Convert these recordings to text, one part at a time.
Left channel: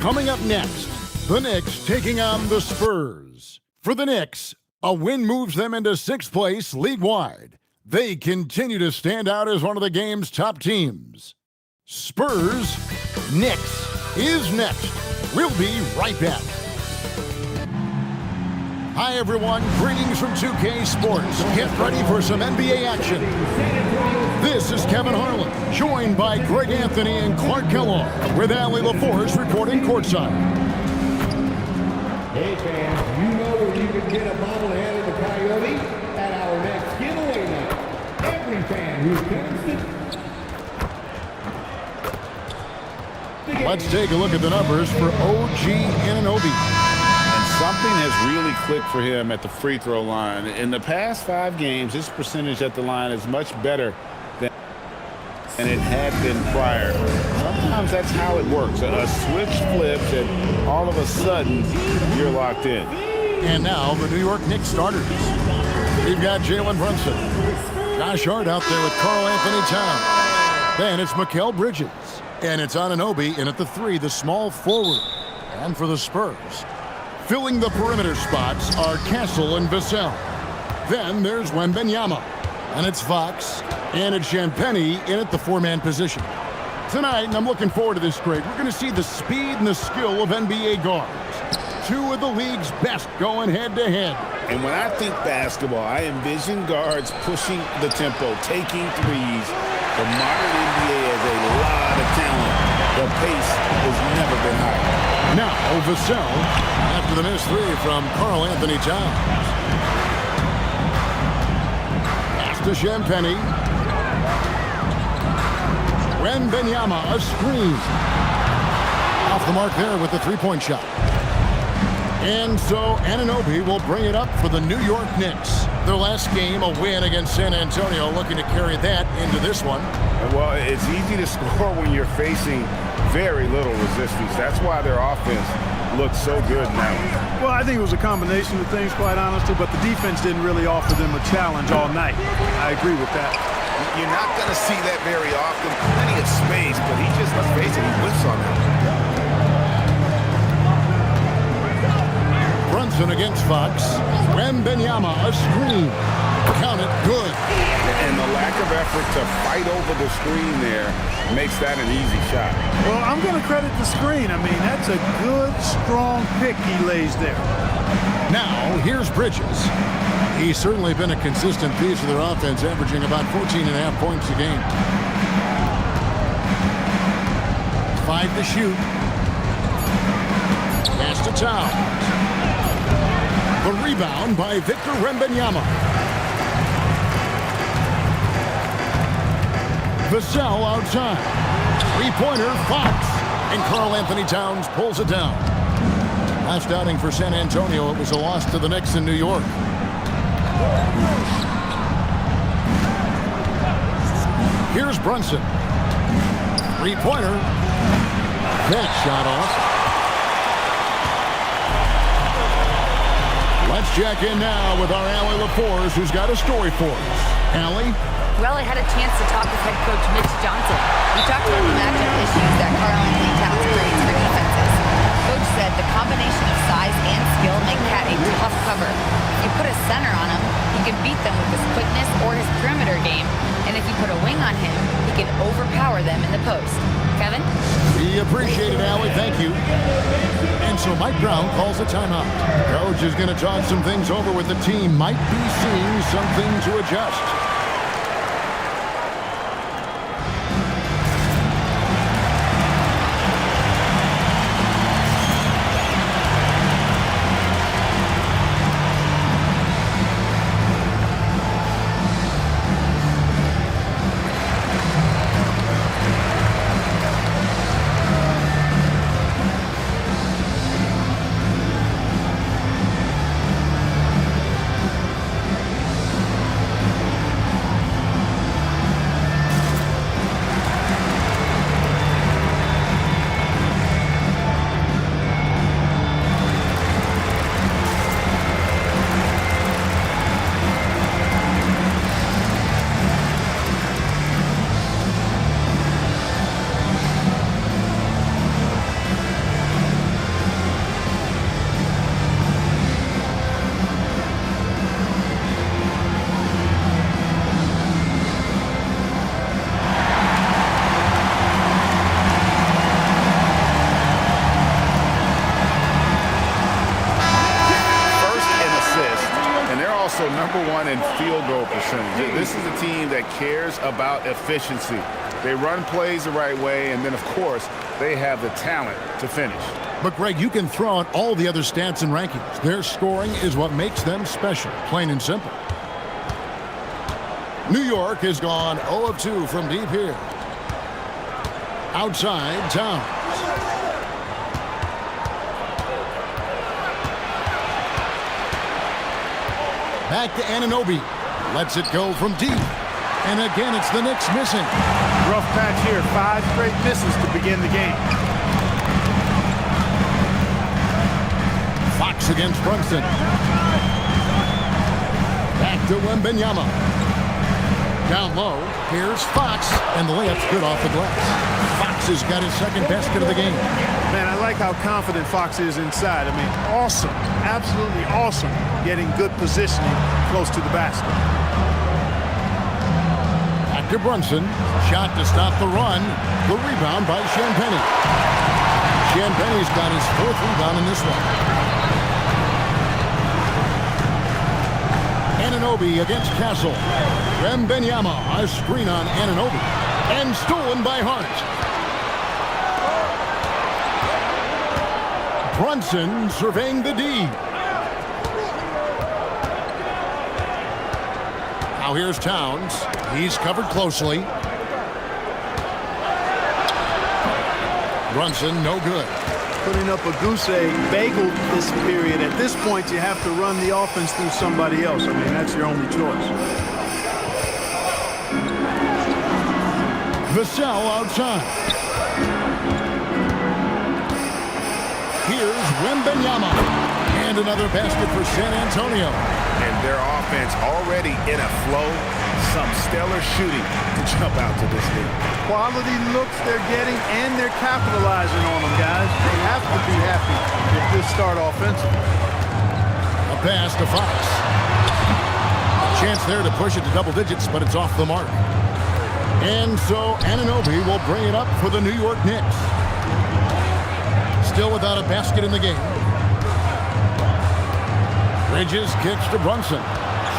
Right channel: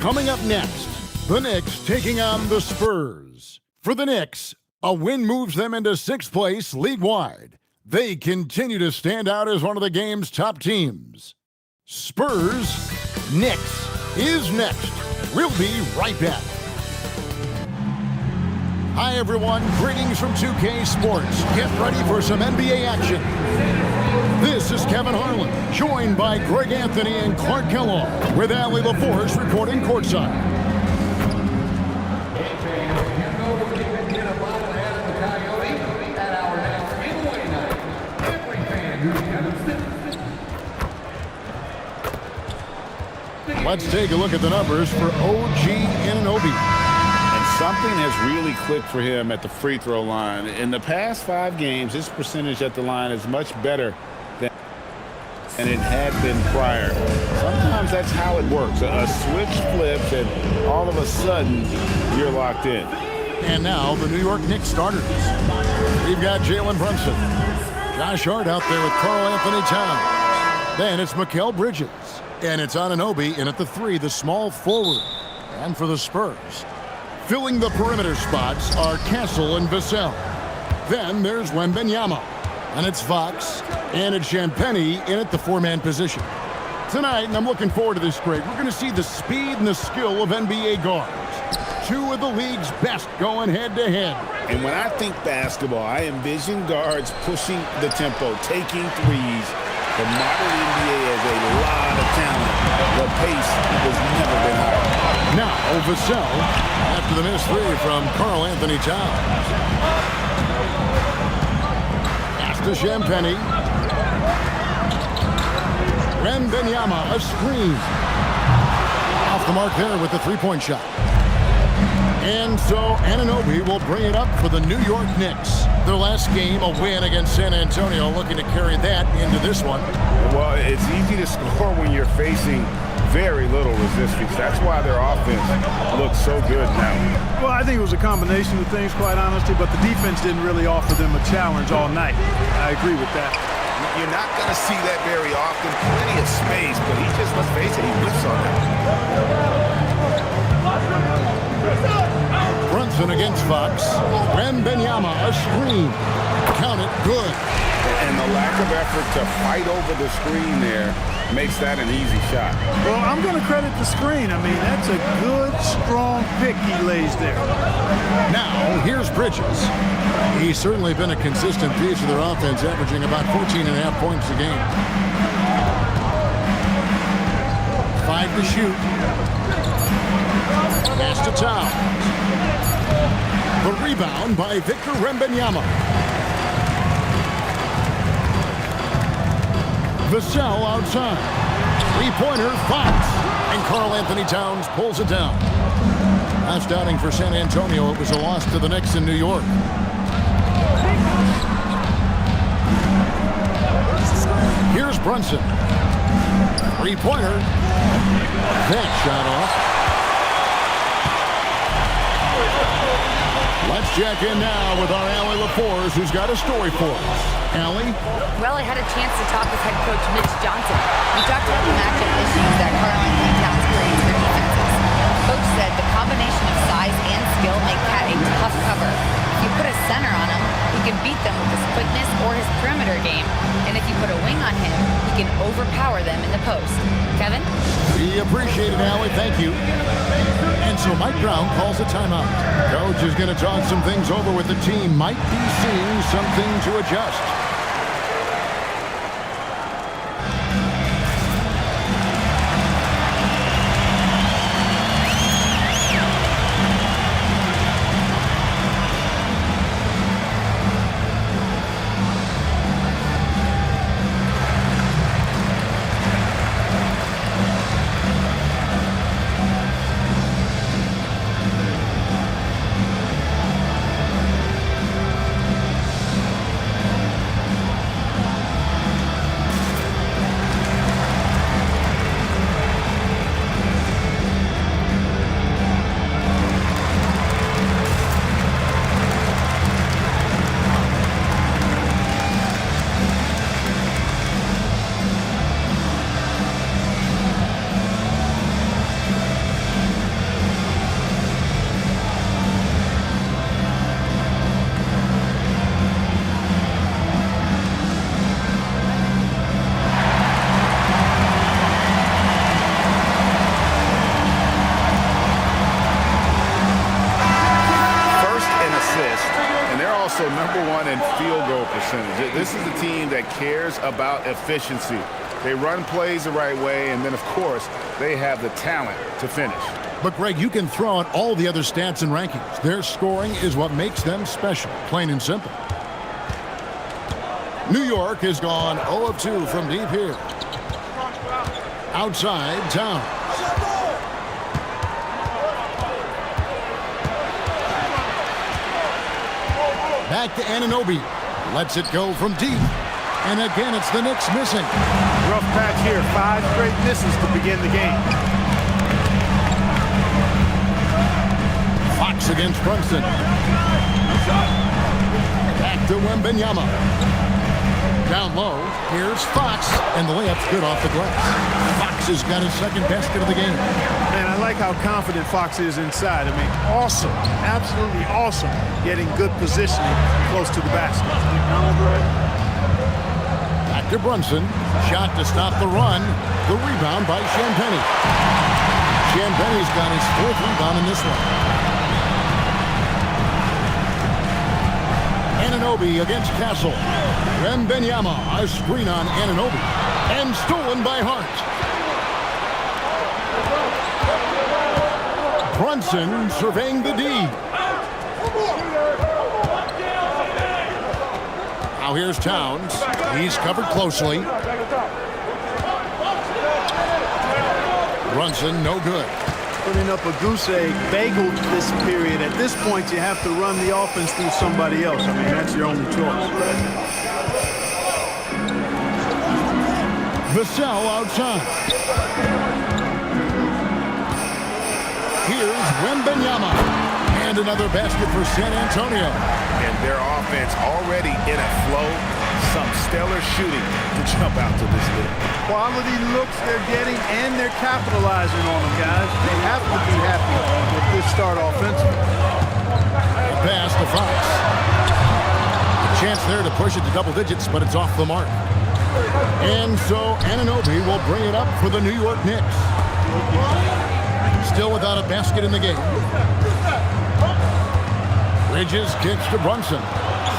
Coming up next, the Knicks taking on the Spurs. For the Knicks, a win moves them into 6th place league-wide. They continue to stand out as one of the game's top teams. Spurs, Knicks is next. We'll be right back. Hi, everyone. Greetings from 2K Sports. Get ready for some NBA action. This is Kevin Harlan, joined by Greg Anthony and Clark Kellogg, with Allie LaForce reporting courtside. Hey, fans, you know where you can get a bobblehead of the Coyote? At our next giveaway night. Every fan who's gonna Let's take a look at the numbers for OG Anunoby. And something has really clicked for him at the free throw line. In the past 5 games, his percentage at the line is much better than it had been prior. Sometimes that's how it works. A switch flips, and all of a sudden, you're locked in. And now, the New York Knicks starters. We've got Jalen Brunson. Josh Hart out there with Karl Anthony Towns. Then it's Mikal Bridges. And it's Anunoby in at the 3, the small forward. And for the Spurs, filling the perimeter spots are Castle and Vassell. Then there's Wembanyama. And it's Fox. And it's Champagnie in at the 4-man position. Tonight, and I'm looking forward to this, Greg, we're going to see the speed and the skill of NBA guards. 2 of the league's best going head-to-head. And when I think basketball, I envision guards pushing the tempo, taking threes. The modern NBA has a lot of talent. The pace has never been higher. Now, Vassell, after the missed 3 from Karl Anthony Towns. Pass to Champagnie. Wembanyama, a screen. Off the mark there with the 3-point shot. And so Anunoby will bring it up for the New York Knicks. Their last game, a win against San Antonio, looking to carry that into this one. Well, it's easy to score when you're facing very little resistance. That's why their offense looks so good now. Well, I think it was a combination of things, quite honestly, but the defense didn't really offer them a challenge all night. I agree with that. You're not going to see that very often. Plenty of space, but he just, let's face it, he whiffs on that. Brunson against Fox. Wembanyama, a screen. Count it, good. And the lack of effort to fight over the screen there makes that an easy shot. Well, I'm going to credit the screen. I mean, that's a good, strong pick he lays there. Now, here's Bridges. He's certainly been a consistent piece of their offense, averaging about 14.5 points a game. 5 to shoot. Pass to Towns. The rebound by Victor Wembanyama. Vassell outside. 3-pointer, Fox. And Karl Anthony Towns pulls it down. Last outing for San Antonio, it was a loss to the Knicks in New York. Here's Brunson. 3-pointer. That shot off. Let's check in now with our Allie LaForce, who's got a story for us. Allie? Well, I had a chance to talk with head coach Mitch Johnson. We talked about the matchup issues that Karl Anthony Towns creates for defenses. Coach said the combination of size and skill make Cat a tough cover. If you put a center on him, he can beat them with his quickness or his perimeter game. And if you put a wing on him, he can overpower them in the post. Kevin? We appreciate it, Allie. Thank you. And so Mike Brown calls a timeout. Coach is going to talk some things over with the team. Might be seeing something to adjust. assists, and they're also #1 in field goal percentage. This is a team that cares about efficiency. They run plays the right way, and then, of course, they have the talent to finish. But, Greg, you can throw out all the other stats and rankings. Their scoring is what makes them special, plain and simple. New York has gone 0 of 2 from deep here. Outside, Towns. Back to Anunoby. Lets it go from deep. And again, it's the Knicks missing. Rough patch here. 5 straight misses to begin the game. Fox against Brunson. Back to Wembanyama. Down low. Here's Fox. And the layup's good off the glass. Fox has got his second basket of the game. Man, I like how confident Fox is inside. I mean, awesome. Absolutely awesome. Getting good positioning close to the basket. Back to Brunson. Shot to stop the run. The rebound by Champagnie. Champagnie's got his 4th rebound in this one. Anunoby against Castle. Wembanyama, a screen on Anunoby. And stolen by Hart. Brunson surveying the D. Now here's Towns. He's covered closely. Brunson, no good. Putting up a goose egg bagel this period. At this point, you have to run the offense through somebody else. I mean, that's your only choice. Vassell outside. Here's Wembanyama. And another basket for San Antonio. And their offense already in a flow. Some stellar shooting to jump out to this league. Quality looks they're getting, and they're capitalizing on them, guys. They have to be happy with this start offensively. A pass to Fox. A chance there to push it to double digits, but it's off the mark. And so Anunoby will bring it up for the New York Knicks. Still without a basket in the game. Bridges kicks to Brunson.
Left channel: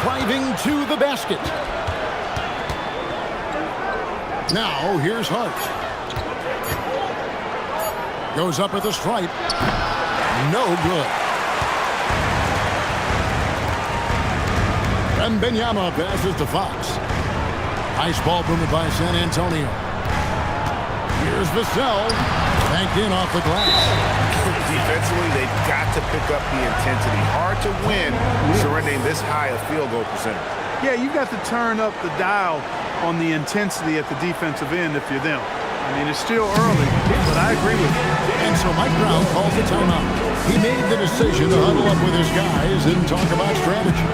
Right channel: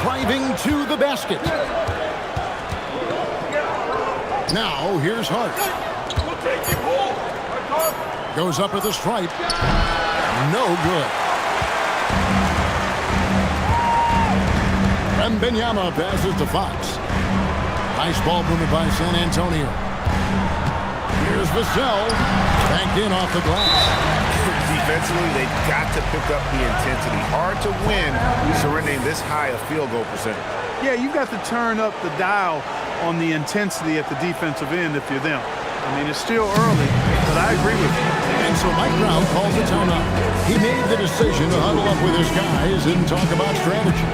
Driving to the basket. Now here's Hart. Goes up at the stripe. No good. Wembanyama passes to Fox. Nice ball movement by San Antonio. Here's Vassell. Banked in off the glass. Defensively, they've got to pick up the intensity. Hard to win surrendering this high a field goal percentage. Yeah, you've got to turn up the dial on the intensity at the defensive end if you're them. I mean, it's still early, but I agree with you. And so Mike Brown calls a timeout. He made the decision to huddle up with his guys and talk about strategy.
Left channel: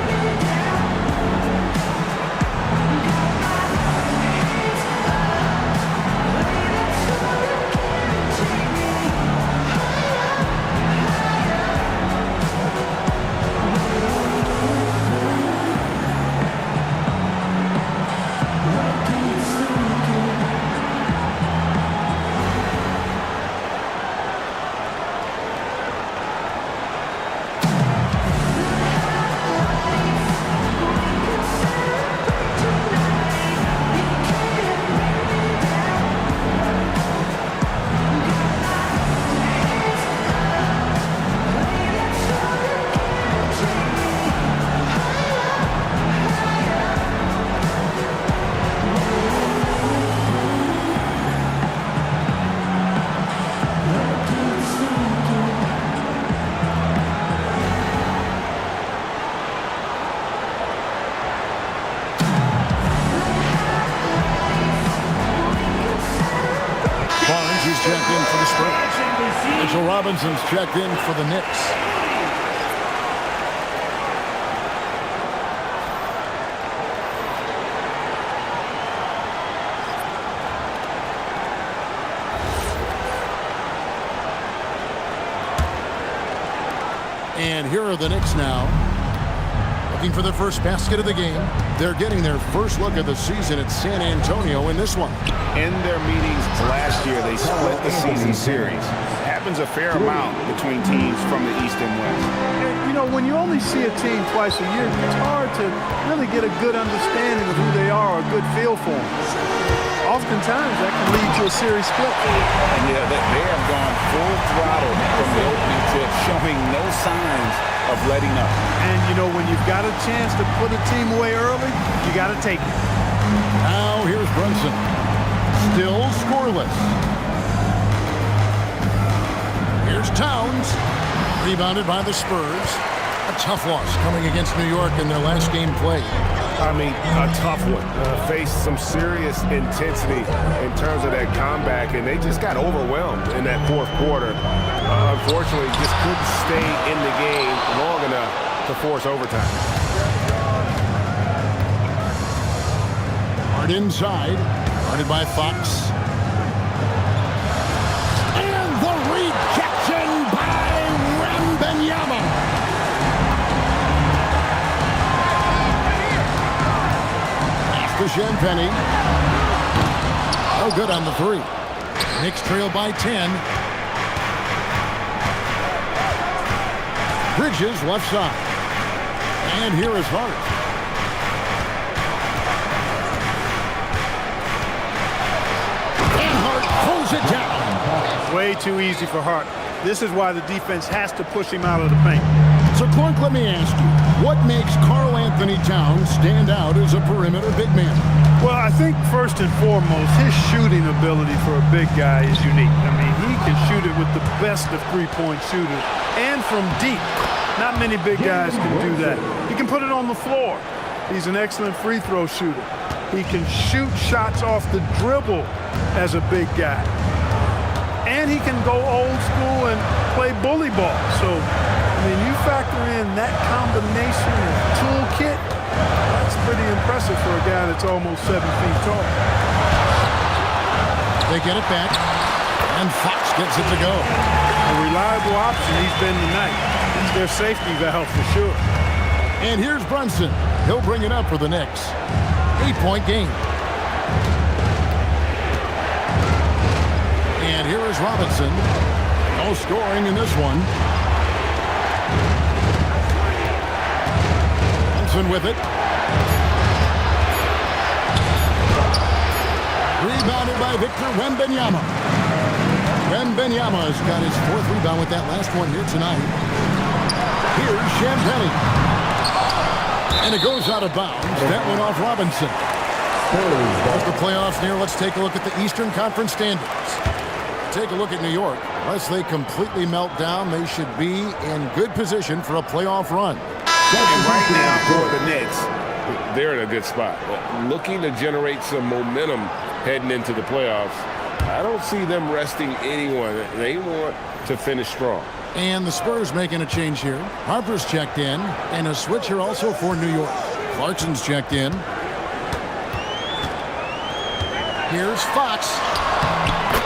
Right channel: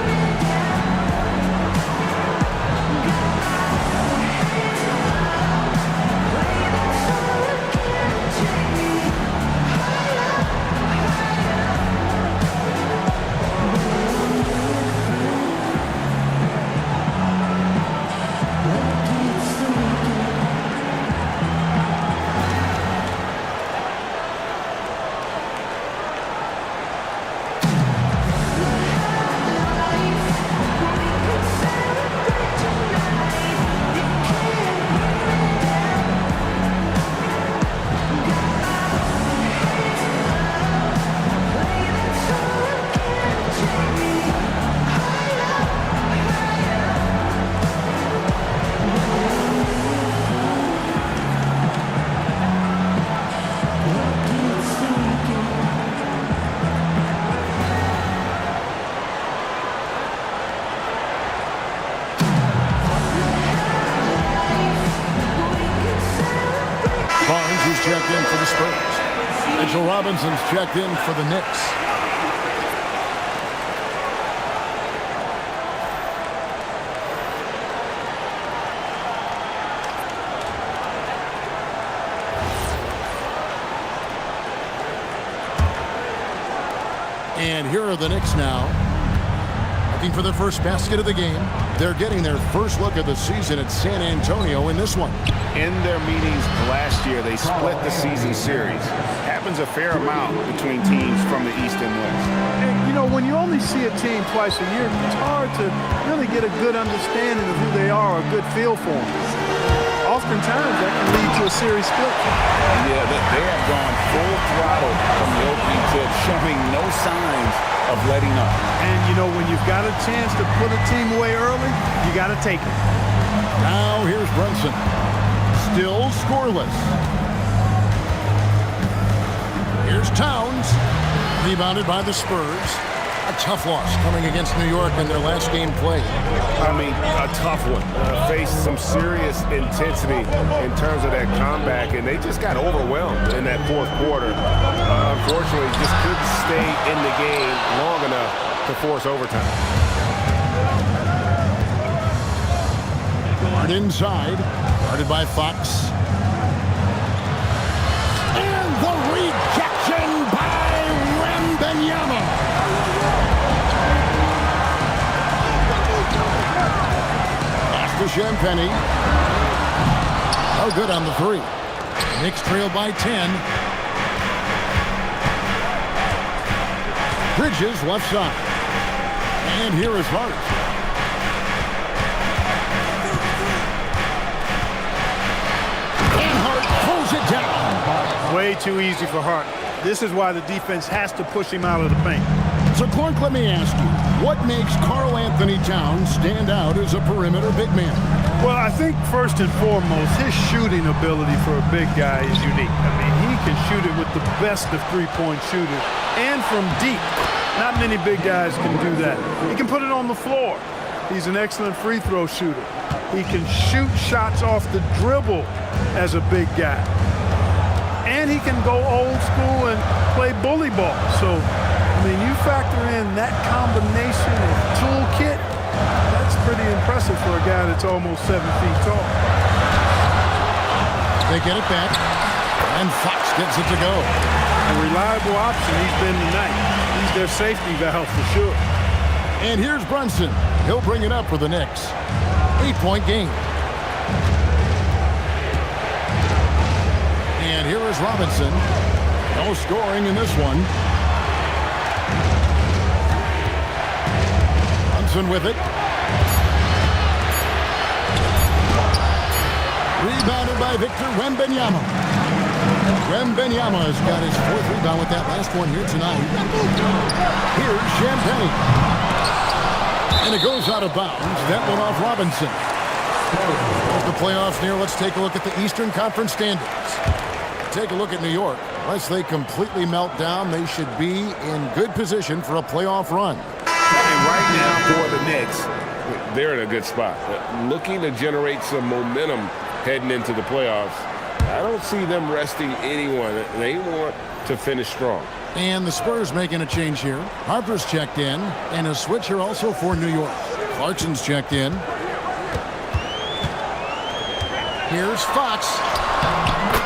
Barnes, who's checked in for the Spurs. Mitchell Robinson's checked in for the Knicks. And here are the Knicks now. Looking for the first basket of the game. They're getting their first look of the season at San Antonio in this one. In their meetings last year, they split the season series. Happens a fair amount between teams from the East and West. And, you know, when you only see a team twice a year, it's hard to really get a good understanding of who they are, a good feel for them. Oftentimes, that can lead to a series split. Yeah, they have gone full throttle from the opening tip, showing no signs of letting up. And, you know, when you've got a chance to put a team away early, you got to take it. Now here's Brunson. Still scoreless. Here's Towns. Rebounded by the Spurs. A tough loss coming against New York in their last game played. I mean, a tough one. Faced some serious intensity in terms of that comeback, and they just got overwhelmed in that fourth quarter. Unfortunately, just couldn't stay in the game long enough to force overtime. Hard inside. Guarded by Fox. And the rejection by Wembanyama. To Champagny. Oh, good on the three. Knicks trail by 10. Bridges left side. And here is Hart. And Hart throws it down. Way too easy for Hart. This is why the defense has to push him out of the paint. So, Clark, let me ask you, what makes Karl Anthony Towns stand out as a perimeter big man? Well, I think first and foremost, his shooting ability for a big guy is unique. I mean, he can shoot it with the best of three-point shooters and from deep. Not many big guys can do that. He can put it on the floor. He's an excellent free throw shooter. He can shoot shots off the dribble as a big guy. And he can go old school and play bully ball. So, I mean, you factor in that combination of toolkit, that's pretty impressive for a guy that's almost 7 feet tall. They get it back, and Fox gets it to go. A reliable option he's been tonight. He's their safety valve for sure. And here's Brunson. He'll bring it up for the Knicks. 8-point game. And here is Robinson. No scoring in this one. Brunson with it. Rebounded by Victor Wembanyama. Wembanyama's got his fourth rebound with that last one here tonight. Here's Champagny. And it goes out of bounds. That went off Robinson. As the playoffs near, let's take a look at the Eastern Conference standings. Take a look at New York. Unless they completely melt down, they should be in good position for a playoff run. And right now for the Knicks, they're in a good spot. Looking to generate some momentum heading into the playoffs. I don't see them resting anyone. They want to finish strong. And the Spurs making a change here. Harper's checked in, and a switch here also for New York. Clarkson's checked in. Here's Fox.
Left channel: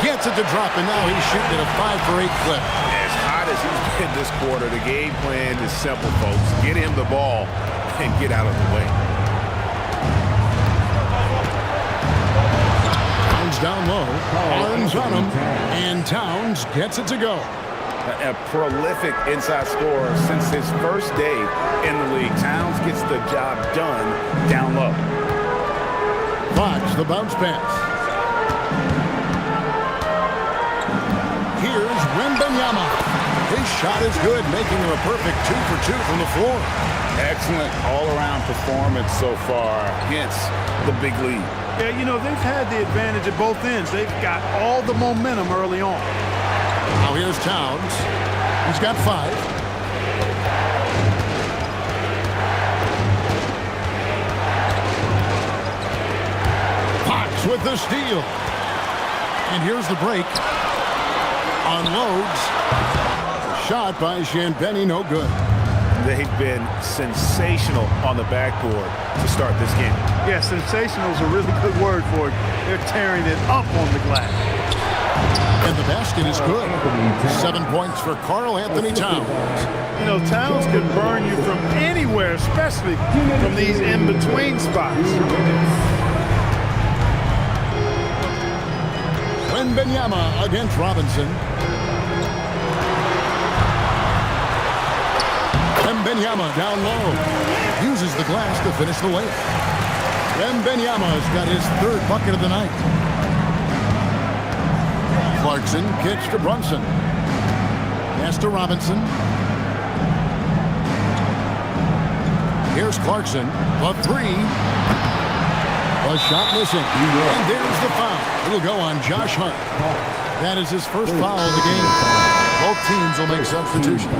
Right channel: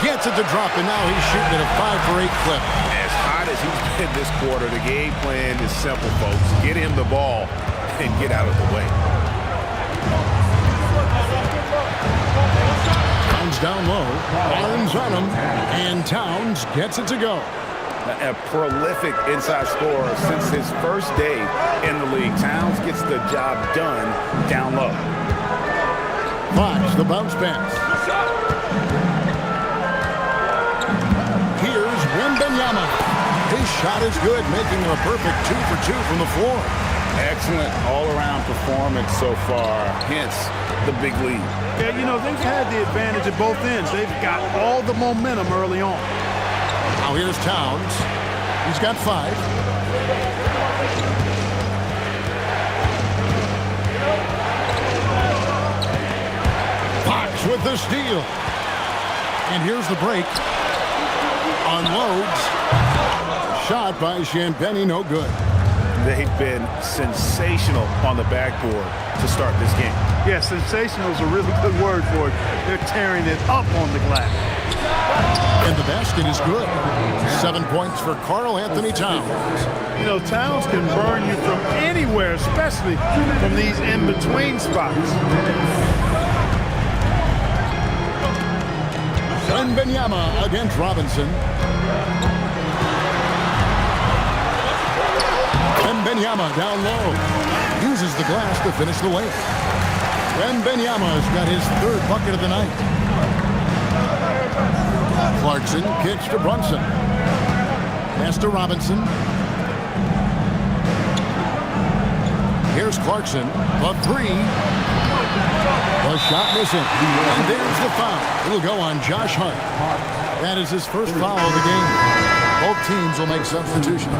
Gets it to drop, and now he's shooting at a 5-for-8 clip. As hot as he's been this quarter, the game plan is simple, folks. Get him the ball and get out of the way. Towns down low. Barnes on him, and Towns gets it to go. A prolific inside scorer since his first day in the league. Towns gets the job done down low. Fox, the bounce pass. Here's Wembanyama. His shot is good, making him a perfect 2 for 2 from the floor. Excellent all-around performance so far, hence the big lead. Yeah, you know, they've had the advantage at both ends. They've got all the momentum early on. Now here's Towns. He's got 5. Fox with the steal. And here's the break. Unloads. The shot by Champagny, no good. They've been sensational on the backboard to start this game. Yeah, sensational is a really good word for it. They're tearing it up on the glass. And the basket is good. 7 points for Karl Anthony Towns. You know, Towns can burn you from anywhere, especially from these in-between spots. Wembanyama against Robinson. Wembanyama down low. Uses the glass to finish the layup. Wembanyama's got his 3rd bucket of the night. Clarkson kicks to Brunson. Pass to Robinson. Here's Clarkson. The 3. The shot missing. And there's the foul. It'll go on Josh Hart. That is his first foul of the game. Both teams will make substitutions.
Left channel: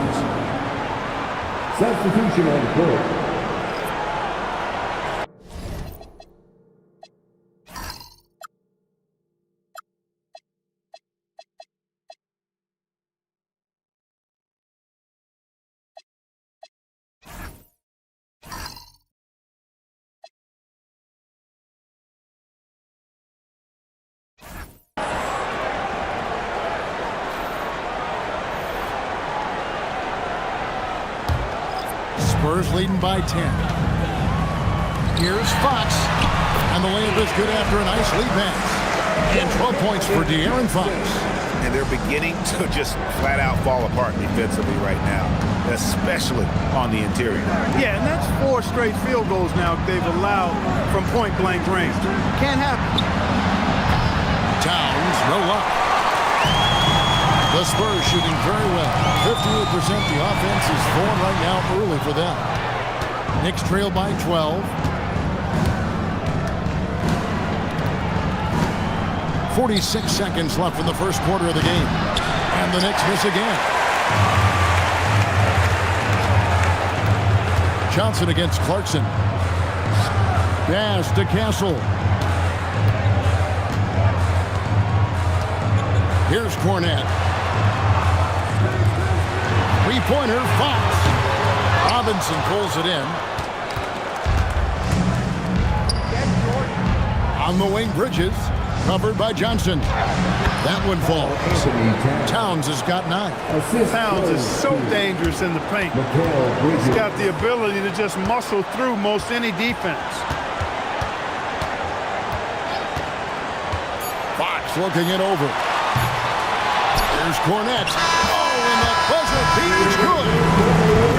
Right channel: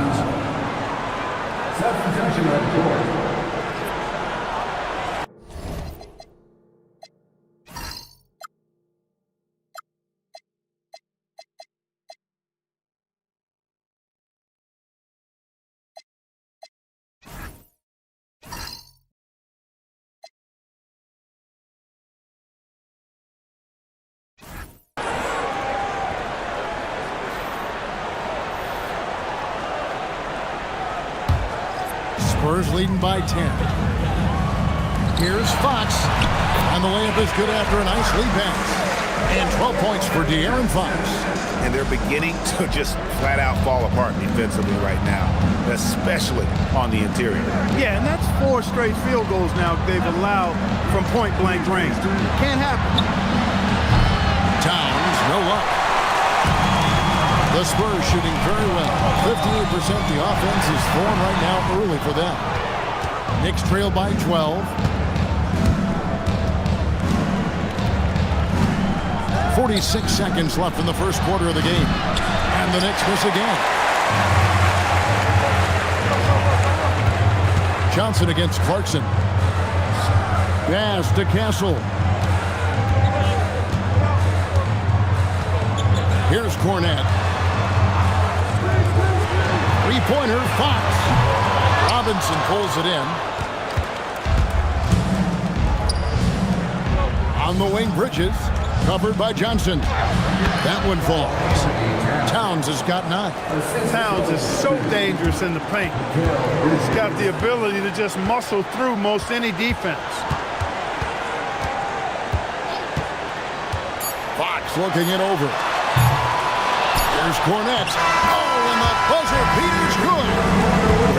Substitution on the court. Spurs leading by 10. Here's Fox. And the layup is good after a nice lead pass. And 12 points for De'Aaron Fox. And they're beginning to just flat out fall apart defensively right now, especially on the interior. Yeah, and that's 4 straight field goals now they've allowed from point-blank range. Can't happen. Towns, no luck. The Spurs shooting very well. 58%. The offense is formed right now early for them. Knicks trail by 12. 46 seconds left in the first quarter of the game. And the Knicks miss again. Johnson against Clarkson. Pass to Castle. Here's Cornette. 3-pointer, Fox. Robinson pulls it in. On the wing, Bridges. Covered by Johnson. That one falls. Towns has got 9. Towns is so dangerous in the paint. He's got the ability to just muscle through most any defense. Fox looking it over. Here's Cornette. Oh, and the buzzer beat is good.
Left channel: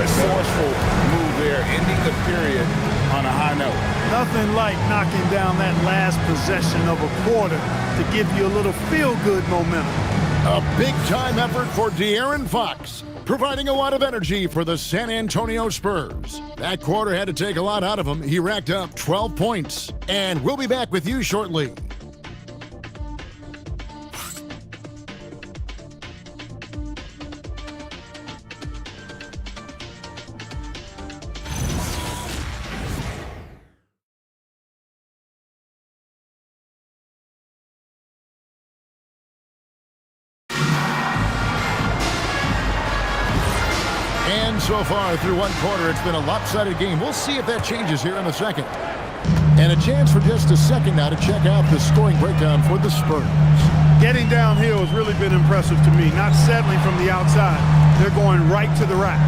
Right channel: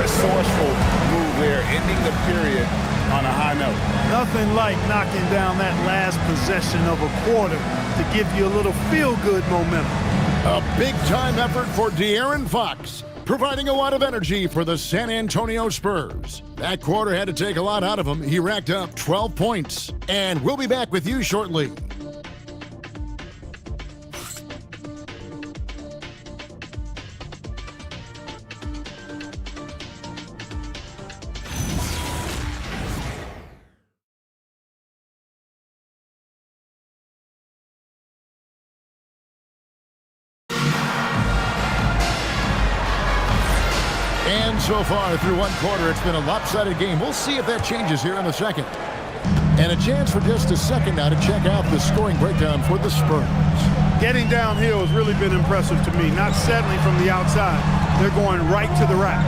Resourceful move there, ending the period on a high note. Nothing like knocking down that last possession of a quarter to give you a little feel-good momentum. A big-time effort for De'Aaron Fox, providing a lot of energy for the San Antonio Spurs. That quarter had to take a lot out of him. He racked up 12 points. And we'll be back with you shortly. And so far through one quarter, it's been a lopsided game. We'll see if that changes here in the second. And a chance for just a second now to check out the scoring breakdown for the Spurs. Getting downhill has really been impressive to me. Not settling from the outside. They're going right to the rack.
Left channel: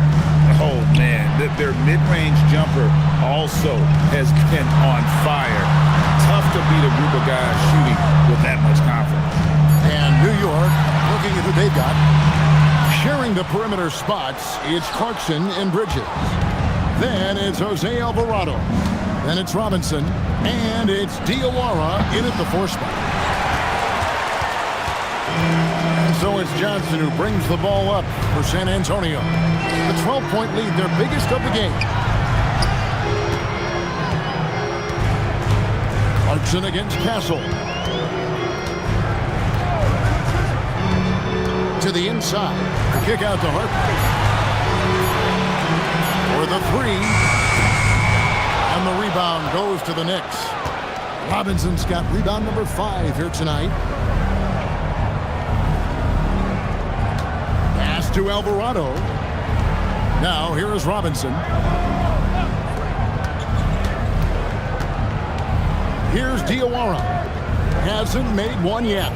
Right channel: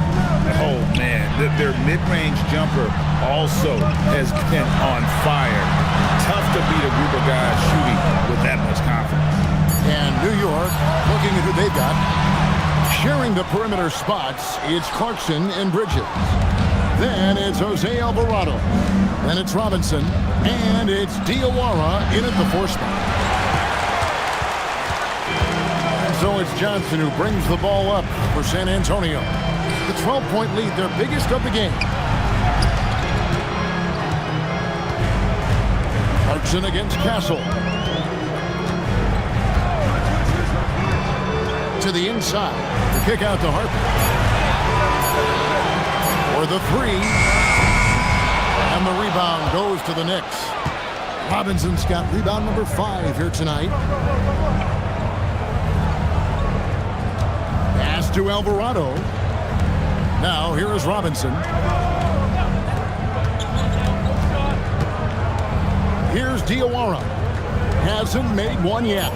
Oh, man. Their mid-range jumper also has been on fire. Tough to beat a group of guys shooting with that much confidence. And New York, looking at who they've got. Sharing the perimeter spots, it's Clarkson and Bridges. Then it's Jose Alvarado. Then it's Robinson. And it's Diawara in at the 4 spot. And so it's Johnson who brings the ball up for San Antonio. The 12-point lead, their biggest of the game. Clarkson against Castle. To the inside. The kick out to Harper. For the 3. And the rebound goes to the Knicks. Robinson's got rebound number 5 here tonight. Pass to Alvarado. Now here is Robinson. Here's Diawara. Hasn't made one yet.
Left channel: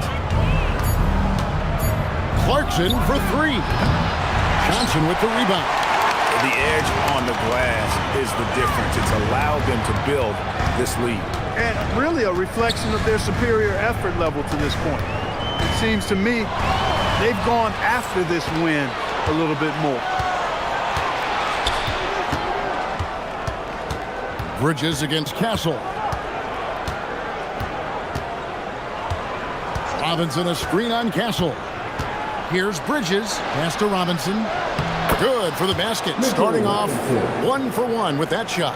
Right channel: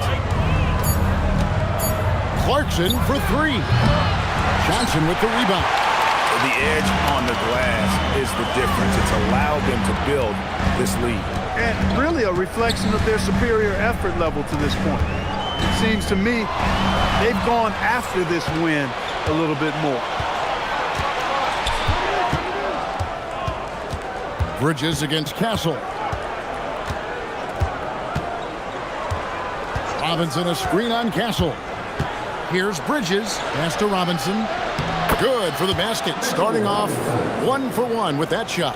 Clarkson for three. Johnson with the rebound. The edge on the glass is the difference. It's allowed them to build this lead. And really a reflection of their superior effort level to this point. It seems to me they've gone after this win a little bit more. Bridges against Castle. Robinson a screen on Castle. Here's Bridges. Pass to Robinson. Good for the basket. Starting off 1 for 1 with that shot.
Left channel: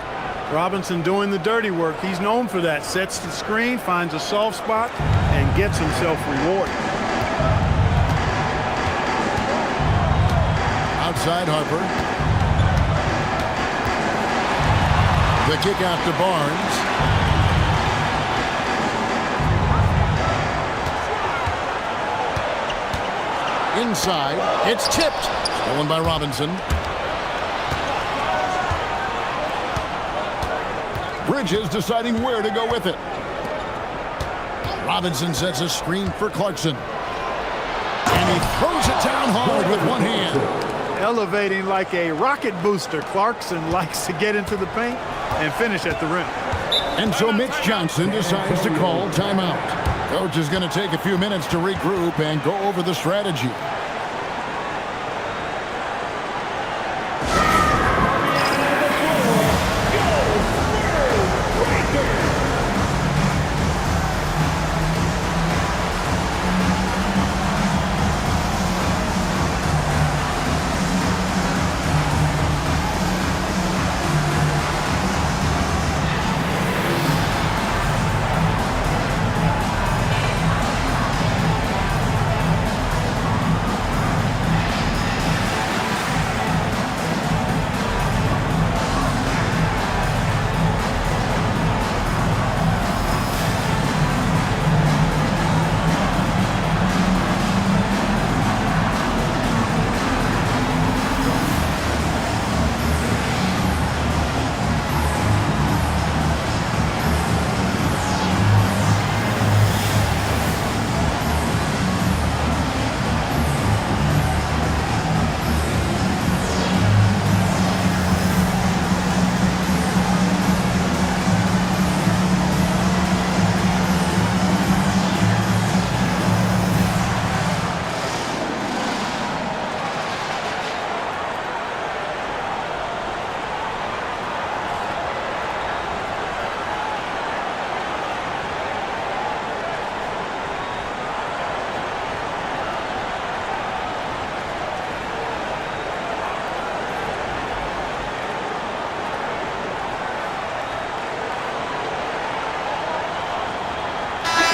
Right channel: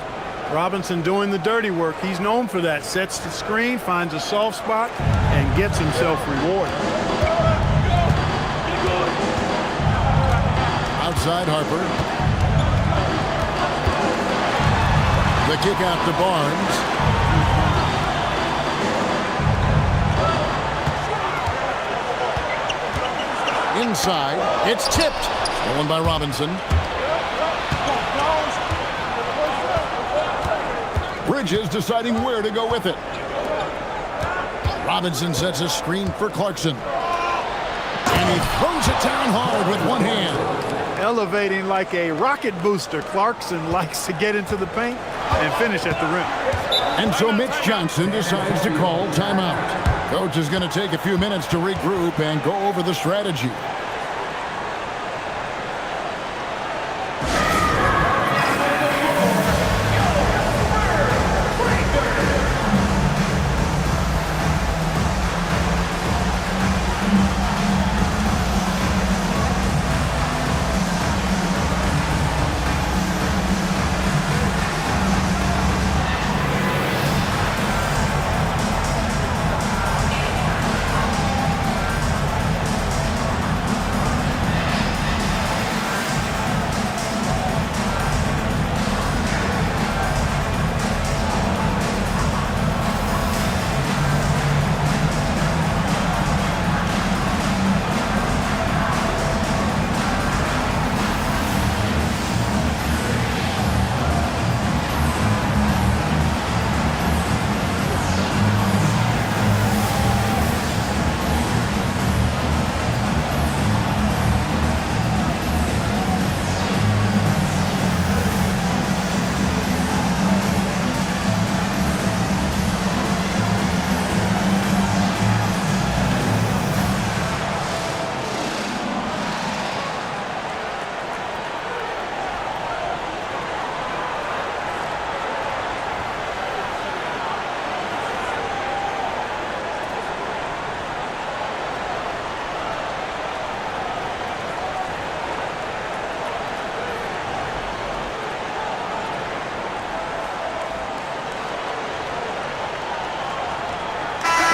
Robinson doing the dirty work. He's known for that. Sets the screen, finds a soft spot, and gets himself rewarded. Outside Harper. The kick out to Barnes. Inside, it's tipped. Stolen by Robinson. Bridges deciding where to go with it. Robinson sets a screen for Clarkson. And he throws it down hard with one hand. Elevating like a rocket booster. Clarkson likes to get into the paint and finish at the rim. And so Mitch Johnson decides to call timeout. Coach is going to take a few minutes to regroup and go over the strategy.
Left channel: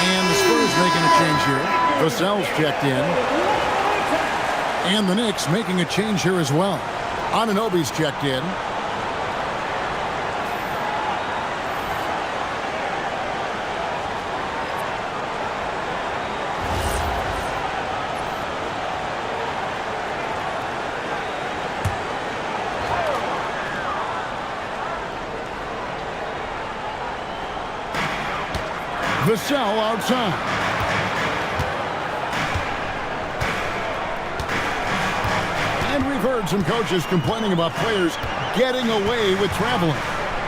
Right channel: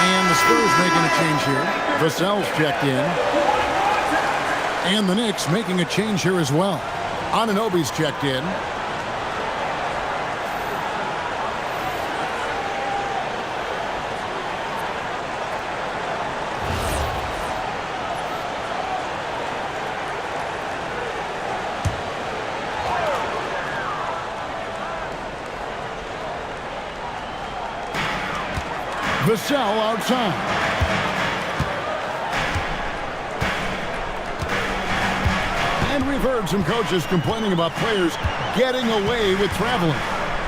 And the Spurs making a change here. Vassell's checked in. And the Knicks making a change here as well. Anunoby's checked in. Vassell outside. And we've heard some coaches complaining about players getting away with traveling.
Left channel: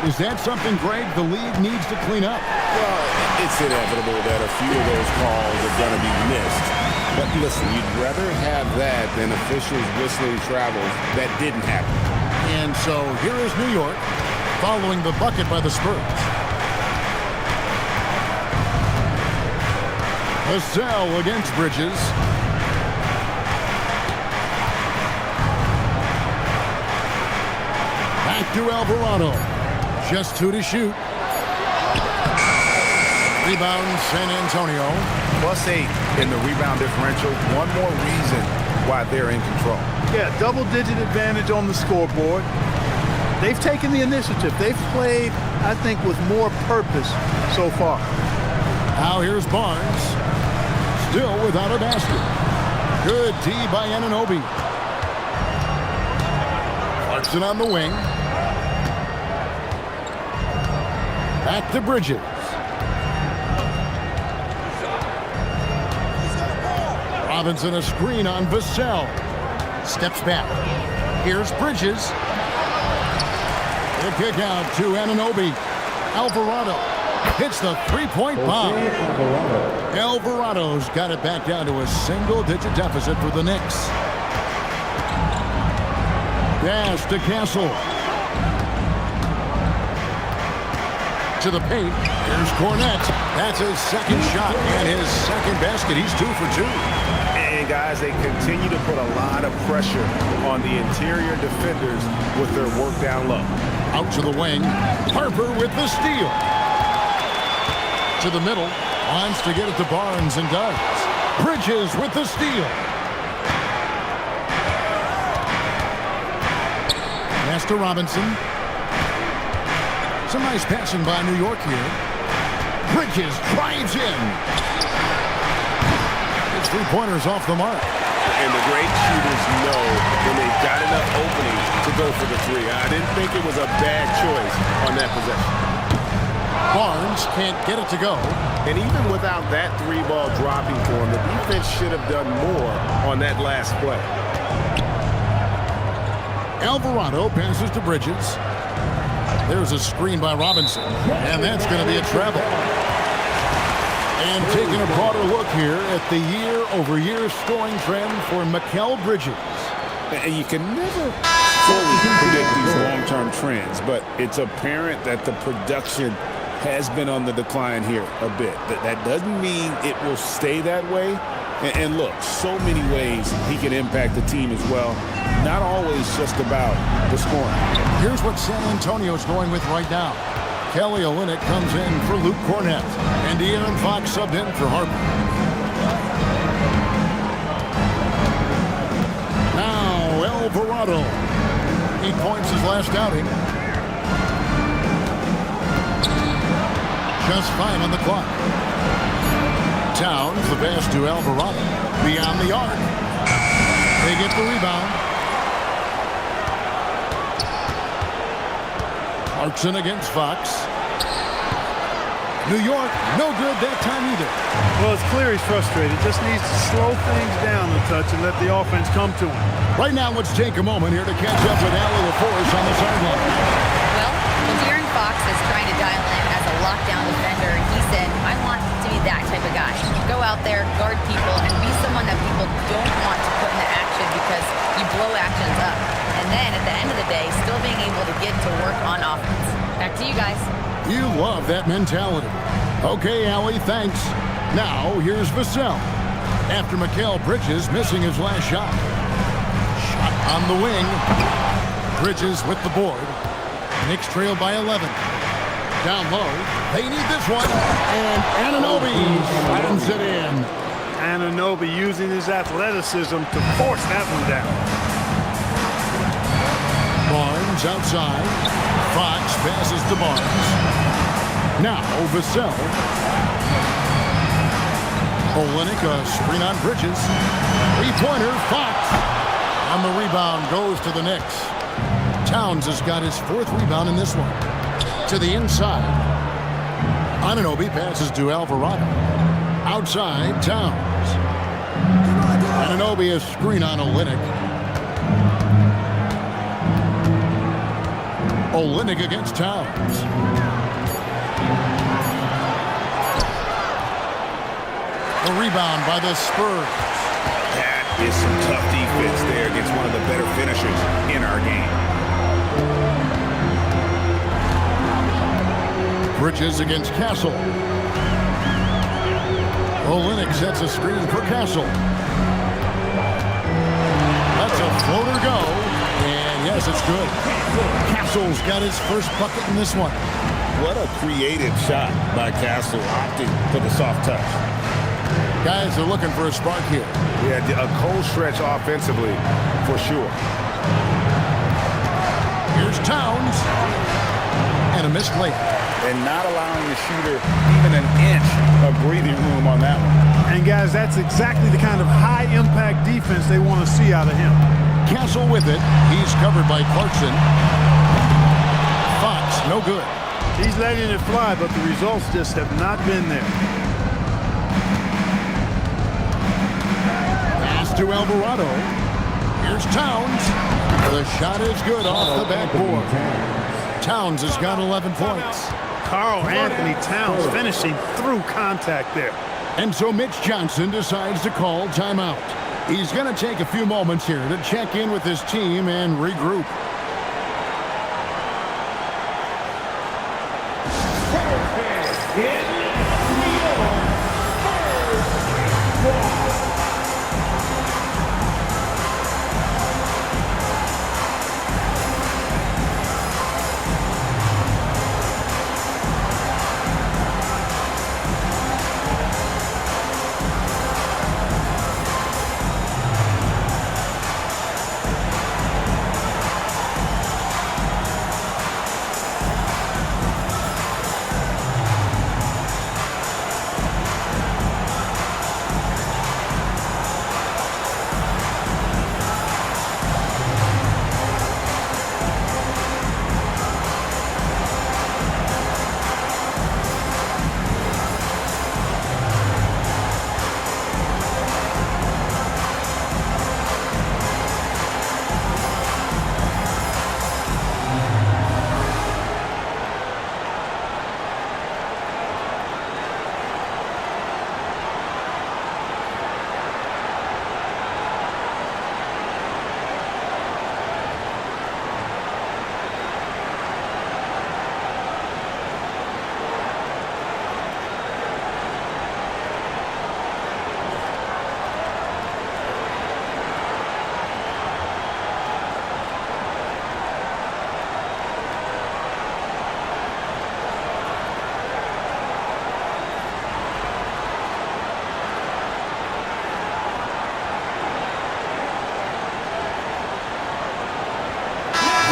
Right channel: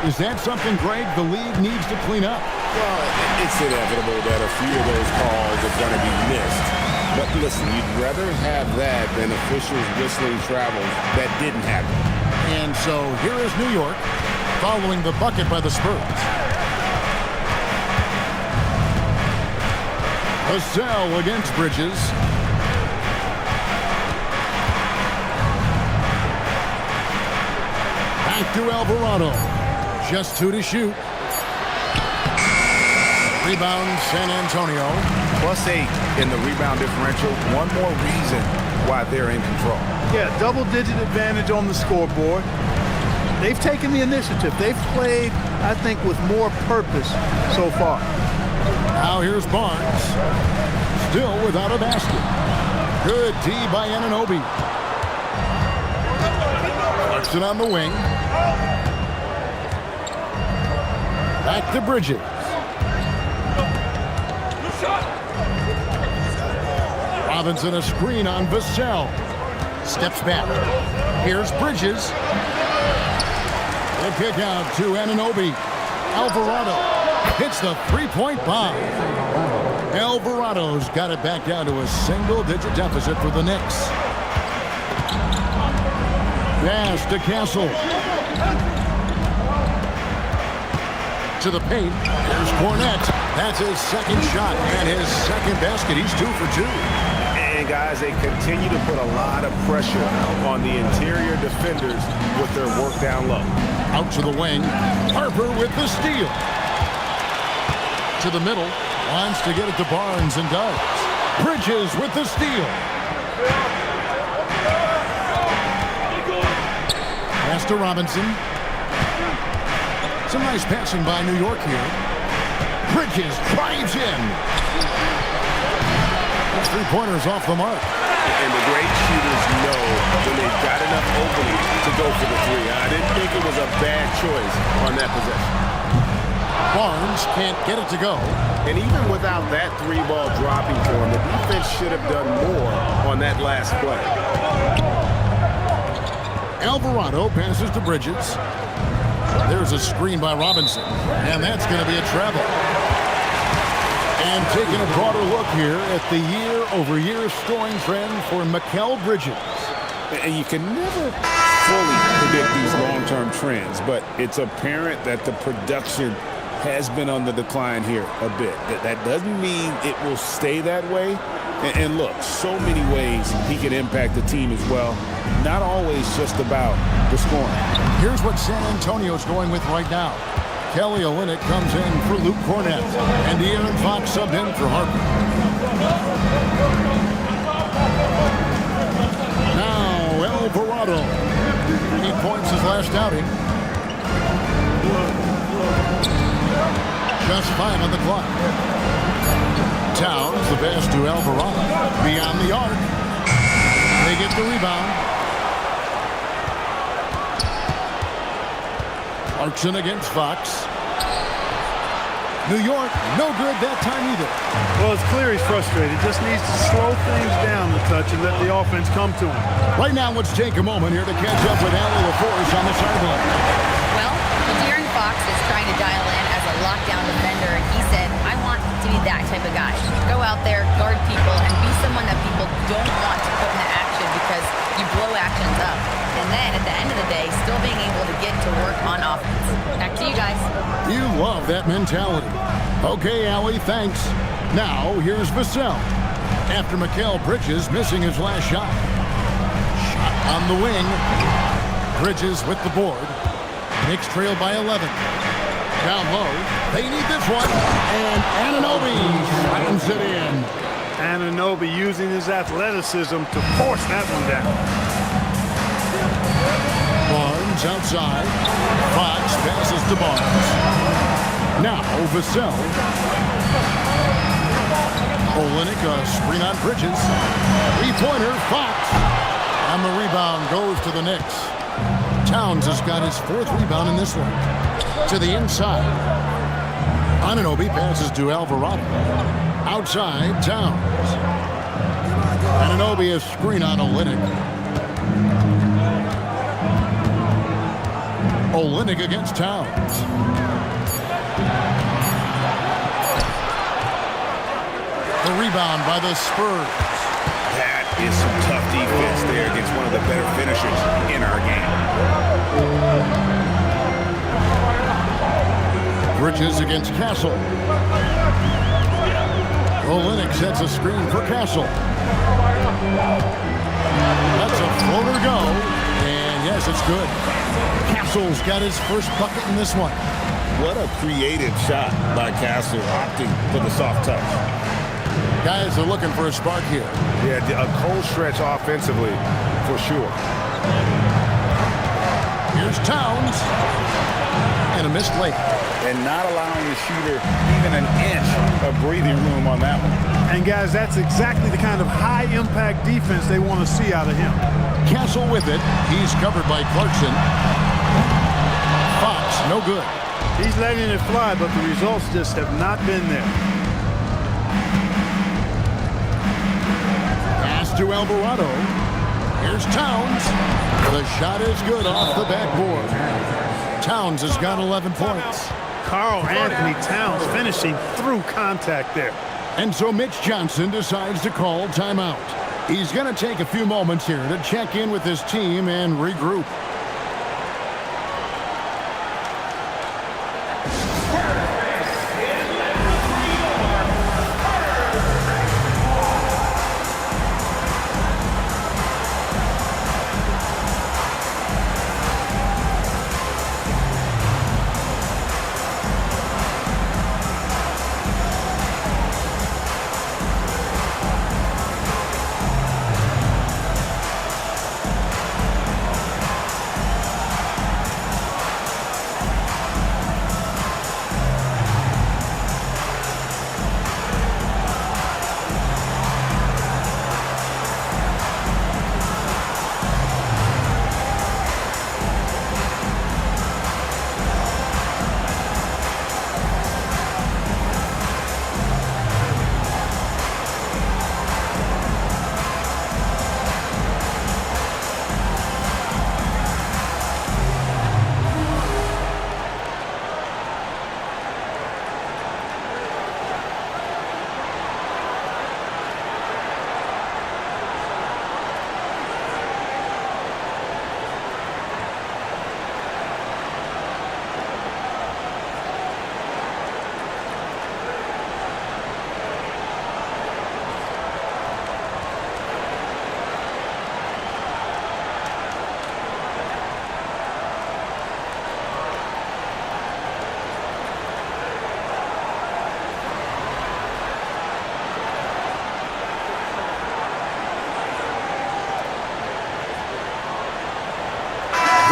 Is that something, Greg, the league needs to clean up? Well, it's inevitable that a few of those calls are going to be missed. But listen, you'd rather have that than officials whistling travels that didn't happen. And so here is New York following the bucket by the Spurs. Vassell against Bridges. Back to Alvarado. Just 2 to shoot. Rebound, San Antonio. +8 in the rebound differential. One more reason why they're in control. Yeah, double-digit advantage on the scoreboard. They've taken the initiative. They've played, I think, with more purpose so far. Now here's Barnes. Still without a basket. Good D by Anunoby. Clarkson on the wing. Back to Bridges. Robinson a screen on Vassell. Steps back. Here's Bridges. The kick out to Anunoby. Alvarado hits the three-point bomb. Alvarado's got it back down to a single-digit deficit for the Knicks. Pass to Castle. To the paint. Here's Cornette. That's his second shot and his second basket. He's 2 for 2. And guys, they continue to put a lot of pressure on the interior defenders with their work down low. Out to the wing. Harper with the steal. To the middle. Wants to get it to Barnes and does. Bridges with the steal. Pass to Robinson. Some nice passing by New York here. Bridges drives in. His three-pointer's off the mark. And the great shooters know when they've got enough opening to go for the three. I didn't think it was a bad choice on that possession. Barnes can't get it to go. And even without that three ball dropping for him, the defense should have done more on that last play. Alvarado passes to Bridges. There's a screen by Robinson, and that's going to be a travel. And taking a broader look here at the year-over-year scoring trend for Mikal Bridges. And you can never fully predict these long-term trends, but it's apparent that the production has been on the decline here a bit. That doesn't mean it will stay that way. And look, so many ways he can impact the team as well. Not always just about the scoring. Here's what San Antonio's going with right now. Kelly Olynyk comes in for Luke Cornette, and De'Aaron Fox subbed in for Harper. Now Alvarado. 8 points his last outing. Just 5 on the clock. Towns, the pass to Alvarado. Beyond the arc. They get the rebound. Clarkson against Fox. New York, no good that time either. Well, it's clear he's frustrated. Just needs to slow things down a touch and let the offense come to him. Right now, let's take a moment here to catch up with Allie LaForce on the sideline. Well, De'Aaron Fox is trying to dial in as a lockdown defender, and he said, I want to be that type of guy. Go out there, guard people, and be someone that people don't want to put into action because you blow actions up. And then, at the end of the day, still being able to get to work on offense. Back to you guys. You love that mentality. Okay, Allie, thanks. Now, here's Vassell. After Mikal Bridges missing his last shot. Shot on the wing. Bridges with the board. Knicks trail by 11. Down low. They need this one. And Anunoby slams it in. Anunoby using his athleticism to force that one down. Barnes outside. Fox passes to Barnes. Now Vassell. Olynyk a screen on Bridges. Three-pointer, Fox. On the rebound goes to the Knicks. Towns has got his 4th rebound in this one. To the inside. Anunoby passes to Alvarado. Outside, Towns. Anunoby a screen on Olynyk. Olynyk against Towns. The rebound by the Spurs. That is some tough defense there against one of the better finishers in our game. Bridges against Castle. Olynyk sets a screen for Castle. Lets a floater go. And yes, it's good. Castle's got his first bucket in this one. What a creative shot by Castle, opting for the soft touch. Guys are looking for a spark here. Yeah, a cold stretch offensively, for sure. Here's Towns. And a missed layup. And not allowing the shooter even an inch of breathing room on that one. And guys, that's exactly the kind of high-impact defense they want to see out of him. Castle with it. He's covered by Clarkson. Fox, no good. He's letting it fly, but the results just have not been there. pass to Alvarado. Here's Towns. The shot is good off the backboard. Towns has got 11 points. Karl Anthony Towns finishing through contact there. And so Mitch Johnson decides to call timeout. He's going to take a few moments here to check in with his team and regroup.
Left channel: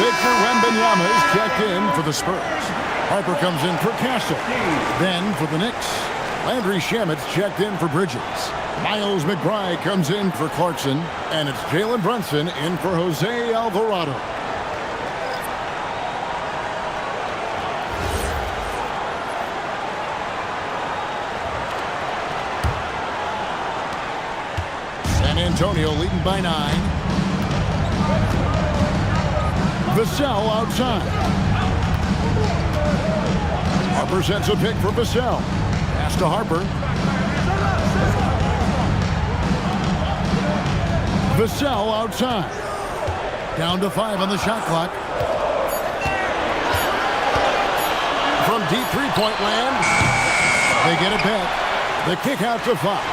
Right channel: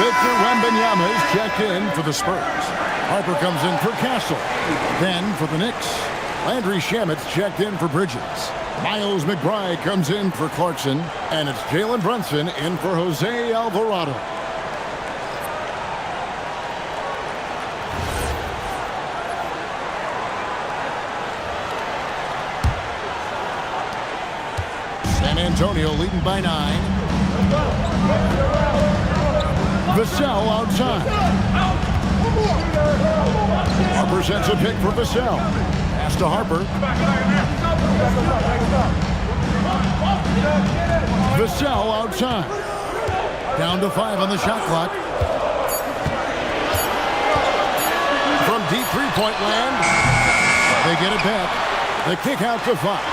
Victor Wembanyama is checked in for the Spurs. Harper comes in for Castle. Then for the Knicks, Landry Shamet's checked in for Bridges. Miles McBride comes in for Clarkson. And it's Jalen Brunson in for Jose Alvarado. San Antonio leading by 9. Vassell outside. Harper sends a pick for Vassell. Pass to Harper. Vassell outside. Down to 5 on the shot clock. From deep three-point land, they get it back. The kick out to Fox.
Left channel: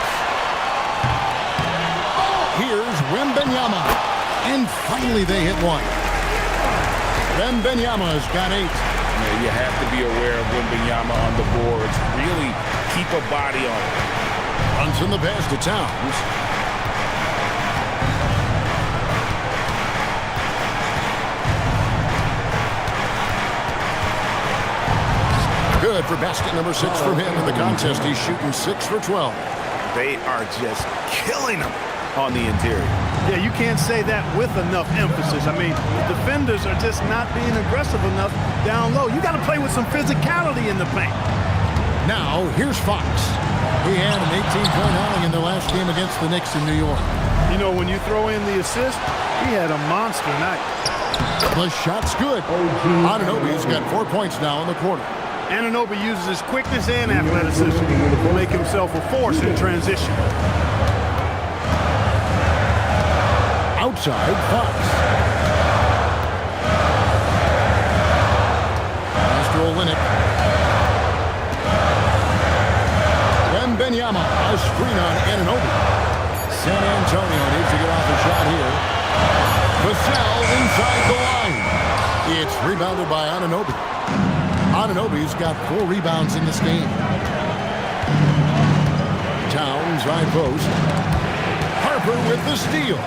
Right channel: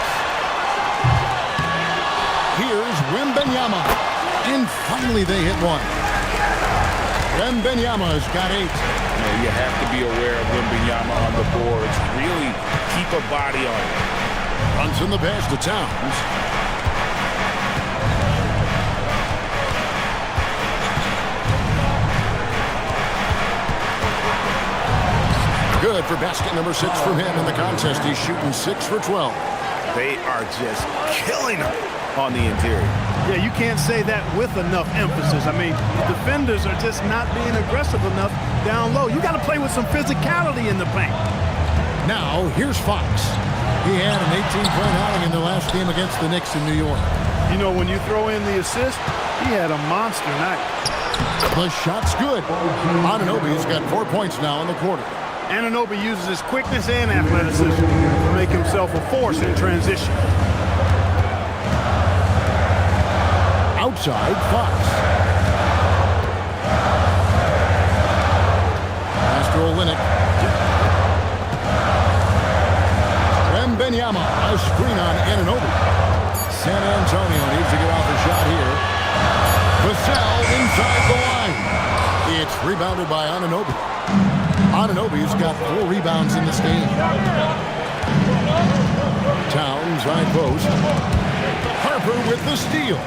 Here's Wembanyama. And finally they hit one. Wembanyama's got 8. Man, you have to be aware of Wembanyama on the boards. Really keep a body on it. Brunson the pass to Towns. Good for basket number 6 from him in the contest. He's shooting 6 for 12. They are just killing him on the interior. Yeah, you can't say that with enough emphasis. I mean, defenders are just not being aggressive enough down low. You got to play with some physicality in the paint. Now, here's Fox. He had an 18-point outing in the last game against the Knicks in New York. You know, when you throw in the assist, he had a monster night. The shot's good. Anunoby's got 4 points now in the quarter. Anunoby uses his quickness and athleticism to make himself a force in transition. Outside, Fox. Master Olynyk. Wembanyama, a screen on Anunoby. San Antonio needs to get off a shot here. Vassell inside the line. It's rebounded by Anunoby. Anunoby's got 4 rebounds in this game. Towns, right post. Harper with the steal.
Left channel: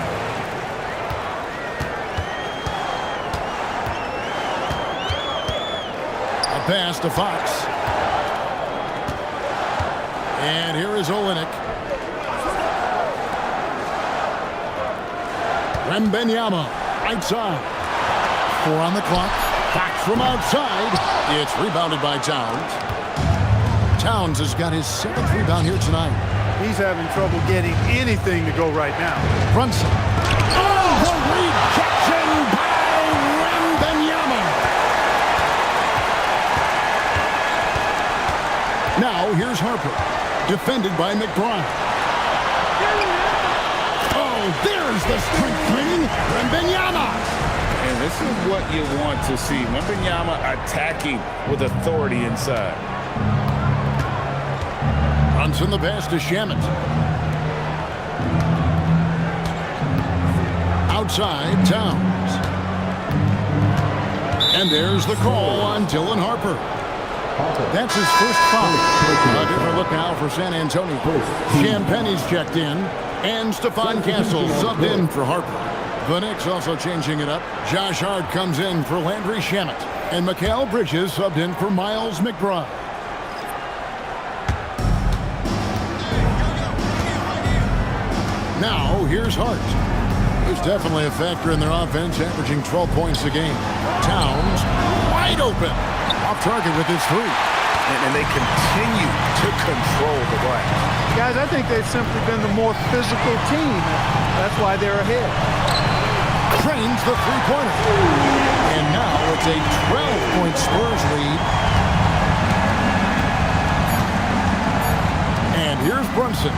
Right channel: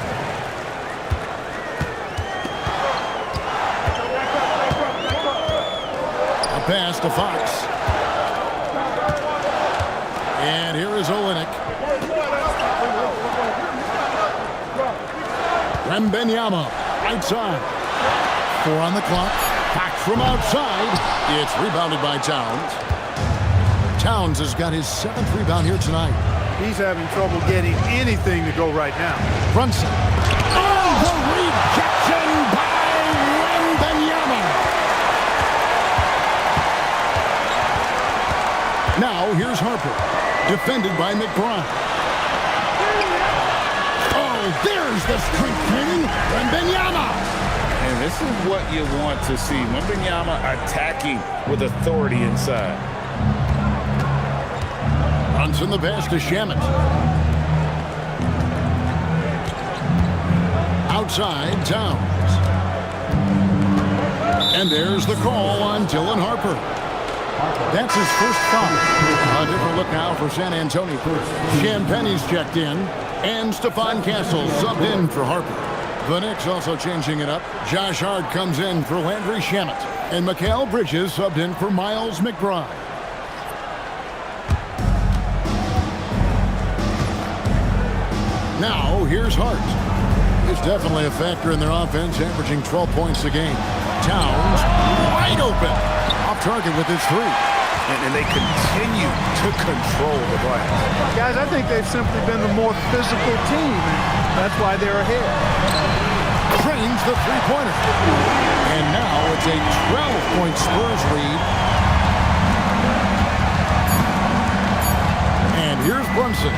A pass to Fox. And here is Olynyk. Wembanyama, right side. 4 on the clock. Fox from outside. It's rebounded by Towns. Towns has got his 7th rebound here tonight. He's having trouble getting anything to go right now. Brunson. Oh, the rejection by Wembanyama. Now here's Harper, defended by McBride. Oh, there's the strength training, Wembanyama. And this is what you want to see. Wembanyama attacking with authority inside. Brunson the pass to Shamet. Outside, Towns. And there's the call on Dylan Harper. That's his first foul. A different look now for San Antonio. Champagne's checked in, and Stephon Castle subbed in for Harper. The Knicks also changing it up. Josh Hart comes in for Landry Shamet, and Mikal Bridges subbed in for Miles McBride. Now, here's Hart. He's definitely a factor in their offense, averaging 12 points a game. Towns, wide open. Off target with his three. And they continue to control the glass. Guys, I think they've simply been the more physical team, and that's why they're ahead. Trains the three-pointer. And now it's a 12-point Spurs lead. And here's Brunson.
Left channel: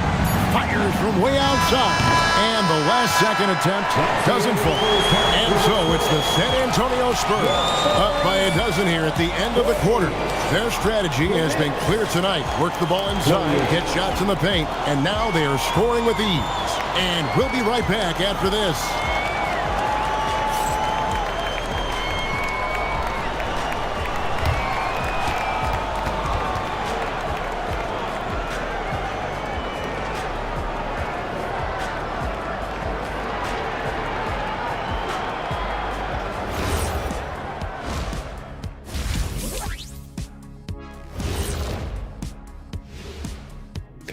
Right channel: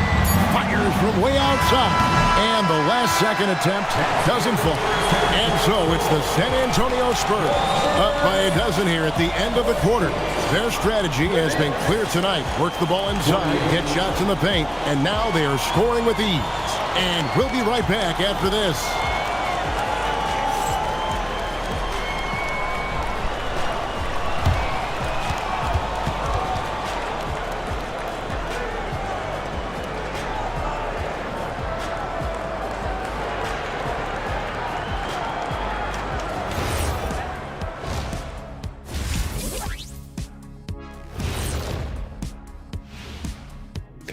Fires from way outside. And the last second attempt doesn't fall. And so it's the San Antonio Spurs up by a dozen here at the end of the quarter. Their strategy has been clear tonight. Work the ball inside, get shots in the paint, and now they are scoring with ease. And we'll be right back after this.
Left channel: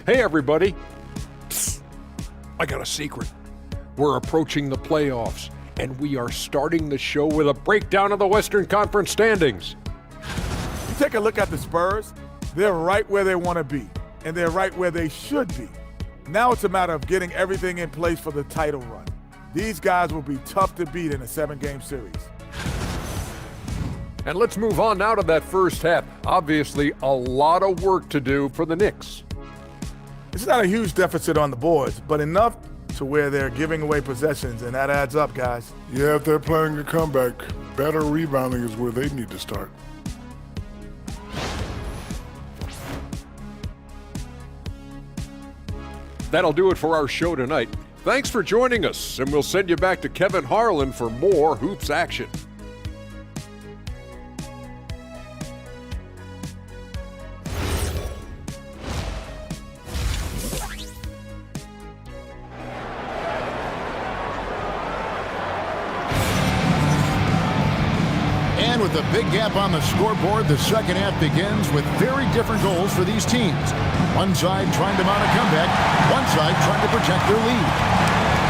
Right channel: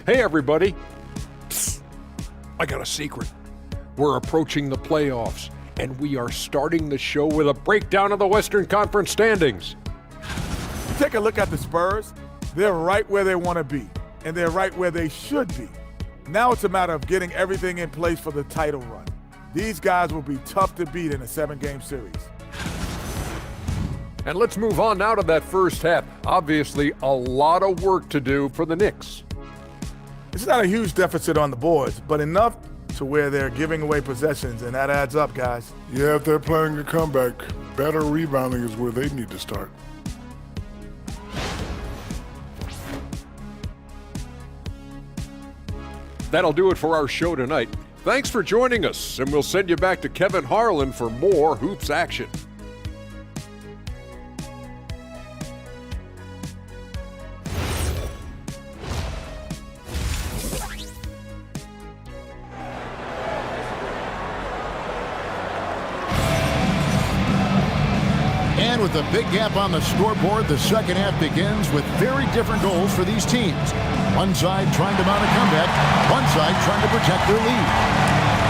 Hey, everybody. Psst. I got a secret. We're approaching the playoffs, and we are starting the show with a breakdown of the Western Conference standings. You take a look at the Spurs, they're right where they want to be, and they're right where they should be. Now it's a matter of getting everything in place for the title run. These guys will be tough to beat in a 7-game series. And let's move on now to that first half. Obviously, a lot of work to do for the Knicks. It's not a huge deficit on the boards, but enough to where they're giving away possessions, and that adds up, guys. Yeah, if they're playing a comeback, better rebounding is where they need to start. That'll do it for our show tonight. Thanks for joining us, and we'll send you back to Kevin Harlan for more Hoops action. And with a big gap on the scoreboard, the second half begins with very different goals for these teams. One side trying to mount a comeback, one side trying to protect their lead.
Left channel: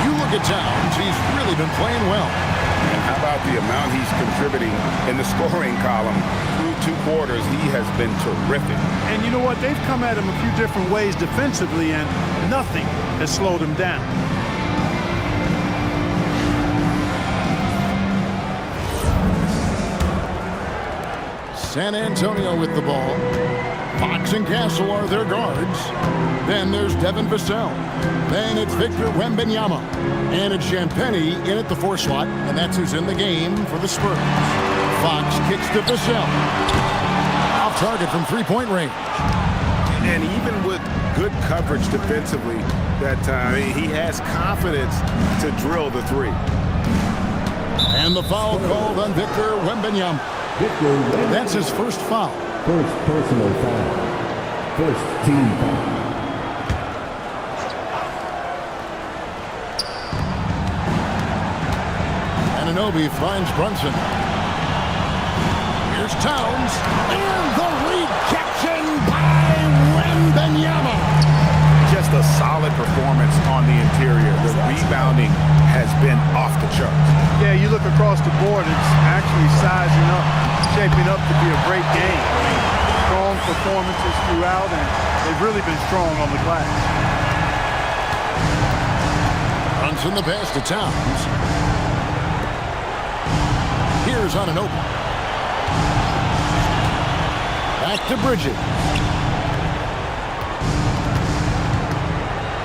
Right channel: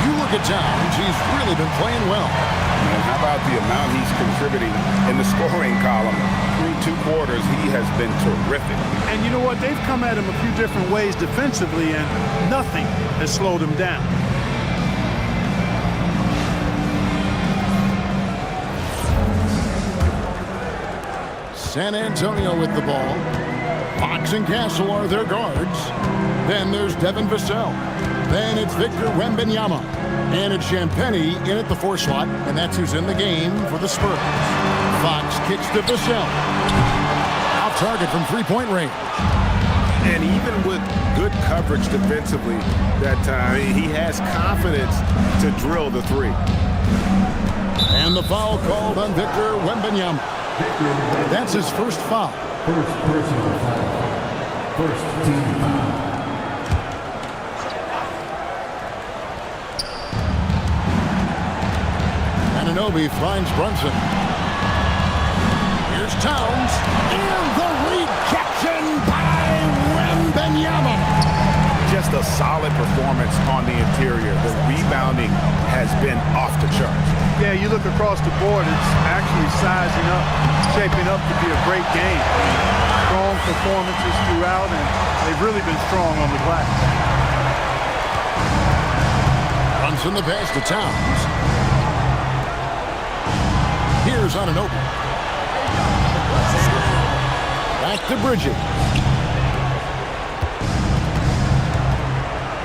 You look at Towns, he's really been playing well. And how about the amount he's contributing in the scoring column? Through 2 quarters, he has been terrific. And you know what? They've come at him a few different ways defensively, and nothing has slowed him down. San Antonio with the ball. Fox and Castle are their guards. Then there's Devin Vassell. Then it's Victor Wembanyama. And it's Champagne in at the 4 slot, and that's who's in the game for the Spurs. Fox kicks to Vassell. Off target from 3-point range. And even with good coverage defensively that time, he has confidence to drill the 3. And the foul called on Victor Wembanyama. That's his first foul. First personal foul. First team foul. Anunoby finds Brunson. Here's Towns. And the rejection by Wembanyama. Just a solid performance on the interior. The rebounding has been off the charts. Yeah, you look across the board, it's actually sizing up, shaping up to be a great game. I mean, strong performances throughout, and they've really been strong on the glass. Brunson the pass to Towns. Here's Anunoby. Back to Bridges.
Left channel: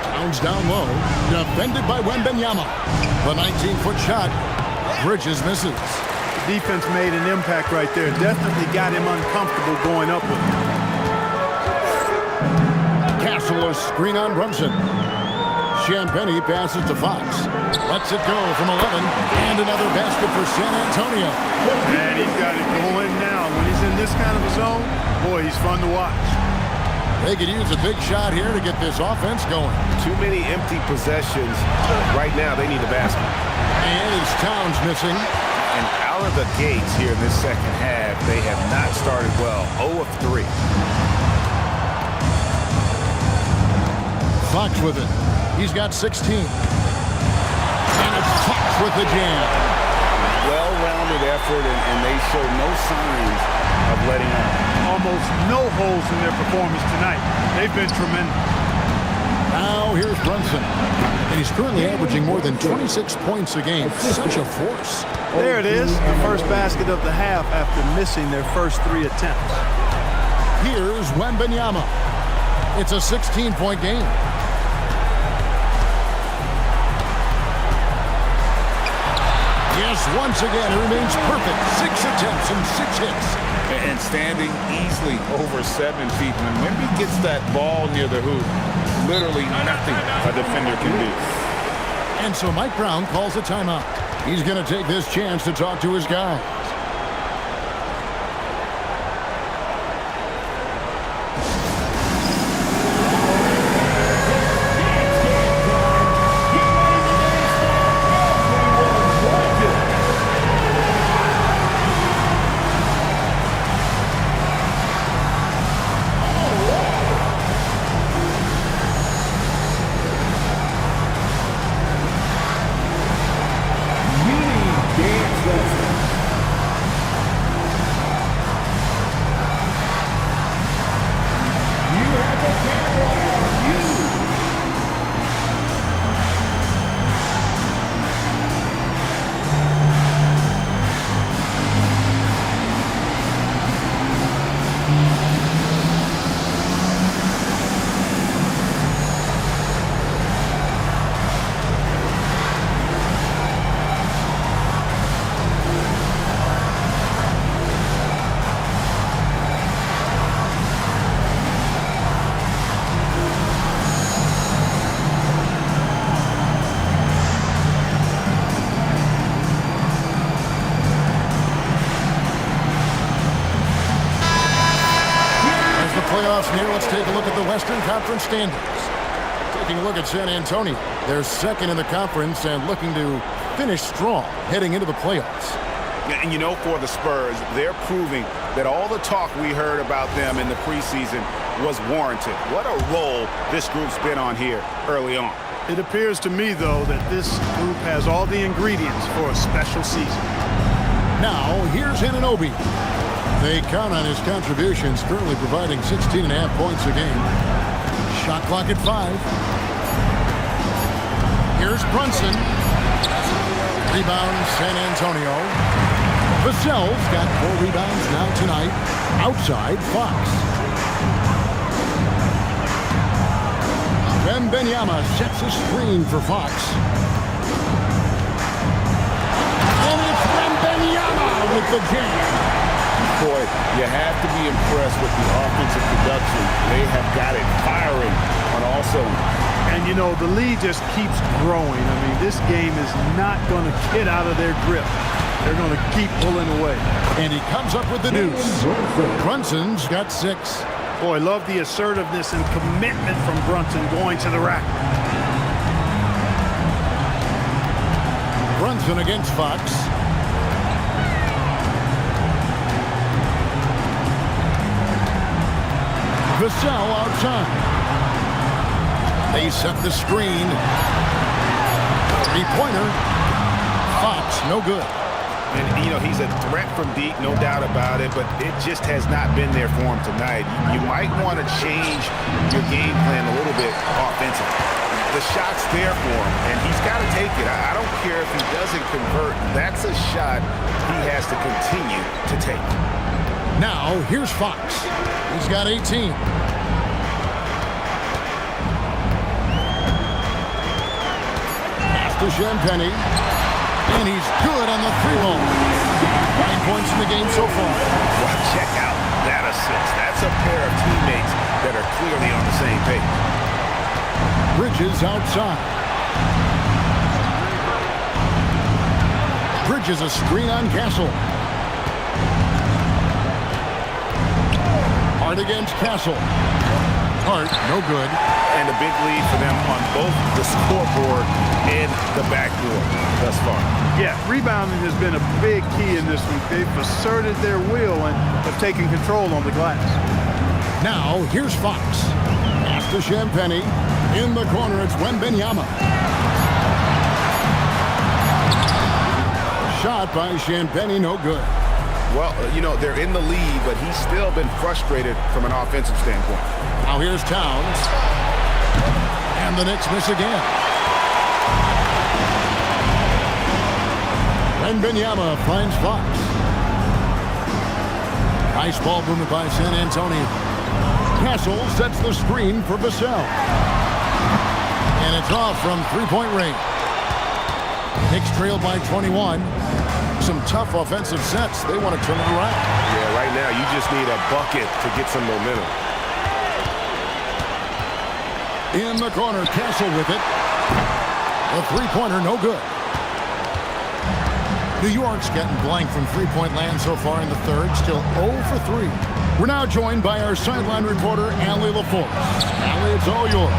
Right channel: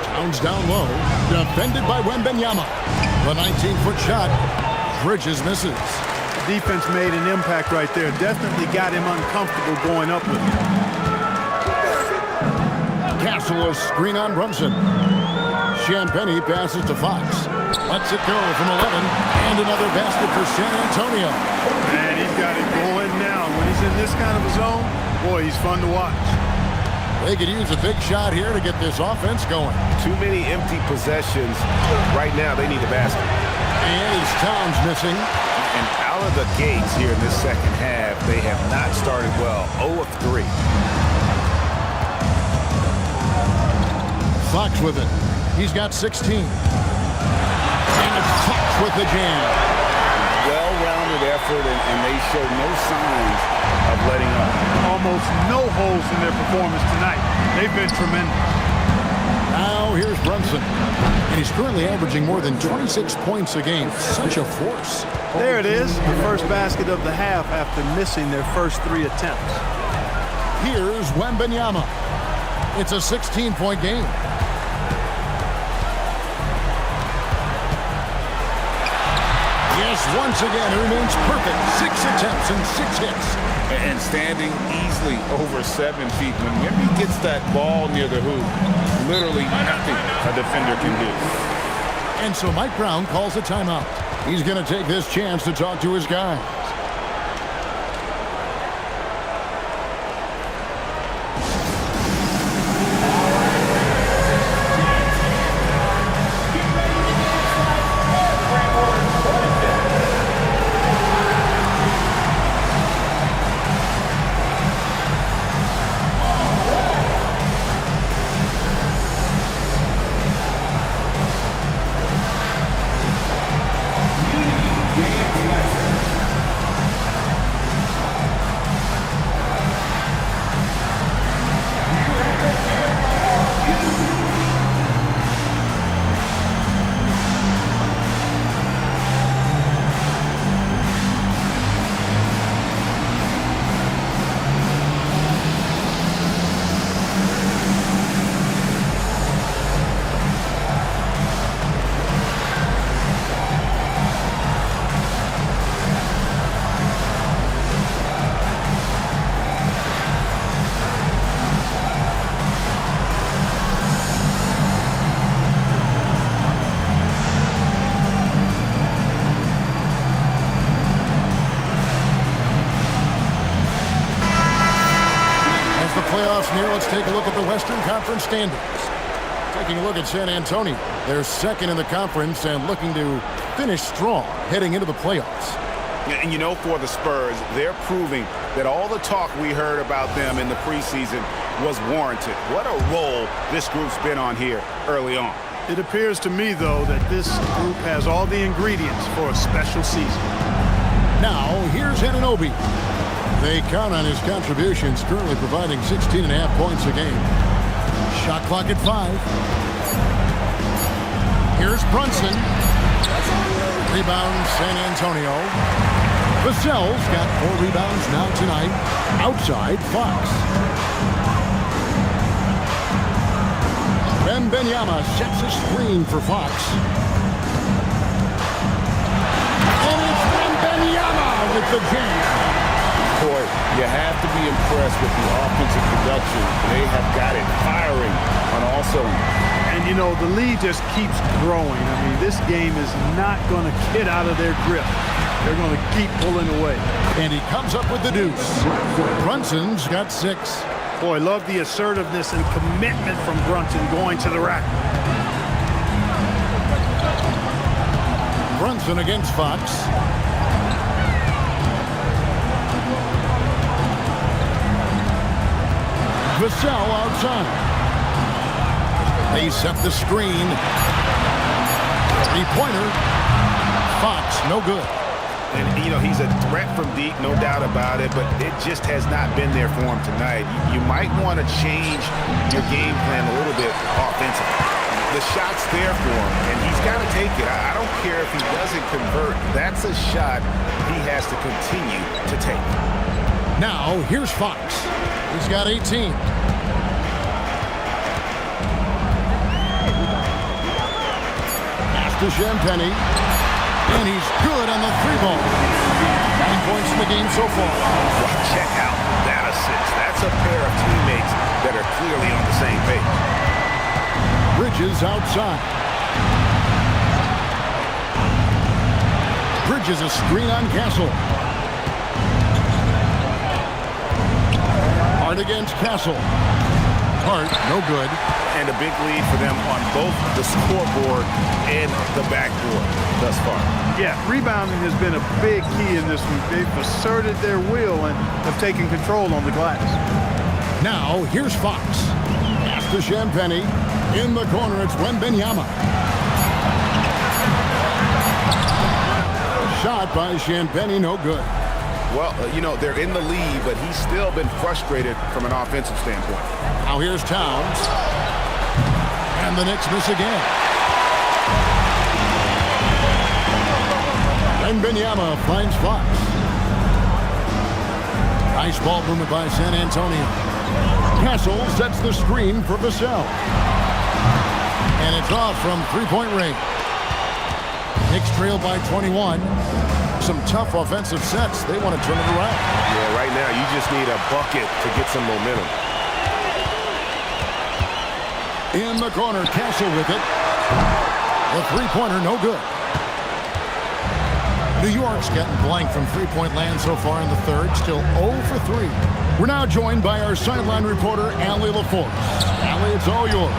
Towns down low. Defended by Wembanyama. The 19-foot shot. Bridges misses. The defense made an impact right there. Definitely got him uncomfortable going up with him. Castle a screen on Brunson. Champagnie passes to Fox. Lets it go from 11. And another basket for San Antonio. Man, he's got it going now. When he's in this kind of a zone, boy, he's fun to watch. They could use a big shot here to get this offense going. Too many empty possessions. Right now, they need a basket. And it's Towns missing. And out of the gates here in this second half, they have not started well. 0 of 3. Fox with it. He's got 16. And it's Fox with the jam. Well-rounded effort, and they show no signs of letting up. Almost no holes in their performance tonight. They've been tremendous. Now here's Brunson. And he's currently averaging more than 26 points a game. Such a force. There it is, the first basket of the half after missing their first 3 attempts. Here's Wembanyama. It's a 16-point game. Yes, once again, it remains perfect. 6 attempts and 6 hits. And standing easily over 7 feet. When Wemby gets that ball near the hoop, literally nothing a defender can do. And so Mike Brown calls a timeout. He's going to take this chance to talk to his guys. Playoffs near, let's take a look at the Western Conference standings. Taking a look at San Antonio. They're second in the conference and looking to finish strong heading into the playoffs. And you know, for the Spurs, they're proving that all the talk we heard about them in the preseason was warranted. What a role this group's been on here early on. It appears to me, though, that this group has all the ingredients for a special season. Now, here's Anunoby. They count on his contributions, currently providing 16.5 points a game. Shot clock at 5. Here's Brunson. Rebound, San Antonio. Vassell's got 4 rebounds now tonight. Outside, Fox. Wembanyama sets a screen for Fox. And it's Wembanyama with the jam. Boy, you have to be impressed with the offensive production. They have got it firing on all cylinders. And, you know, the lead just keeps growing. I mean, this game is not going to get out of their grip. They're going to keep pulling away. And he comes up with the deuce. Brunson's got 6. Boy, love the assertiveness and commitment from Brunson going to the rack. Brunson against Fox. Vassell outside. They set the screen. 3-pointer. Fox, no good. And, you know, he's a threat from deep, no doubt about it, but it just has not been there for him tonight. You might want to change your game plan a little bit offensively. the shot's there for him, and he's got to take it. I don't care if he doesn't convert. That's a shot he has to continue to take. Now, here's Fox. He's got 18. Pass to Champagnie. And he's good on the 3-ball. 9 points in the game so far. Well, check out that assist. That's a pair of teammates that are clearly on the same page. Bridges outside. Bridges a screen on Castle. Hart against Castle. Hart, no good. And a big lead for them on both the scoreboard and the backboard thus far. Yeah, rebounding has been a big key in this one. They've asserted their will and have taken control on the glass. Now, here's Fox. Pass to Champagnie. In the corner, it's Wembanyama. Shot by Champagnie, no good. Well, you know, they're in the lead, but he's still been frustrated from an offensive standpoint. Now here's Towns. And the Knicks miss again. Wembanyama finds Fox. Nice ball movement by San Antonio. Castle sets the screen for Vassell. And it's off from three-point range. Knicks trail by 21. Some tough offensive sets. They want to turn it around. Yeah, right now you just need a bucket to get some momentum. In the corner, Castle with it. The three-pointer, no good. New York's getting blank from three-point land so far in the third. Still 0 for 3. We're now joined by our sideline reporter, Allie LaForce. Allie, it's all yours.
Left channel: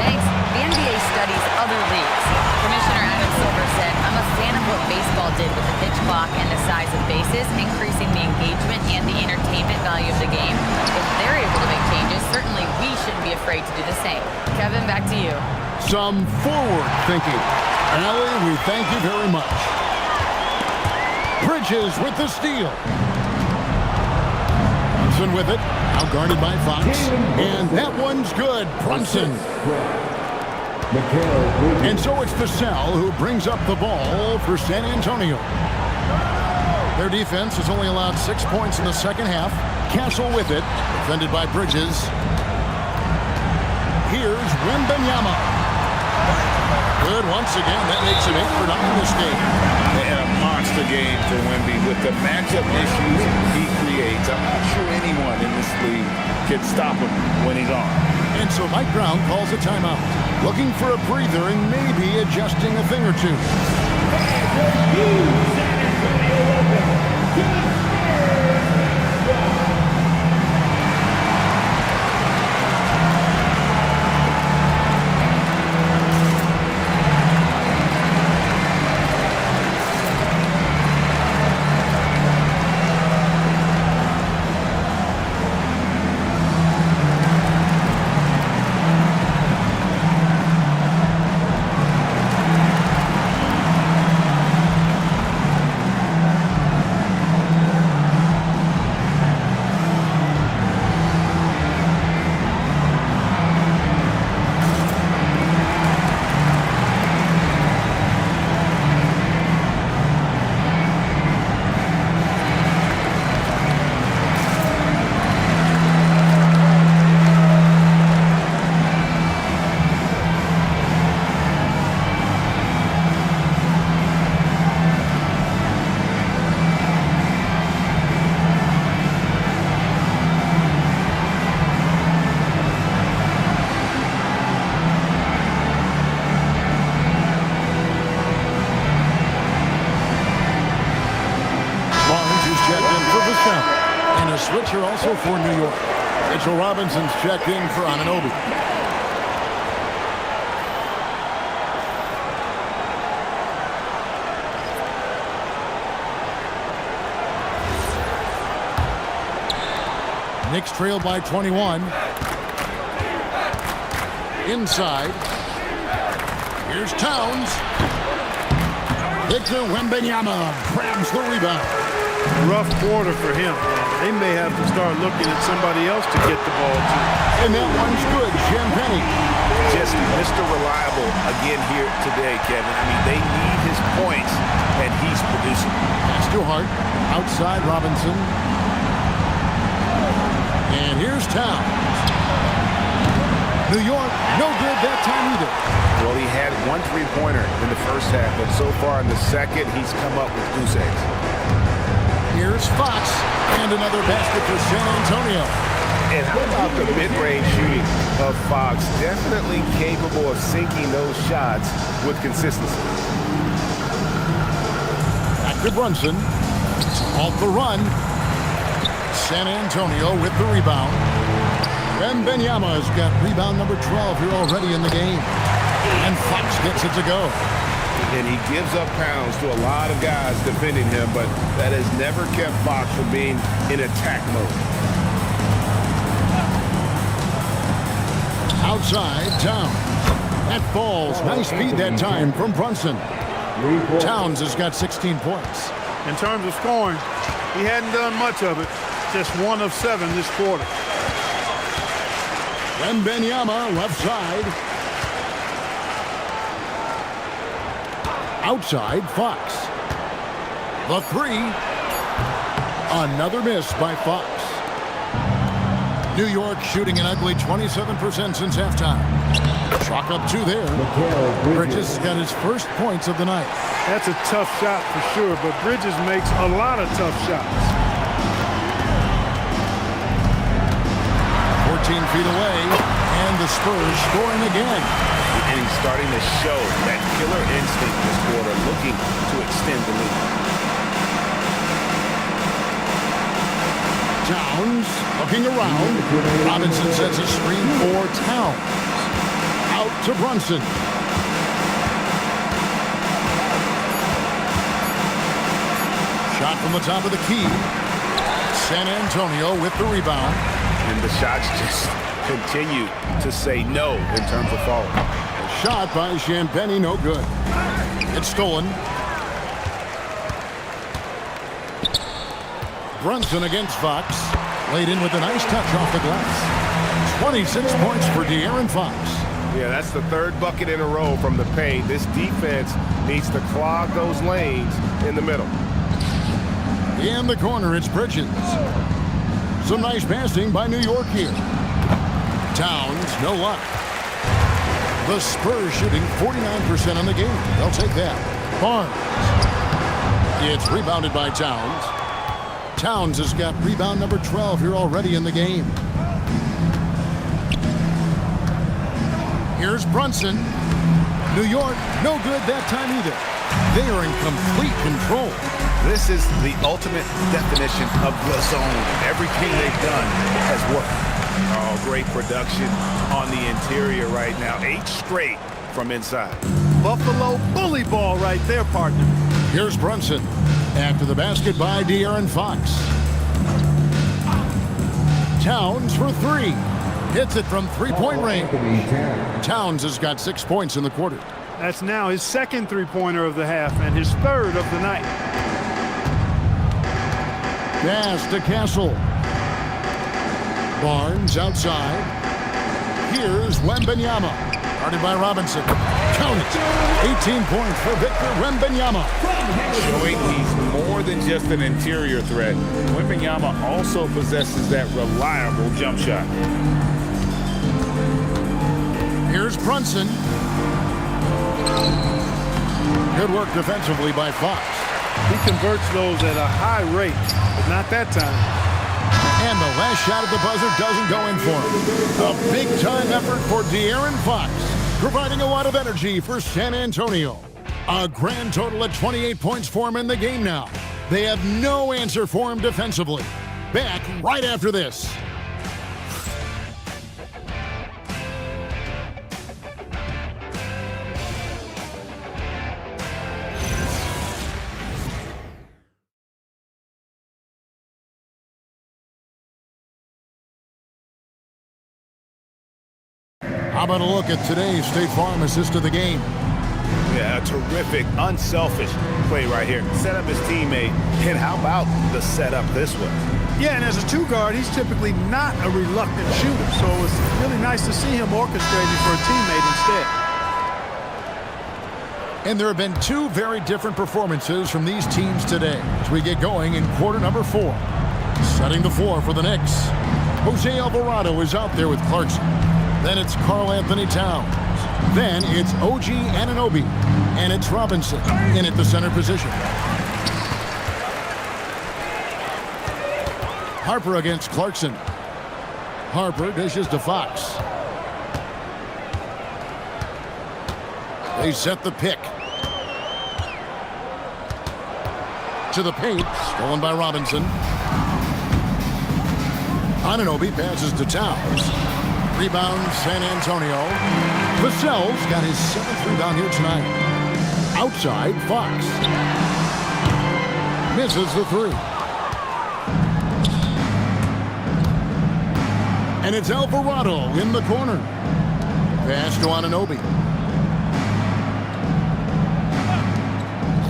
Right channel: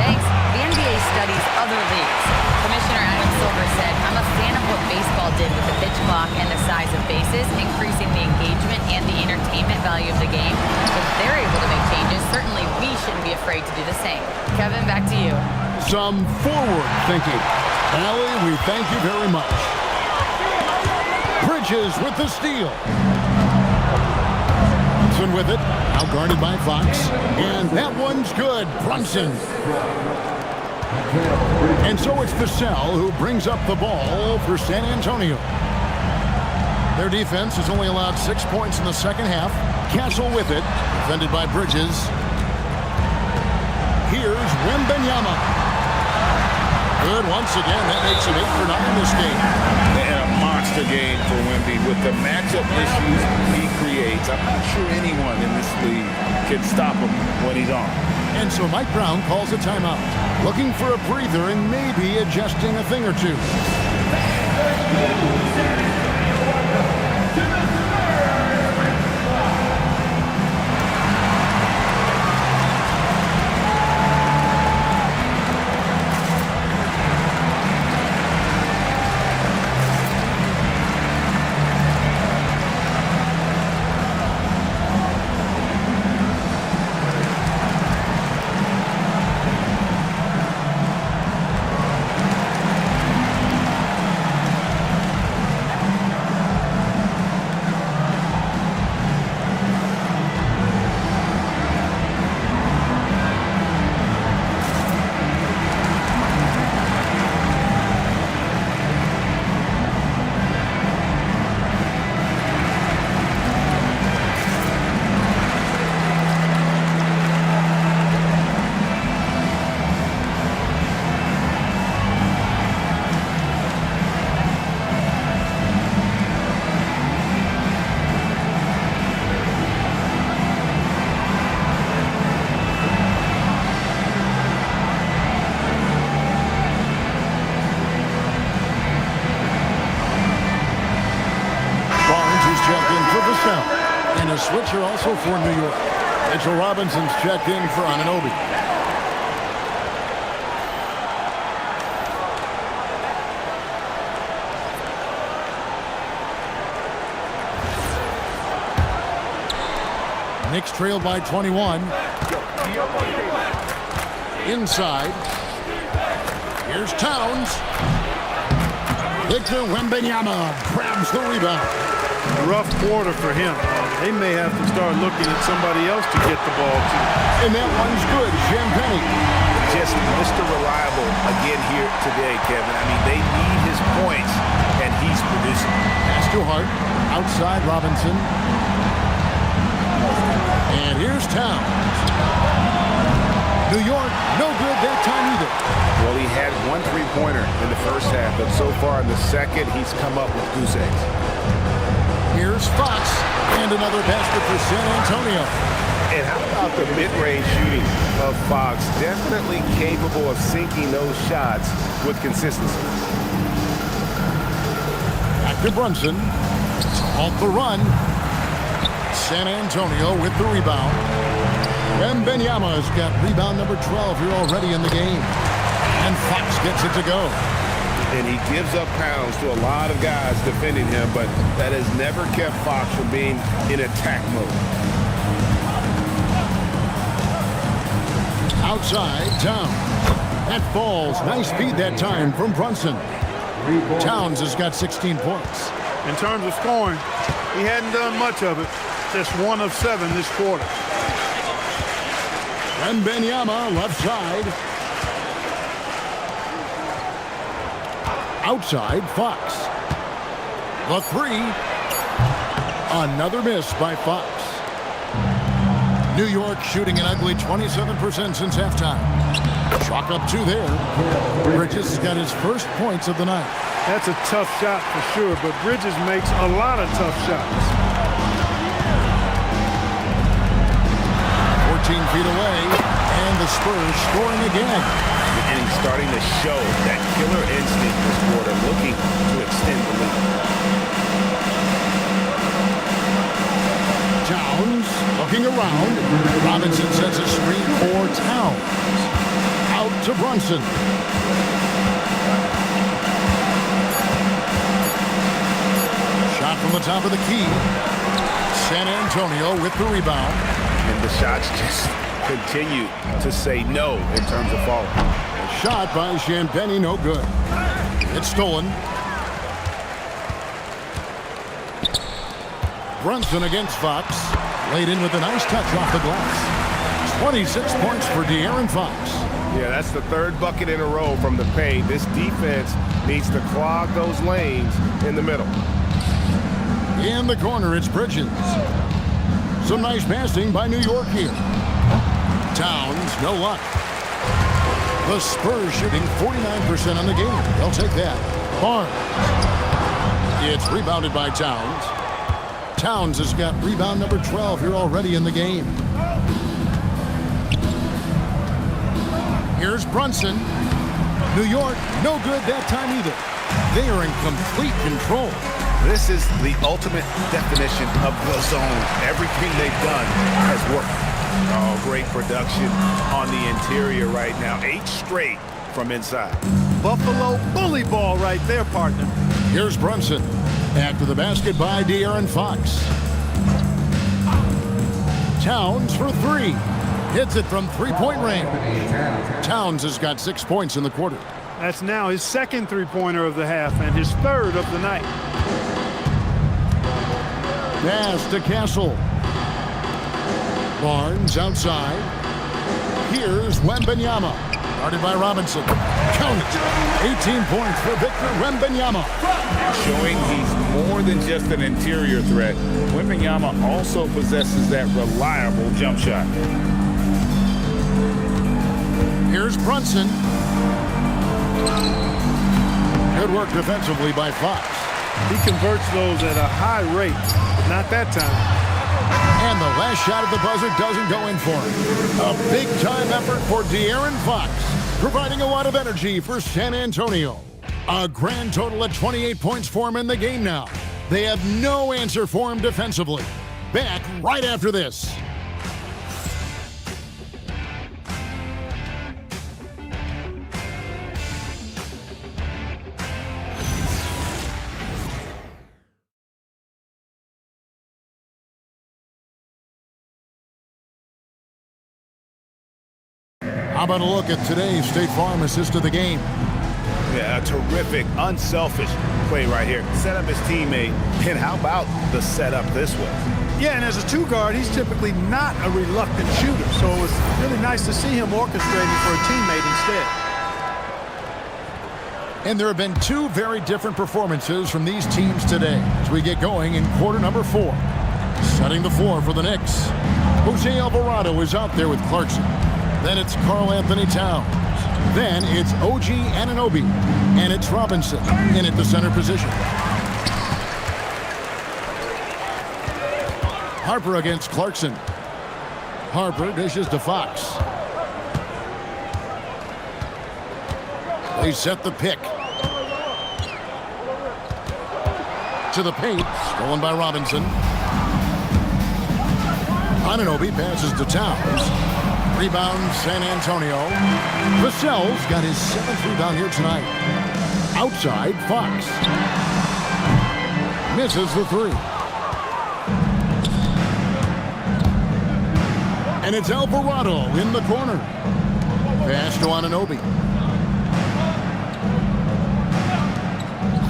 Thanks. The NBA studies other leagues. Commissioner Adam Silver said, "I'm a fan of what baseball did with the pitch clock and the size of bases, increasing the engagement and the entertainment value of the game. If they're able to make changes, certainly we shouldn't be afraid to do the same." Kevin, back to you. Some forward thinking. Allie, we thank you very much. Bridges with the steal. Brunson with it. Now guarded by Fox. And that one's good. Brunson. And so it's Vassell who brings up the ball for San Antonio. Their defense has only allowed 6 points in the second half. Castle with it. Defended by Bridges. Here's Wembanyama. Good once again. That makes him 8 for 9 this game. And a monster game for Wemby with the matchup issues he creates. I'm not sure anyone in this league can stop him when he's on. And so Mike Brown calls a timeout, looking for a breather and maybe adjusting a thing or two. Checked in for Vassell. And a switcher also for New York. Mitchell Robinson's checked in for Anunoby. Knicks trail by 21. Inside. Here's Towns. Victor Wembanyama grabs the rebound. Rough quarter for him. They may have to start looking at somebody else to get the ball to. And that one's good. Champagnie. just Mr. Reliable again here today, Kevin. I mean, they need his points, and he's producing. Pass to Hart. Outside Robinson. And here's Towns. New York, no good that time either. Well, he had 1 3-pointer in the first half, but so far in the second, he's come up with goose eggs. Here's Fox, and another basket for San Antonio. And how about the mid-range shooting of Fox? Definitely capable of sinking those shots with consistency. Back to Brunson to halt the run. San Antonio with the rebound. Wembanyama's got rebound number 12 here already in the game. And Fox gets it to go. And he gives up pounds to a lot of guys defending him, but that has never kept Fox from being in attack mode. Outside, Towns. That falls. Nice feed that time from Brunson. Towns has got 16 points. In terms of scoring, he hadn't done much of it. Just 1 of 7 this quarter. Wembanyama left side. Outside, Fox. The 3. Another miss by Fox. New York shooting an ugly 27% since halftime. Chalk up 2 there. Bridges has got his first points of the night. That's a tough shot for sure, but Bridges makes a lot of tough shots. 14 feet away, and the Spurs scoring again. And he's starting to show that killer instinct this quarter, looking to extend the lead. Towns looking around. Robinson sets a screen for Towns. Out to Brunson. Shot from the top of the key. San Antonio with the rebound. And the shots just continue to say no in terms of falling. A shot by Champagny, no good. It's stolen. Brunson against Fox. Laid in with a nice touch off the glass. 26 points for De'Aaron Fox. Yeah, that's the 3rd bucket in a row from the paint. This defense needs to clog those lanes in the middle. In the corner, it's Bridges. Some nice passing by New York here. Towns, no luck. The Spurs shooting 49% on the game. They'll take that. Barnes. It's rebounded by Towns. Towns has got rebound number 12 here already in the game. Here's Brunson. New York, no good that time either. They are in complete control. This is the ultimate definition of the zone. Everything they've done has worked. Oh, great production on the interior right now. 8 straight from inside. Buffalo bully ball right there, partner. Here's Brunson. After the basket by De'Aaron Fox. Towns for 3. Hits it from 3-point range. Towns has got 6 points in the quarter. That's now his 2nd 3-pointer of the half and his 3rd of the night. Pass to Castle. Barnes outside. Here's Wembanyama. Guarded by Robinson. Count it. 18 points for Victor Wembanyama. Showing he's more than just an interior threat. Wembanyama also possesses that reliable jump shot. Here's Brunson. Good work defensively by Fox. He converts those at a high rate, but not that time. And the last shot at the buzzer doesn't go in for him. A big-time effort for De'Aaron Fox, providing a lot of energy for San Antonio. A grand total of 28 points for him in the game now. They have no answer for him defensively. Back right after this. How about a look at today's State Farm assist of the game? Yeah, a terrific, unselfish play right here. Set up his teammate, and how about the setup this way? Yeah, and as a two guard, he's typically not a reluctant shooter. So it was really nice to see him orchestrating for a teammate instead. And there have been two very different performances from these teams today as we get going in quarter number 4. Setting the floor for the Knicks, Jose Alvarado is out there with Clarkson. Then it's Karl Anthony Towns. Then it's OG Anunoby. And it's Robinson in at the center position. Harper against Clarkson. Harper dishes to Fox. They set the pick. To the paint, stolen by Robinson. Anunoby passes to Towns. Rebound San Antonio. Vassell's got his 7th rebound here tonight. Outside, Fox. Misses the 3. And it's Alvarado in the corner. Pass to Anunoby.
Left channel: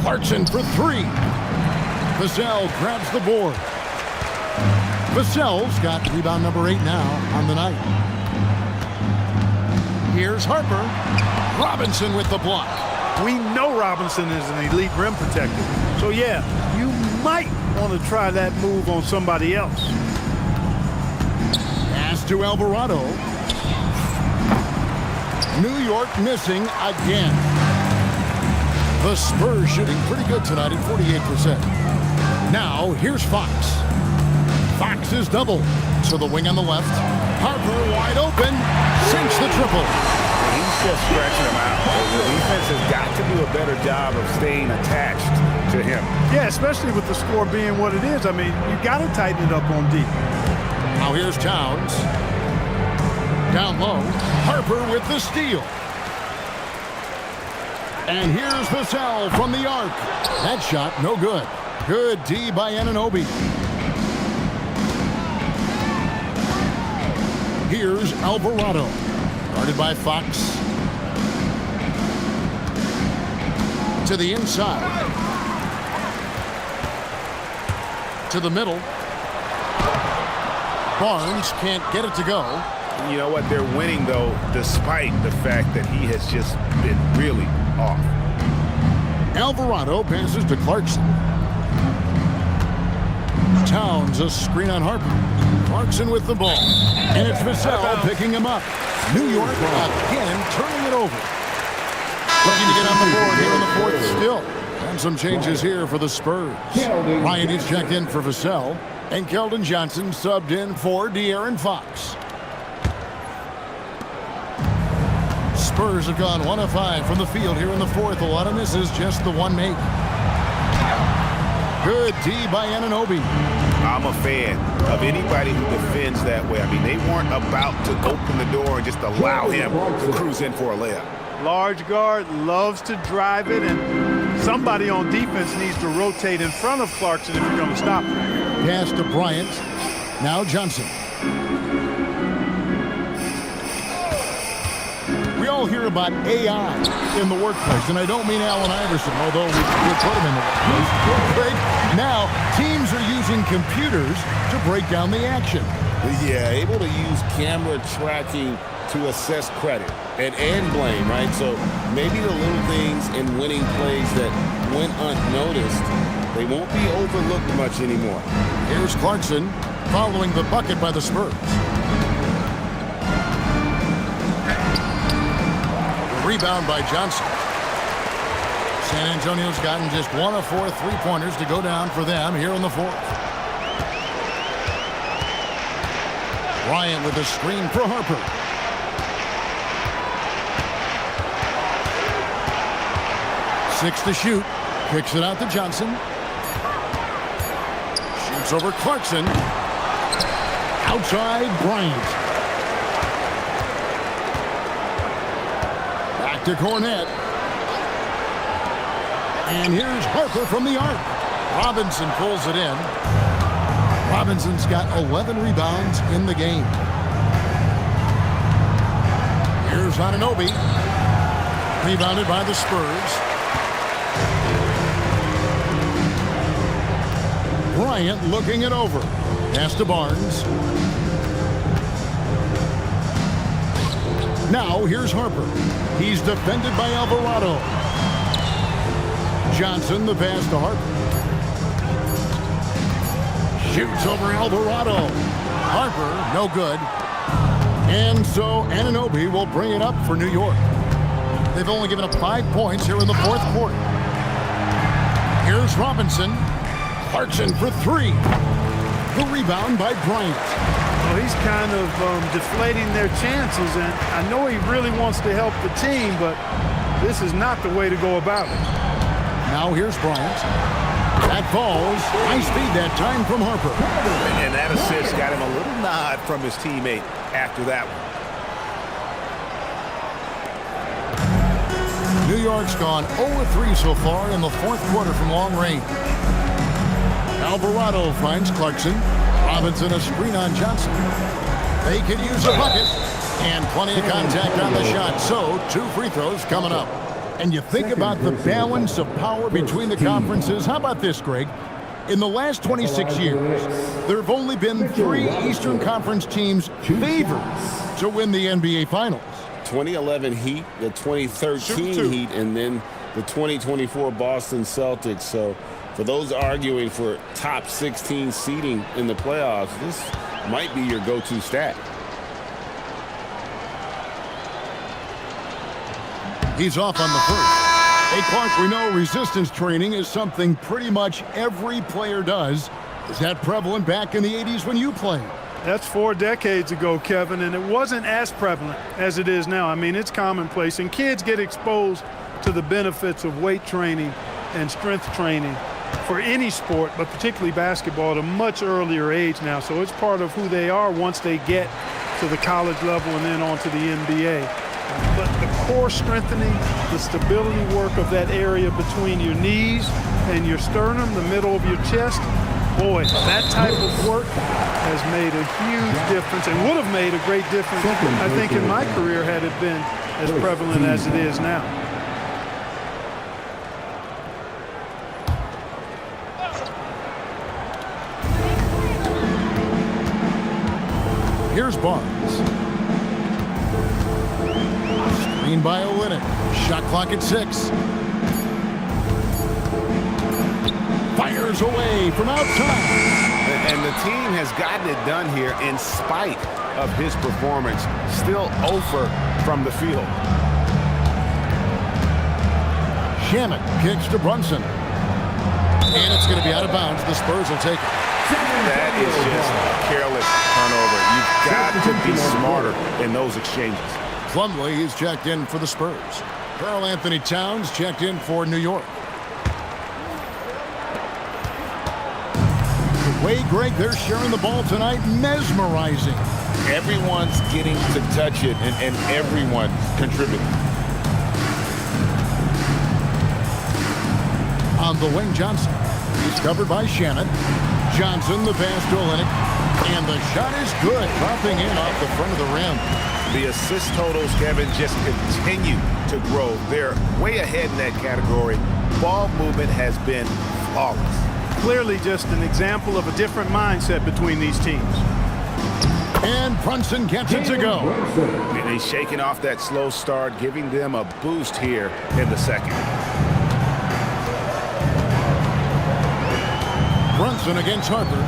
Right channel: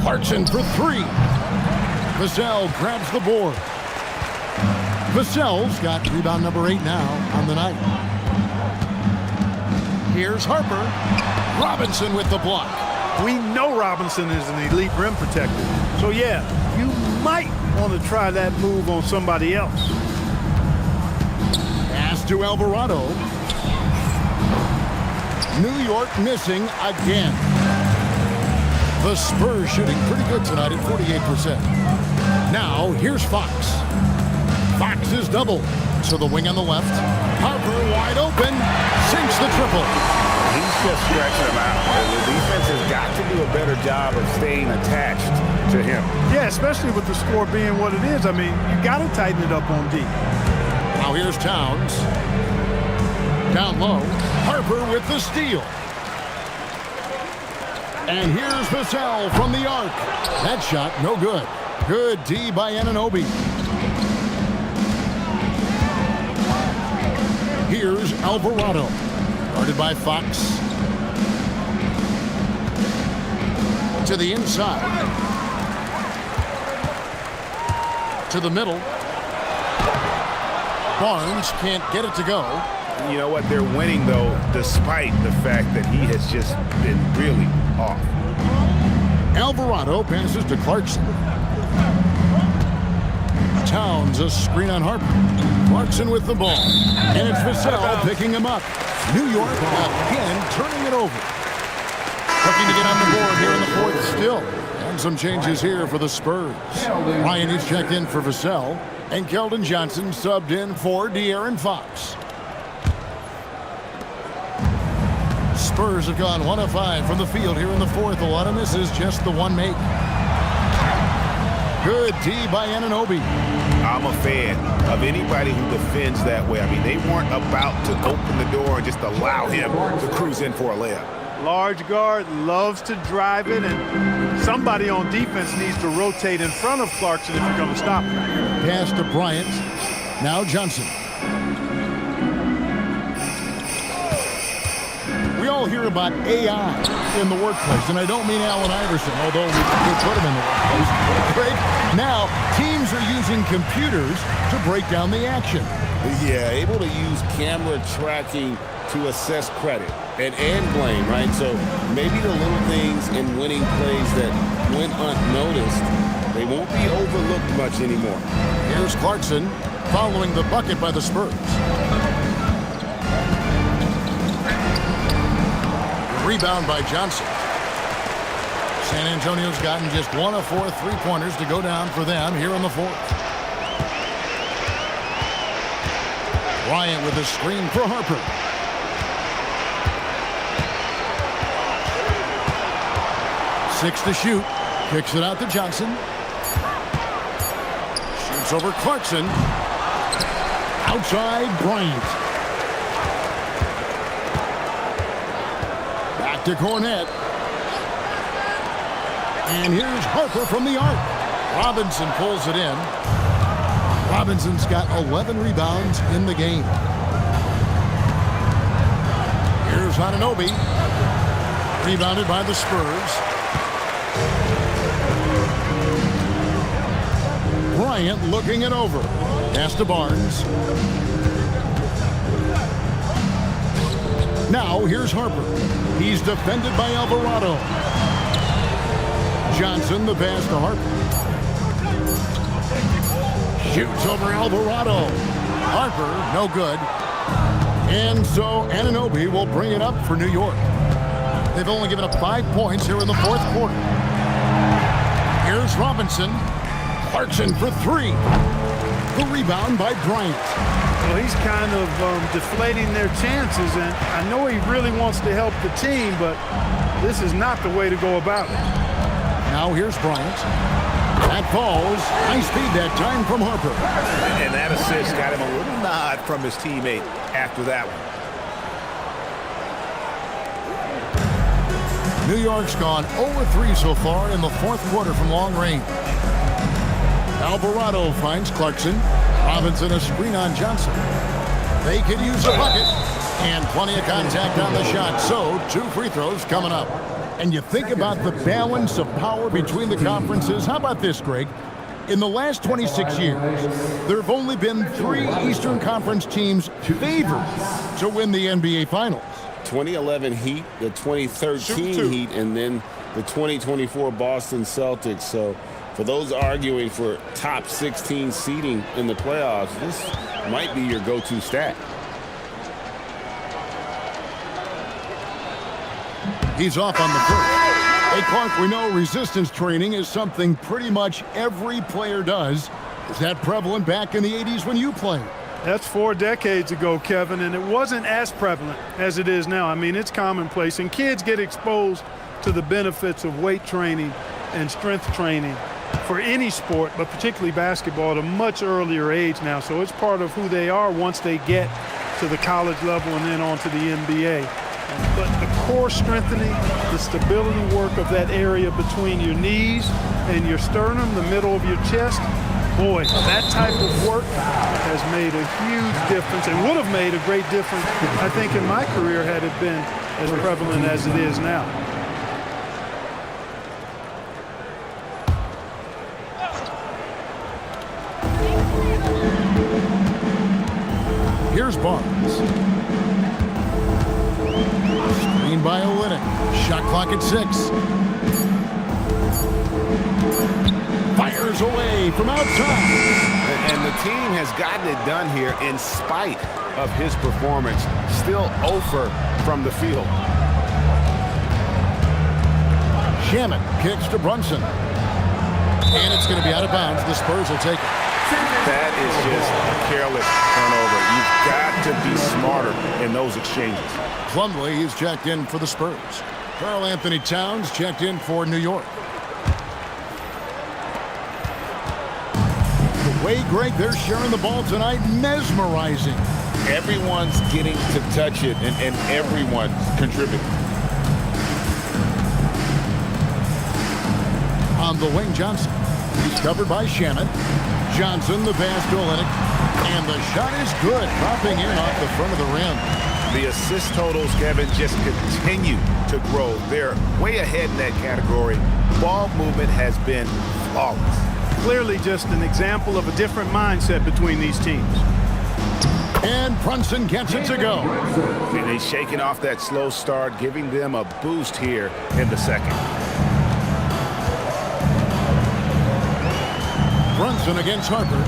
Clarkson for 3. Vassell grabs the board. Vassell's got rebound number 8 now on the night. Here's Harper. Robinson with the block. We know Robinson is an elite rim protector. So, yeah, you might want to try that move on somebody else. Pass to Alvarado. New York missing again. The Spurs shooting pretty good tonight at 48%. Now, here's Fox. Fox is double. To the wing on the left. Harper wide open. Sinks the triple. He's just stretching him out. The defense has got to do a better job of staying attached to him. Yeah, especially with the score being what it is. I mean, you got to tighten it up on D. Now here's Towns. Down low. Harper with the steal. And here's Vassell from the arc. That shot no good. Good D by Anunoby. Here's Alvarado. Guarded by Fox. To the inside. To the middle. Barnes can't get it to go. You know what? They're winning, though, despite the fact that he has just been really off. Alvarado passes to Clarkson. Towns a screen on Harper. Clarkson with the ball. And it's Vassell picking him up. New York again turning it over. Looking to get on the board here in the 4th still. And some changes here for the Spurs. Ryan is checked in for Vassell. And Keldon Johnson subbed in for De'Aaron Fox. Spurs have gone 1 of 5 from the field here in the 4th. A lot of misses, just the one make. Good D by Anunoby. I'm a fan of anybody who defends that way. I mean, they weren't about to open the door and just allow him to cruise in for a layup. Large guard loves to drive it, and somebody on defense needs to rotate in front of Clarkson if you're going to stop him. Pass to Bryant. Now Johnson. We all hear about AI in the workplace, and I don't mean Allen Iverson, although we put him in the workplace. Great. Now, teams are using computers to break down the action. Yeah, able to use camera tracking to assess credit and blame, right? So maybe the little things in winning plays that went unnoticed, they won't be overlooked much anymore. Here's Clarkson following the bucket by the Spurs. The rebound by Johnson. San Antonio's gotten just 1 of 4 3-pointers to go down for them here in the 4th. Bryant with a screen for Harper. Six to shoot. Kicks it out to Johnson. Shoots over Clarkson. Outside Bryant. Back to Cornette. And here's Harper from the arc. Robinson pulls it in. Robinson's got 11 rebounds in the game. Here's Anunoby. Rebounded by the Spurs. Bryant looking it over. Pass to Barnes. Now here's Harper. He's defended by Alvarado. Johnson, the pass to Harper. Shoots over Alvarado. Harper, no good. And so Anunoby will bring it up for New York. They've only given up 5 points here in the fourth quarter. Here's Robinson. Clarkson for 3. The rebound by Bryant. Well, he's kind of deflating their chances, and I know he really wants to help the team, but this is not the way to go about it. Now here's Bryant. That falls. High speed that time from Harper. And that assist got him a little nod from his teammate after that one. New York's gone 0-3 so far in the fourth quarter from long range. Alvarado finds Clarkson. Robinson a screen on Johnson. They could use a bucket. And plenty of contact on the shot. So 2 free throws coming up. And you think about the balance of power between the conferences. How about this, Greg? In the last 26 years, there have only been 3 Eastern Conference teams favored to win the NBA Finals. 2011 Heat, the 2013 Heat, and then the 2024 Boston Celtics. So for those arguing for top 16 seeding in the playoffs, this might be your go-to stat. He's off on the first. Hey, Clark, we know resistance training is something pretty much every player does. Is that prevalent back in the 80s when you played? That's 4 decades ago, Kevin, and it wasn't as prevalent as it is now. I mean, it's commonplace, and kids get exposed to the benefits of weight training and strength training for any sport, but particularly basketball, at a much earlier age now. So it's part of who they are once they get to the college level and then on to the NBA. But the core strengthening, the stability work of that area between your knees and your sternum, the middle of your chest, boy, that type of work has made a huge difference and would have made a great difference, I think, in my career had it been as prevalent as it is now. Here's Barnes. Screen by Olynyk. Shot clock at 6. Fires away from outside. And the team has gotten it done here in spite of his performance. Still 0 from the field. Shamet kicks to Brunson. And it's going to be out of bounds. The Spurs will take it. That is just a careless turnover. You've got to be smarter in those exchanges. Plumlee is checked in for the Spurs. Karl Anthony Towns checked in for New York. The way, Greg, they're sharing the ball tonight, mesmerizing. Everyone's getting to touch it, and everyone's contributing. On the wing, Johnson. He's covered by Shamet. Johnson, the pass to Olynyk. And the shot is good, dropping in off the front of the rim. The assist totals, Kevin, just continue to grow. They're way ahead in that category. Ball movement has been flawless. Clearly just an example of a different mindset between these teams. And Brunson gets it to go. And he's shaking off that slow start, giving them a boost here in the second. Brunson against Harper.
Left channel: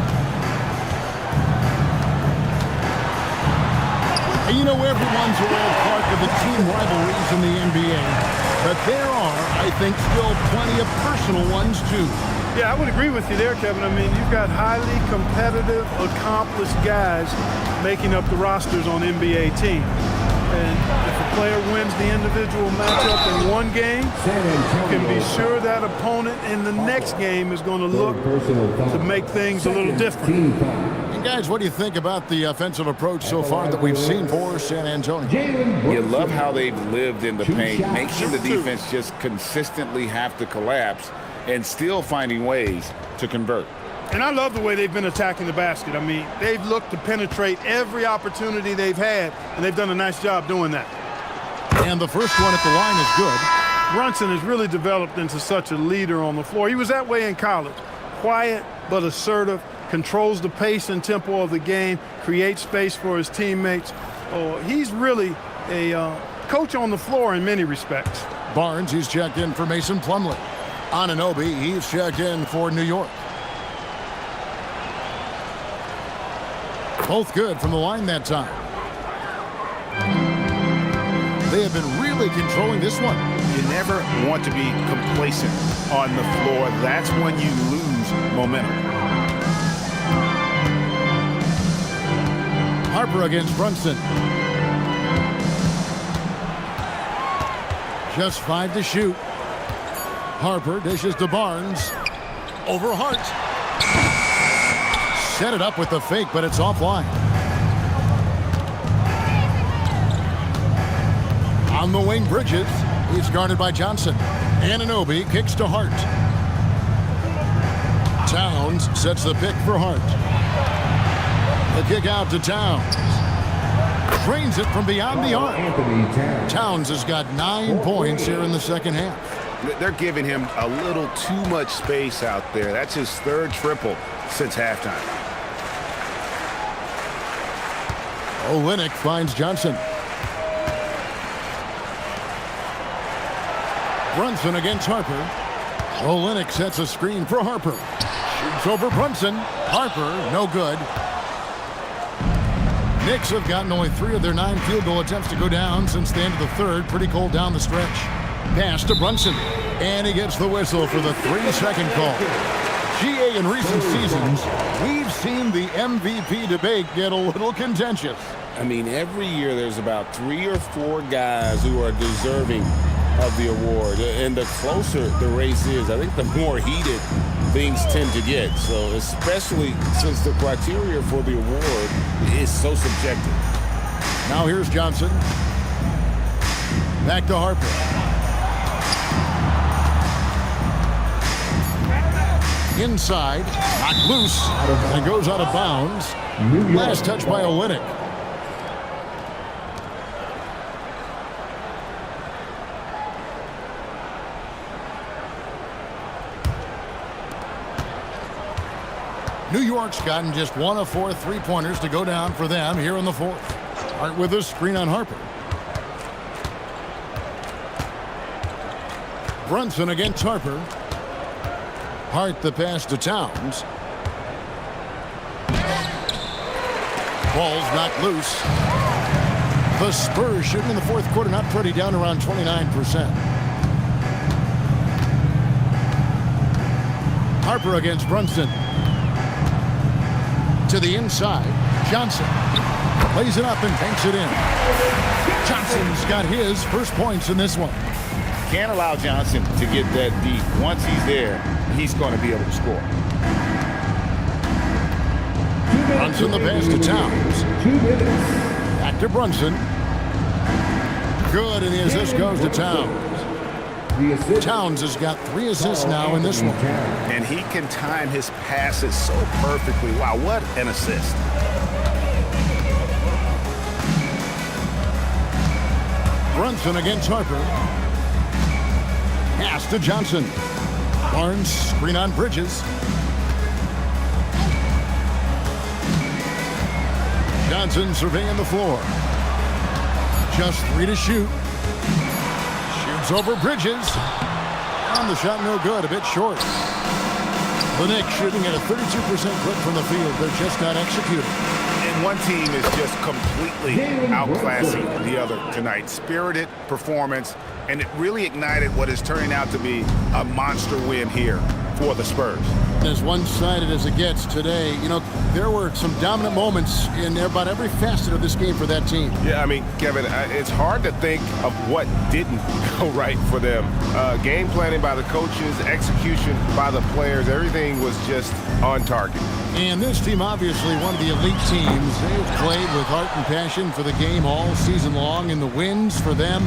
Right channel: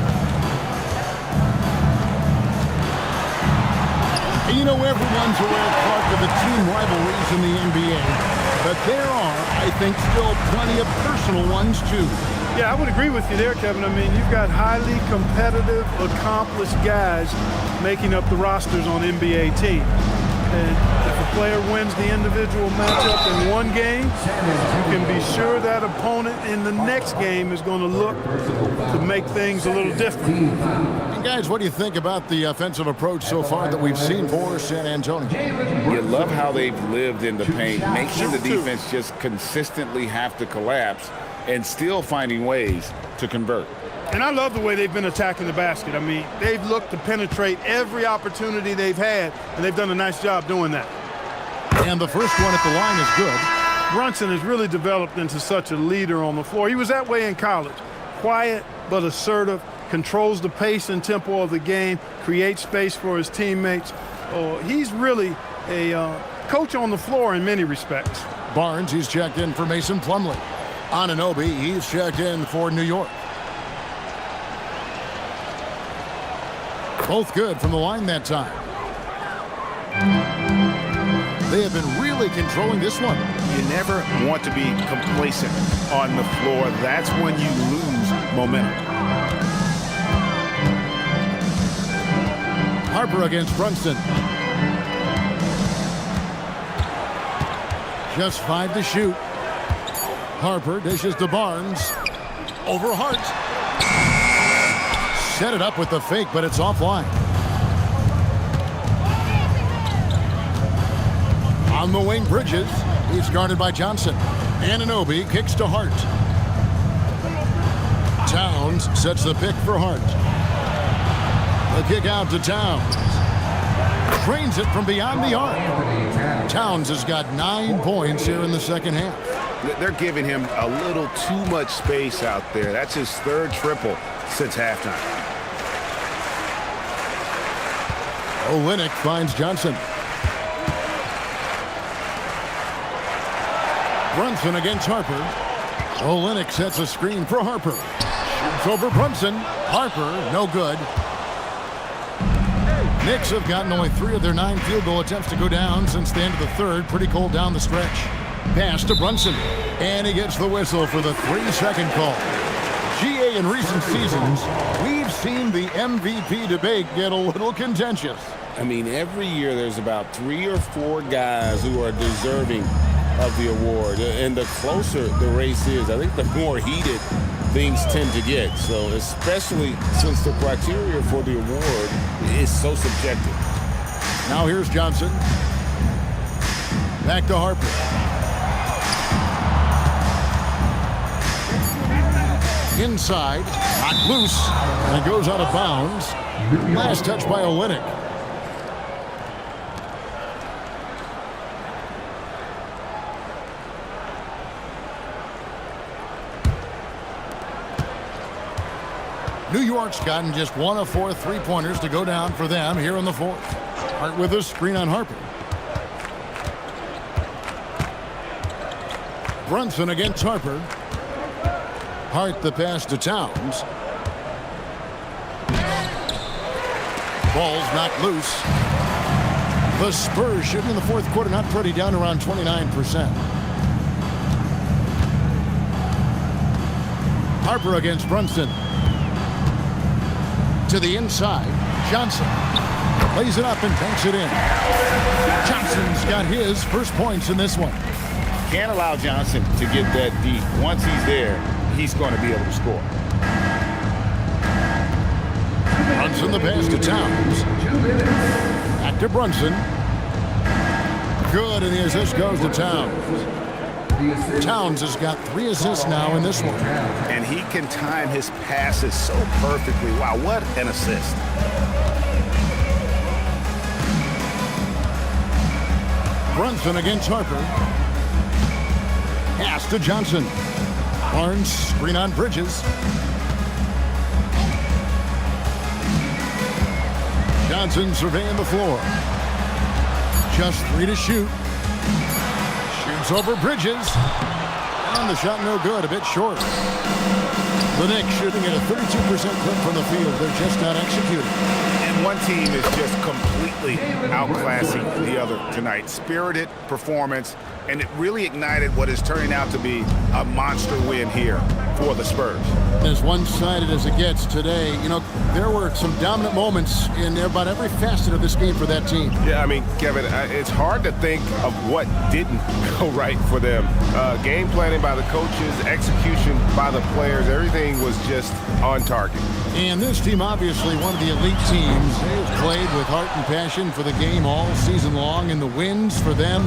And you know, everyone's aware, Clark, of the team rivalries in the NBA. But there are, I think, still plenty of personal ones, too. Yeah, I would agree with you there, Kevin. I mean, you've got highly competitive, accomplished guys making up the rosters on NBA teams. And if a player wins the individual matchup in one game, you can be sure that opponent in the next game is going to look to make things a little different. And guys, what do you think about the offensive approach so far that we've seen for San Antonio? You love how they've lived in the paint, making the defense just consistently have to collapse and still finding ways to convert. And I love the way they've been attacking the basket. I mean, they've looked to penetrate every opportunity they've had, and they've done a nice job doing that. And the first one at the line is good. Brunson has really developed into such a leader on the floor. He was that way in college. Quiet but assertive, controls the pace and tempo of the game, creates space for his teammates. Oh, he's really a coach on the floor in many respects. Barnes, he's checked in for Mason Plumlee. Anunoby, he's checked in for New York. Both good from the line that time. They have been really controlling this one. You never want to be complacent on the floor. That's when you lose momentum. Harper against Brunson. Just 5 to shoot. Harper dishes to Barnes. Over Hart. Set it up with the fake, but it's offline. On the wing, Bridges. He's guarded by Johnson. Anunoby kicks to Hart. Towns sets the pick for Hart. The kick out to Towns. Drains it from beyond the arc. Towns has got 9 points here in the second half. They're giving him a little too much space out there. That's his 3rd triple since halftime. Olynyk finds Johnson. Brunson against Harper. Olynyk sets a screen for Harper. Shoots over Brunson. Harper, no good. Knicks have gotten only 3 of their 9 field goal attempts to go down since the end of the 3rd. Pretty cold down the stretch. Pass to Brunson. And he gets the whistle for the 3-second call. GA, in recent seasons, we've seen the MVP debate get a little contentious. I mean, every year there's about 3 or 4 guys who are deserving of the award. And the closer the race is, I think the more heated things tend to get. So especially since the criteria for the award is so subjective. Now here's Johnson. Back to Harper. Inside, knocked loose, and goes out of bounds. Last touch by Olynyk. New York's gotten just 1 of 4 3-pointers to go down for them here in the 4th. Hart with a screen on Harper. Brunson against Harper. Hart the pass to Towns. Ball's knocked loose. The Spurs shooting in the 4th quarter not pretty, down around 29%. Harper against Brunson. To the inside, Johnson lays it up and banks it in. Johnson's got his first points in this one. Can't allow Johnson to get that deep. Once he's there, he's going to be able to score. Brunson the pass to Towns. 2 minutes. Back to Brunson. Good, and the assist goes to Towns. Towns has got 3 assists now in this one. And he can time his passes so perfectly. Wow, what an assist. Brunson against Harper. Pass to Johnson. Barnes, screen on Bridges. Johnson surveying the floor. Just 3 to shoot. Shoots over Bridges. And the shot no good, a bit short. The Knicks shooting at a 32% clip from the field. They're just not executing. And one team is just completely outclassing the other tonight. Spirited performance, and it really ignited what is turning out to be a monster win here for the Spurs. As one-sided as it gets today, you know, there were some dominant moments in about every facet of this game for that team. Yeah, I mean, Kevin, it's hard to think of what didn't go right for them. Game planning by the coaches, execution by the players, everything was just on target. And this team, obviously one of the elite teams. They've played with heart and passion for the game all season long, and the wins for them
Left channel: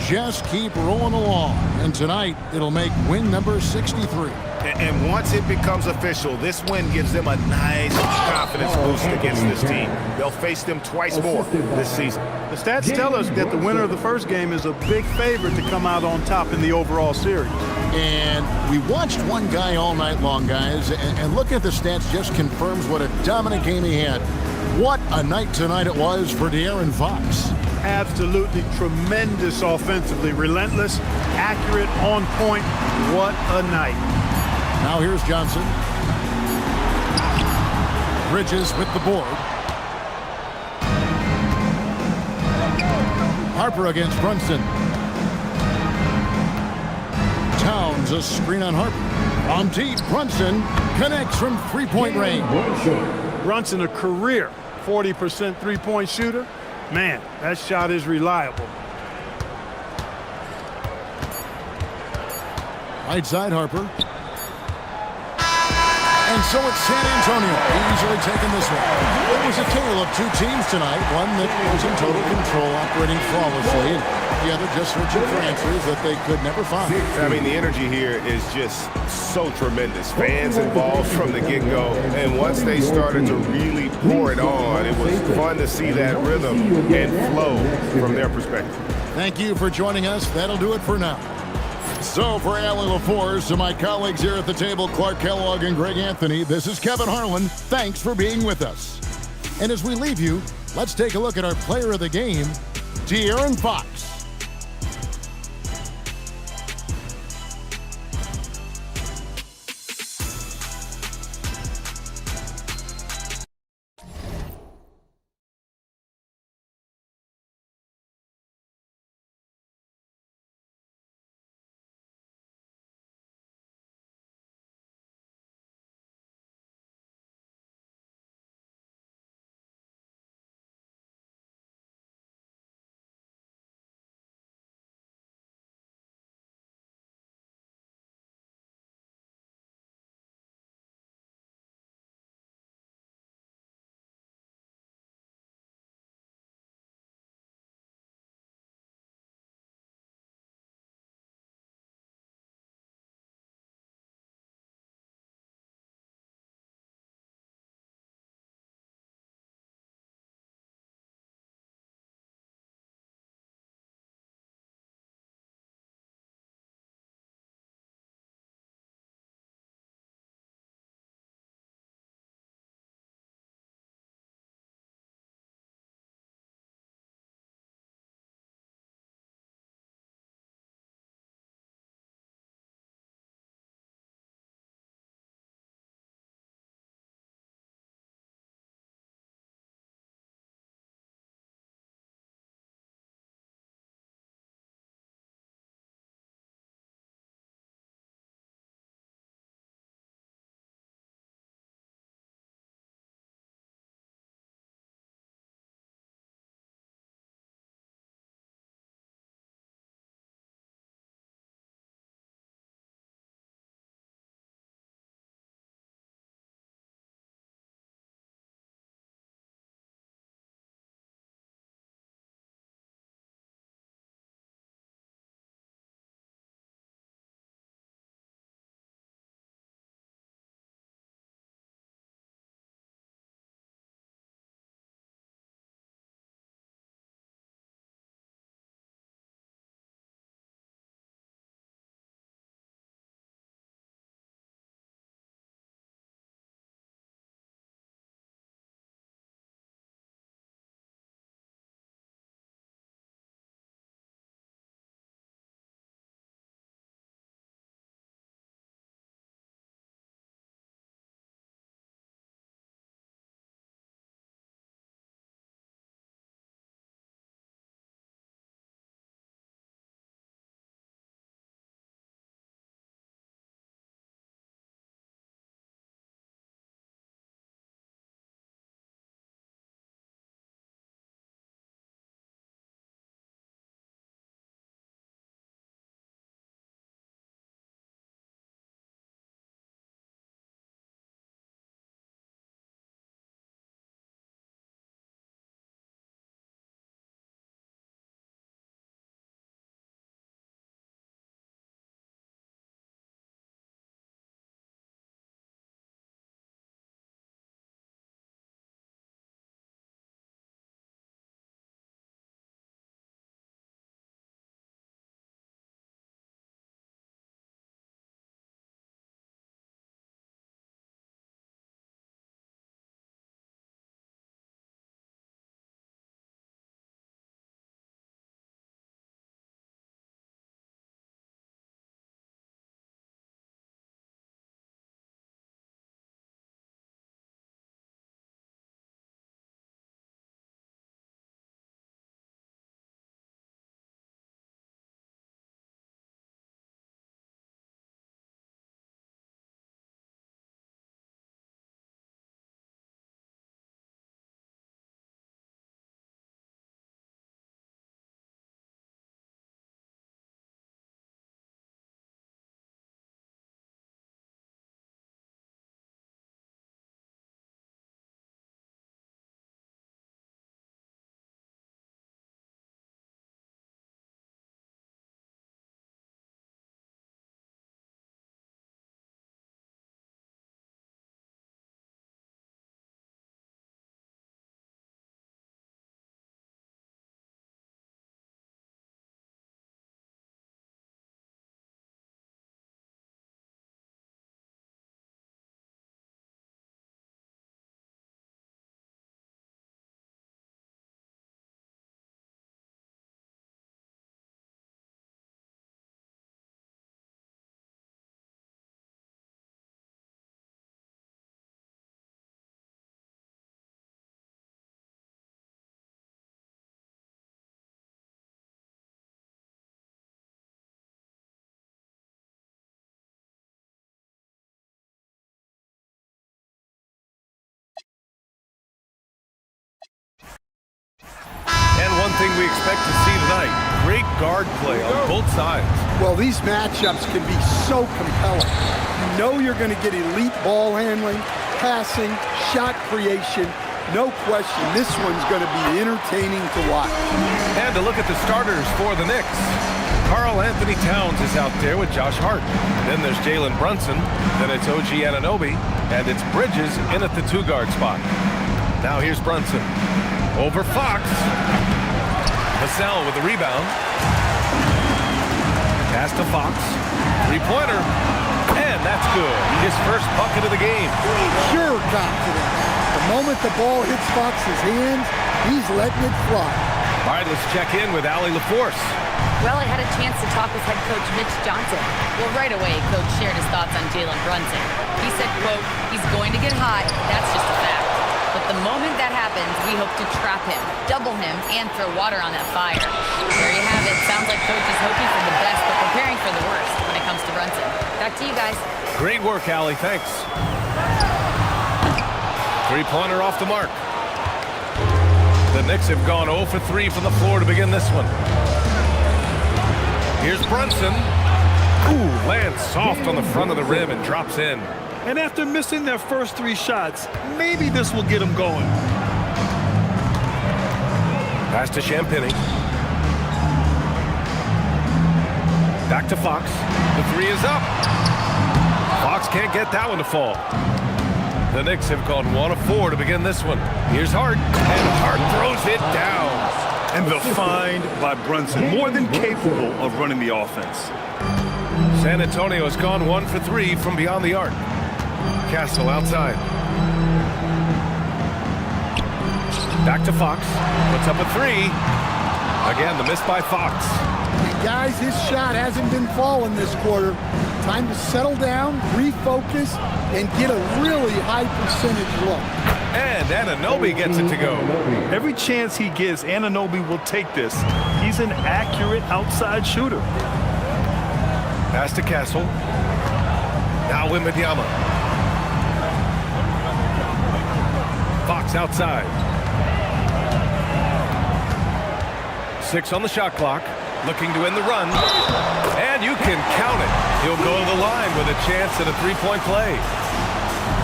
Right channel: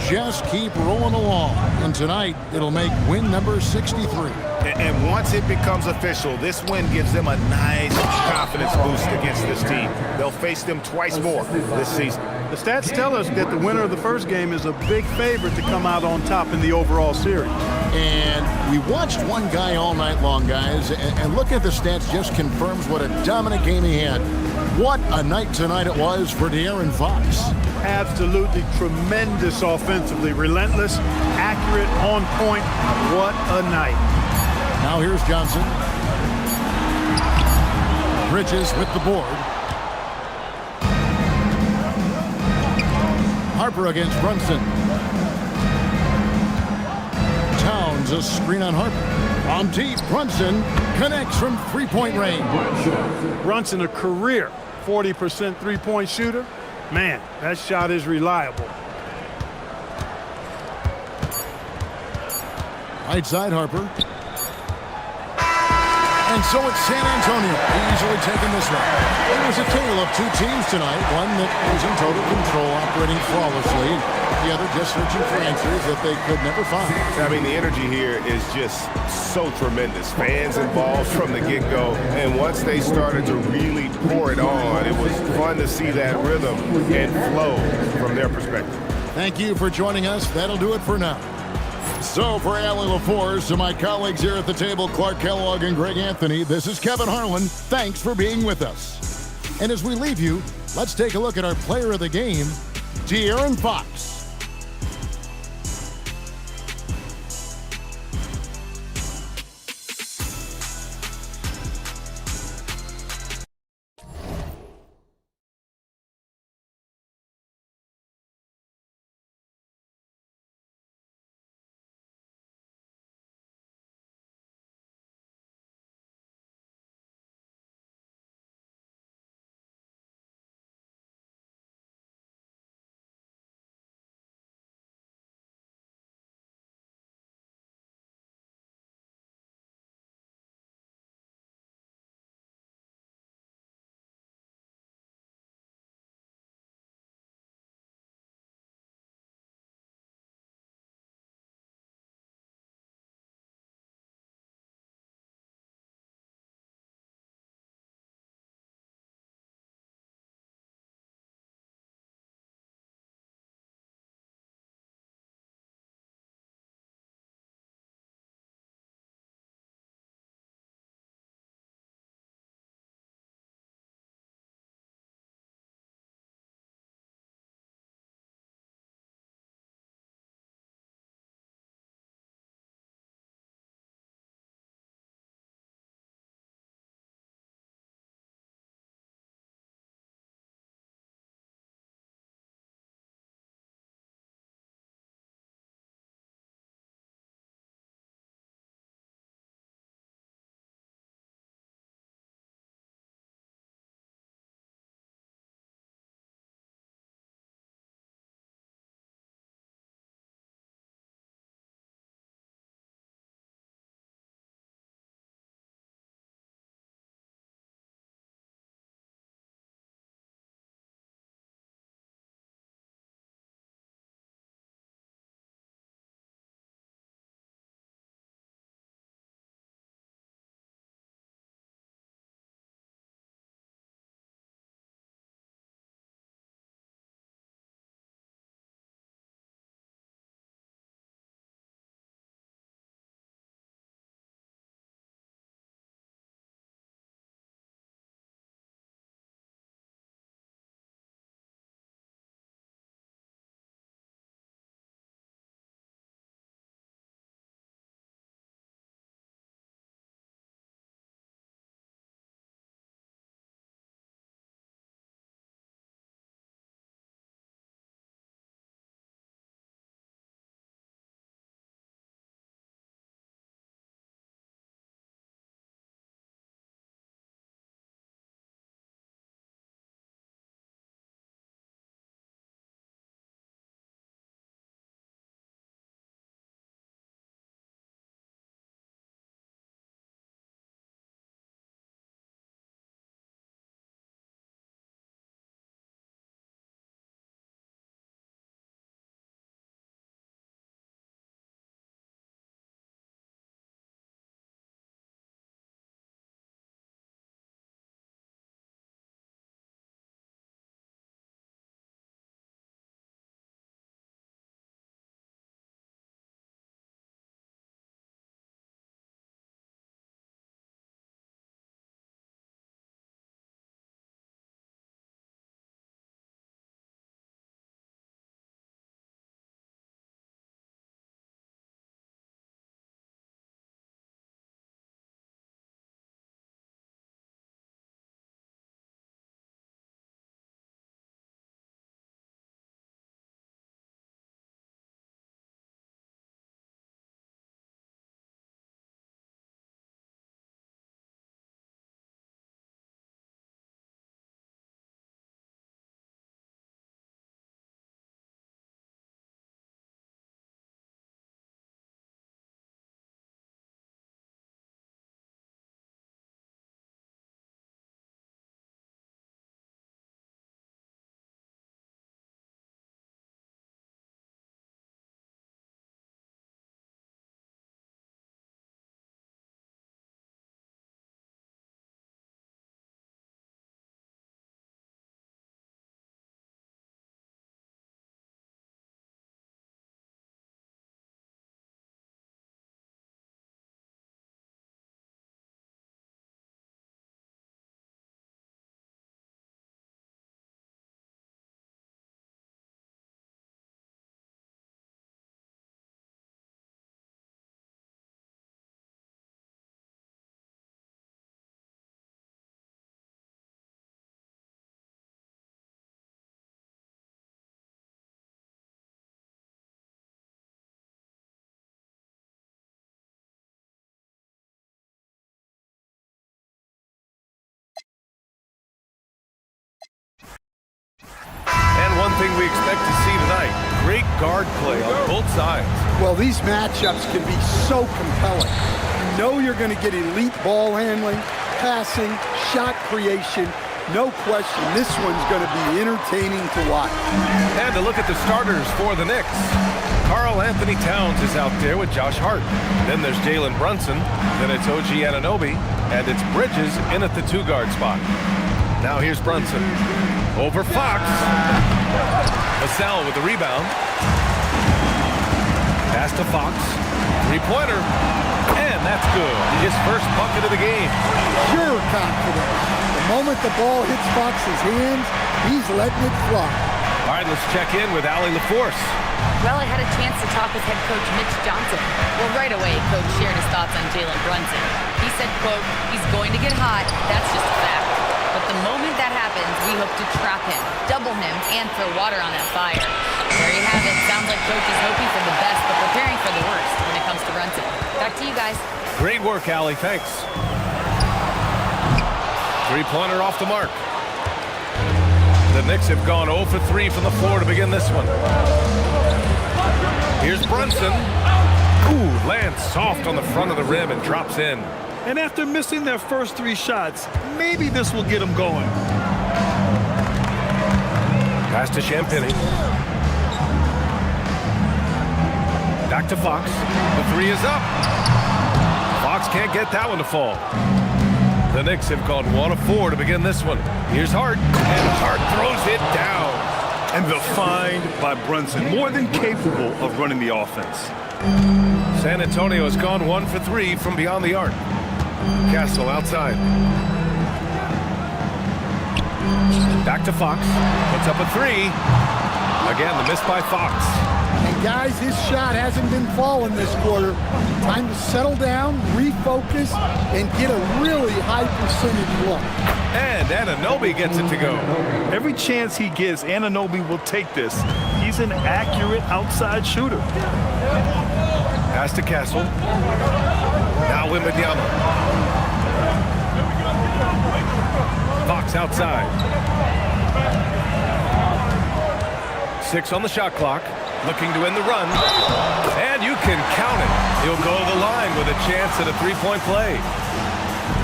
just keep rolling along. And tonight, it'll make win number 63. And once it becomes official, this win gives them a nice confidence boost against this team. They'll face them twice more this season. The stats tell us that the winner of the first game is a big favorite to come out on top in the overall series. And we watched one guy all night long, guys, and looking at the stats just confirms what a dominant game he had. What a night tonight it was for De'Aaron Fox. Absolutely tremendous offensively. Relentless, accurate, on point. What a night. Now here's Johnson. Bridges with the board. Harper against Brunson. Towns a screen on Harper. From deep, Brunson connects from three-point range. Brunson, a career 40% three-point shooter. Man, that shot is reliable. Right side, Harper. And so it's San Antonio easily taking this one. It was a tale of two teams tonight. One that was in total control, operating flawlessly, and the other just searching for answers that they could never find. I mean, the energy here is just so tremendous. Fans involved from the get-go. And once they started to really pour it on, it was fun to see that rhythm and flow from their perspective. Thank you for joining us. That'll do it for now. So for Allie LaForce, to my colleagues here at the table, Clark Kellogg and Greg Anthony, this is Kevin Harlan. Thanks for being with us. And as we leave you, let's take a look at our player of the game, De'Aaron Fox. one thing we expect to see tonight. Great guard play on both sides. Well, these matchups can be so compelling. You know you're going to get elite ball handling, passing, shot creation. No question, this one's going to be entertaining to watch. And to look at the starters for the Knicks. Karl Anthony Towns is out there with Josh Hart. Then there's Jalen Brunson. Then it's OG Anunoby. And it's Bridges in at the 2-guard spot. Now here's Brunson. Over Fox. Vassell with the rebound. Pass to Fox. 3-pointer. And that's good. His first bucket of the game. Pure confidence. The moment the ball hits Fox's hands, he's letting it fly. All right, let's check in with Allie LaForce. Well, I had a chance to talk with head coach Mitch Johnson. Well, right away, coach shared his thoughts on Jalen Brunson. He said, quote, he's going to get hot. That's just a fact. But the moment that happens, we hope to trap him, double him, and throw water on that fire. There you have it. Sounds like coach is hoping for the best, but preparing for the worst when it comes to Brunson. Back to you guys. Great work, Allie. Thanks. 3-pointer off the mark. The Knicks have gone 0 for 3 from the floor to begin this one. Here's Brunson. Ooh, lands soft on the front of the rim and drops in. And after missing their first 3 shots, maybe this will get them going. Pass to Champagny. Back to Fox. The 3 is up. Fox can't get that one to fall. The Knicks have gone 1 of 4 to begin this one. Here's Hart, and Hart throws it down. And the find by Brunson, more than capable of running the offense. San Antonio has gone 1 for 3 from beyond the arc. Castle outside. Back to Fox. Puts up a 3. Again, the miss by Fox. And guys, his shot hasn't been falling this quarter. Time to settle down, refocus, and get a really high percentage look. And Anunoby gets it to go. Every chance he gets, Anunoby will take this. He's an accurate outside shooter. Pass to Castle. Now Wembanyama. Fox outside. 6 on the shot clock. Looking to end the run. And you can count it. He'll go to the line with a chance at a 3-point play.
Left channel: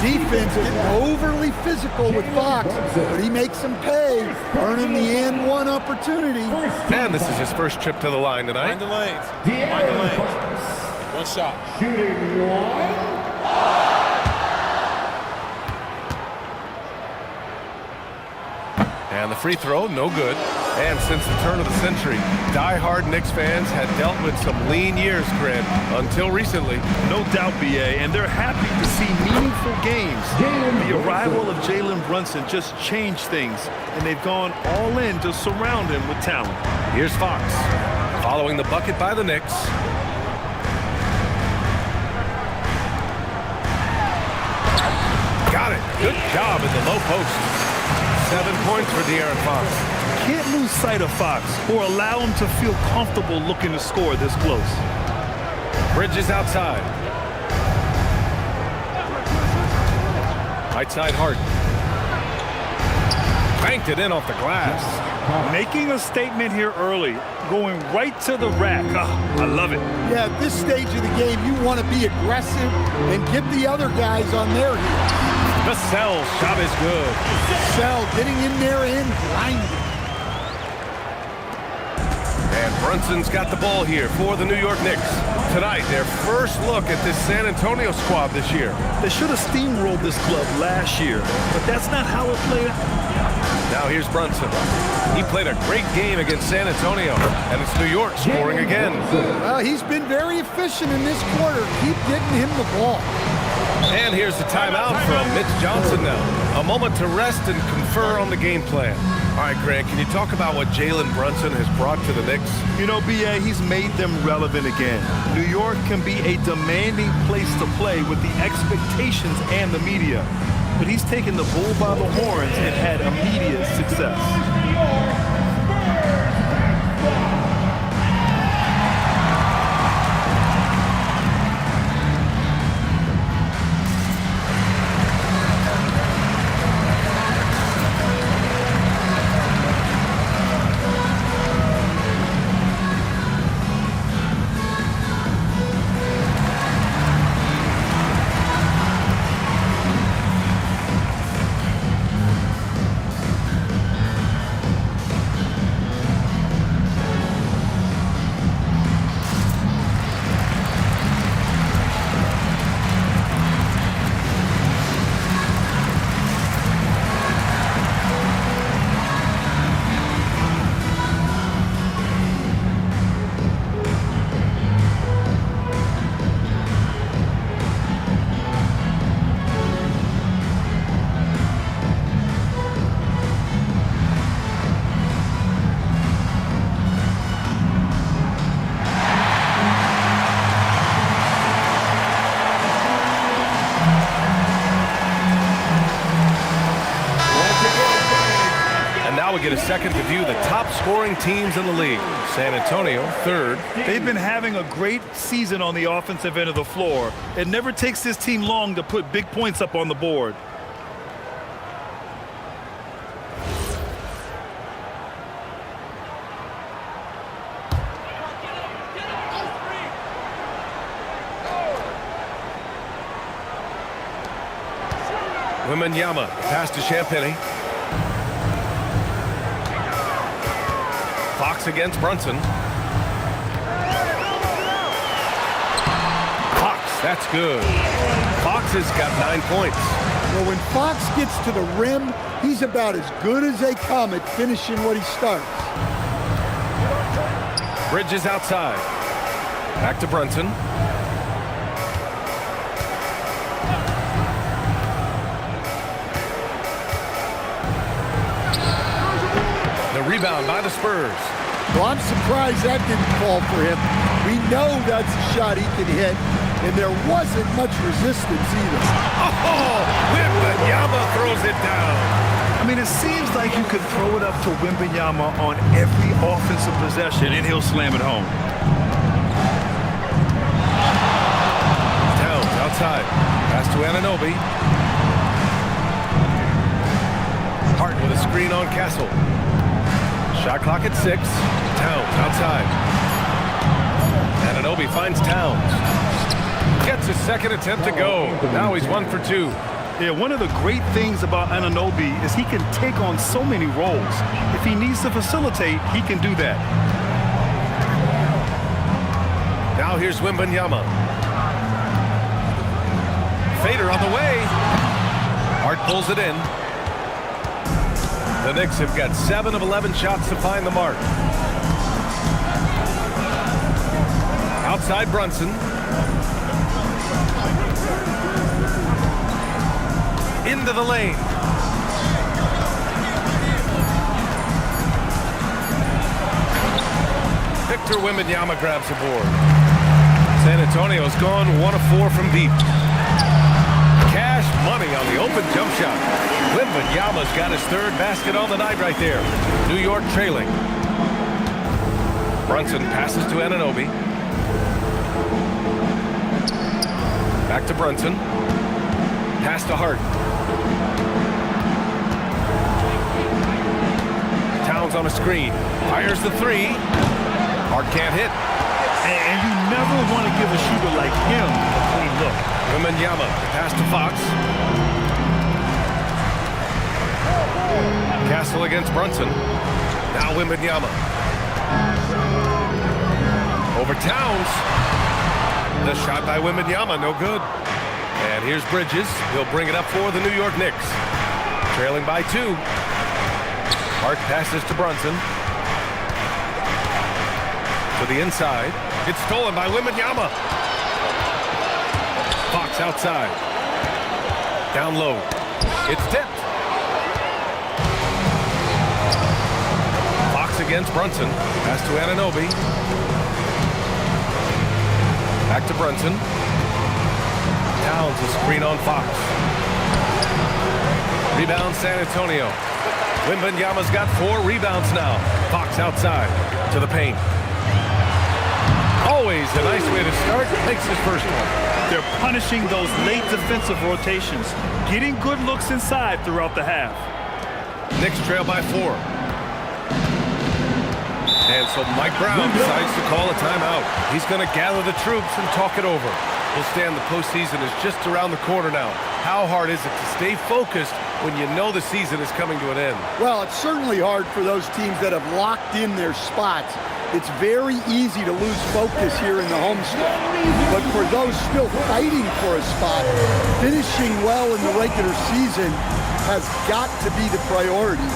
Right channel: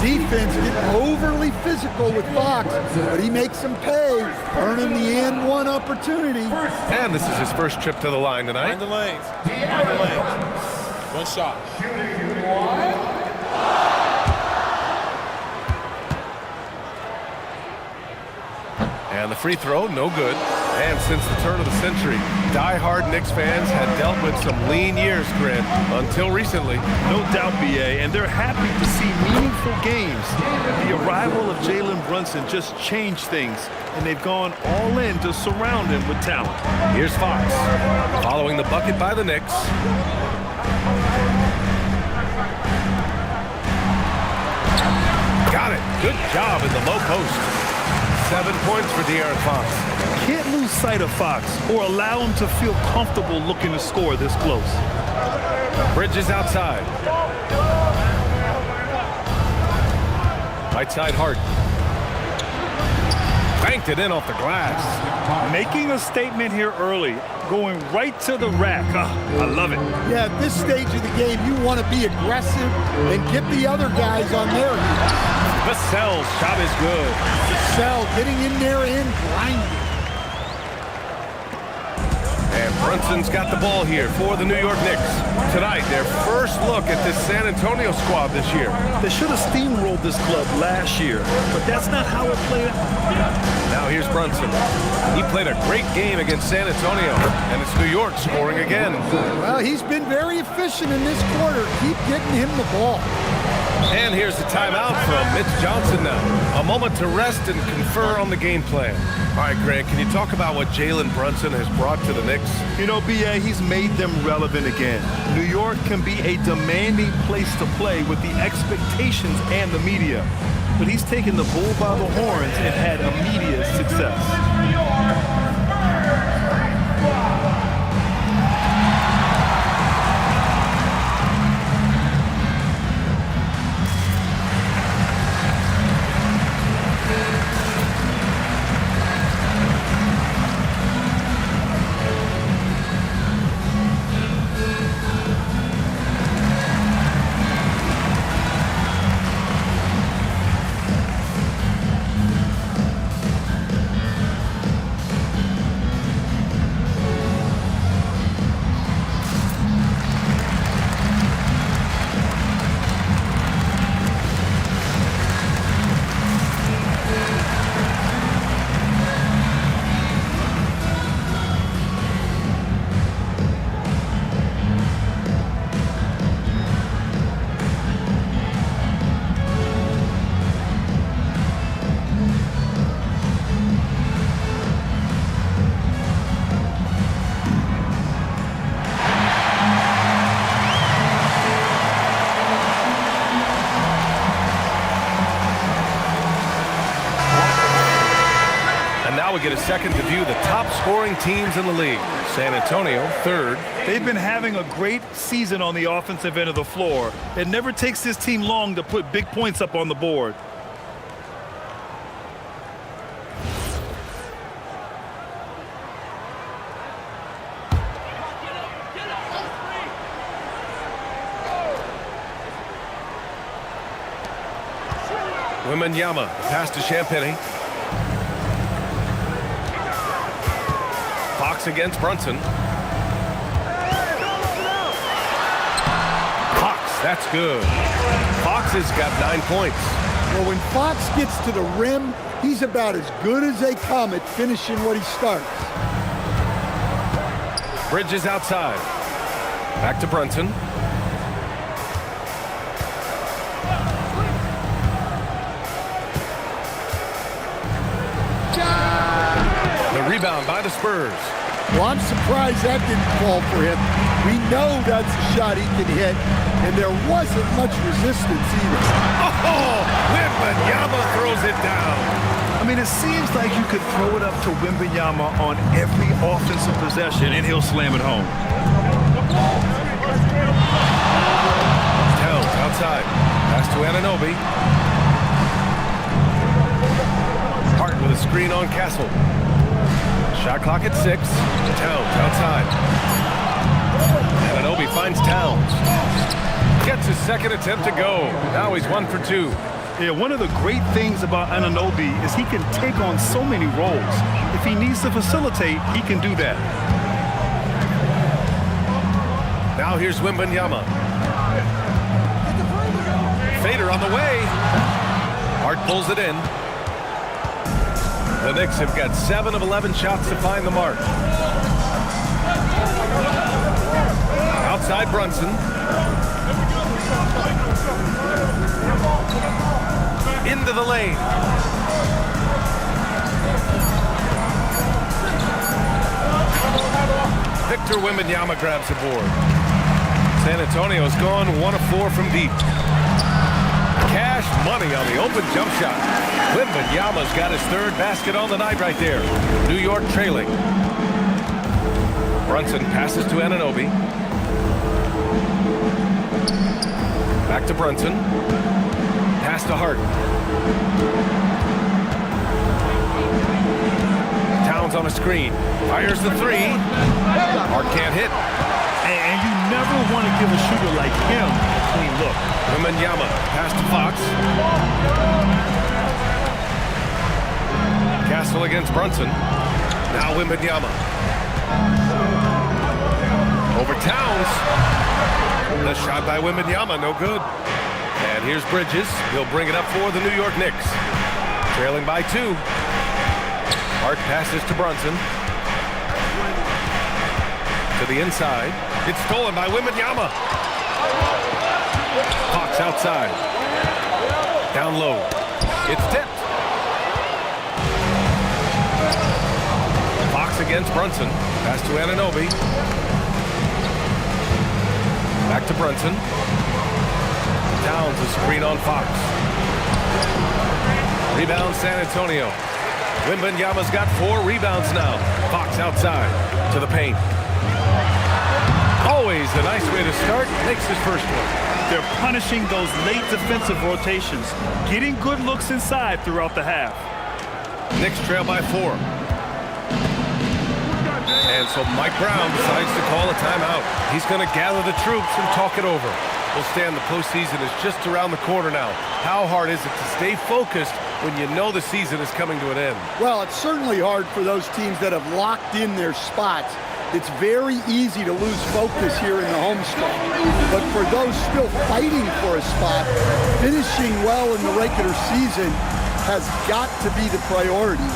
Defense getting overly physical with Fox, but he makes them pay, earning the and one opportunity. And this is his first trip to the line tonight. Mind the lanes. Mind the lanes. One shot. Shooting 1. And the free throw, no good. And since the turn of the century, die-hard Knicks fans had dealt with some lean years, Grant, until recently. No doubt, BA, and they're happy to see meaningful games. The arrival of Jalen Brunson just changed things, and they've gone all in to surround him with talent. Here's Fox, following the bucket by the Knicks. Got it. Good job in the low post. 7 points for De'Aaron Fox. Can't lose sight of Fox or allow him to feel comfortable looking to score this close. Bridges outside. Right side Hart. Banked it in off the glass. Making a statement here early, going right to the rack. I love it. Yeah, at this stage of the game, you want to be aggressive and get the other guys on their heels. Vassell's shot is good. Vassell getting in there and grinding. And Brunson's got the ball here for the New York Knicks. Tonight, their first look at this San Antonio squad this year. They should have steamrolled this club last year, but that's not how it played out. Now here's Brunson. He played a great game against San Antonio, and it's New York scoring again. Well, he's been very efficient in this quarter. Keep getting him the ball. And here's the timeout from Mitch Johnson now. A moment to rest and confer on the game plan. All right, Grant, can you talk about what Jalen Brunson has brought to the Knicks? You know, BA, he's made them relevant again. New York can be a demanding place to play with the expectations and the media. But he's taken the bull by the horns and had immediate success. And now we get a second to view the top scoring teams in the league. San Antonio, third. They've been having a great season on the offensive end of the floor. It never takes this team long to put big points up on the board. Wembanyama, pass to Champagnie. Fox against Brunson. Fox, that's good. Fox has got 9 points. Well, when Fox gets to the rim, he's about as good as they come at finishing what he starts. Bridges outside. Back to Brunson. The rebound by the Spurs. Well, I'm surprised that didn't fall for him. We know that's a shot he can hit, and there wasn't much resistance either. Oh, Wembanyama throws it down. I mean, it seems like you could throw it up to Wembanyama on every offensive possession, and he'll slam it home. Towns outside. Pass to Anunoby. Hart with a screen on Castle. Shot clock at 6. Towns outside. Anunoby finds Towns. Gets his second attempt to go. Now he's 1 for 2. Yeah, one of the great things about Anunoby is he can take on so many roles. If he needs to facilitate, he can do that. Now here's Wembanyama. Fader on the way. Hart pulls it in. The Knicks have got 7 of 11 shots to find the mark. Outside Brunson. Into the lane. Victor Wembanyama grabs the board. San Antonio's gone 1 of 4 from deep. Cash money on the open jump shot. Wembanyama's got his 3rd basket on the night right there. New York trailing. Brunson passes to Anunoby. Back to Brunson. Pass to Hart. Towns on a screen. Fires the 3. Hart can't hit. And you never want to give a shooter like him a clean look. Wembanyama, pass to Fox. Castle against Brunson. Now Wembanyama. Over Towns. The shot by Wembanyama, no good. And here's Bridges. He'll bring it up for the New York Knicks. Trailing by 2. Hart passes to Brunson. To the inside. It's stolen by Wembanyama. Fox outside. Down low. It's tipped. Fox against Brunson. Pass to Anunoby. Back to Brunson. Towns a screen on Fox. Rebound San Antonio. Wembanyama's got 4 rebounds now. Fox outside to the paint. Always a nice way to start. Makes his first one. They're punishing those late defensive rotations, getting good looks inside throughout the half. Knicks trail by 4. And so Mike Brown decides to call a timeout. He's going to gather the troops and talk it over. We'll stand the postseason is just around the corner now. How hard is it to stay focused when you know the season is coming to an end? Well, it's certainly hard for those teams that have locked in their spots. It's very easy to lose focus here in the home stretch. But for those still fighting for a spot, finishing well in the regular season has got to be the priority.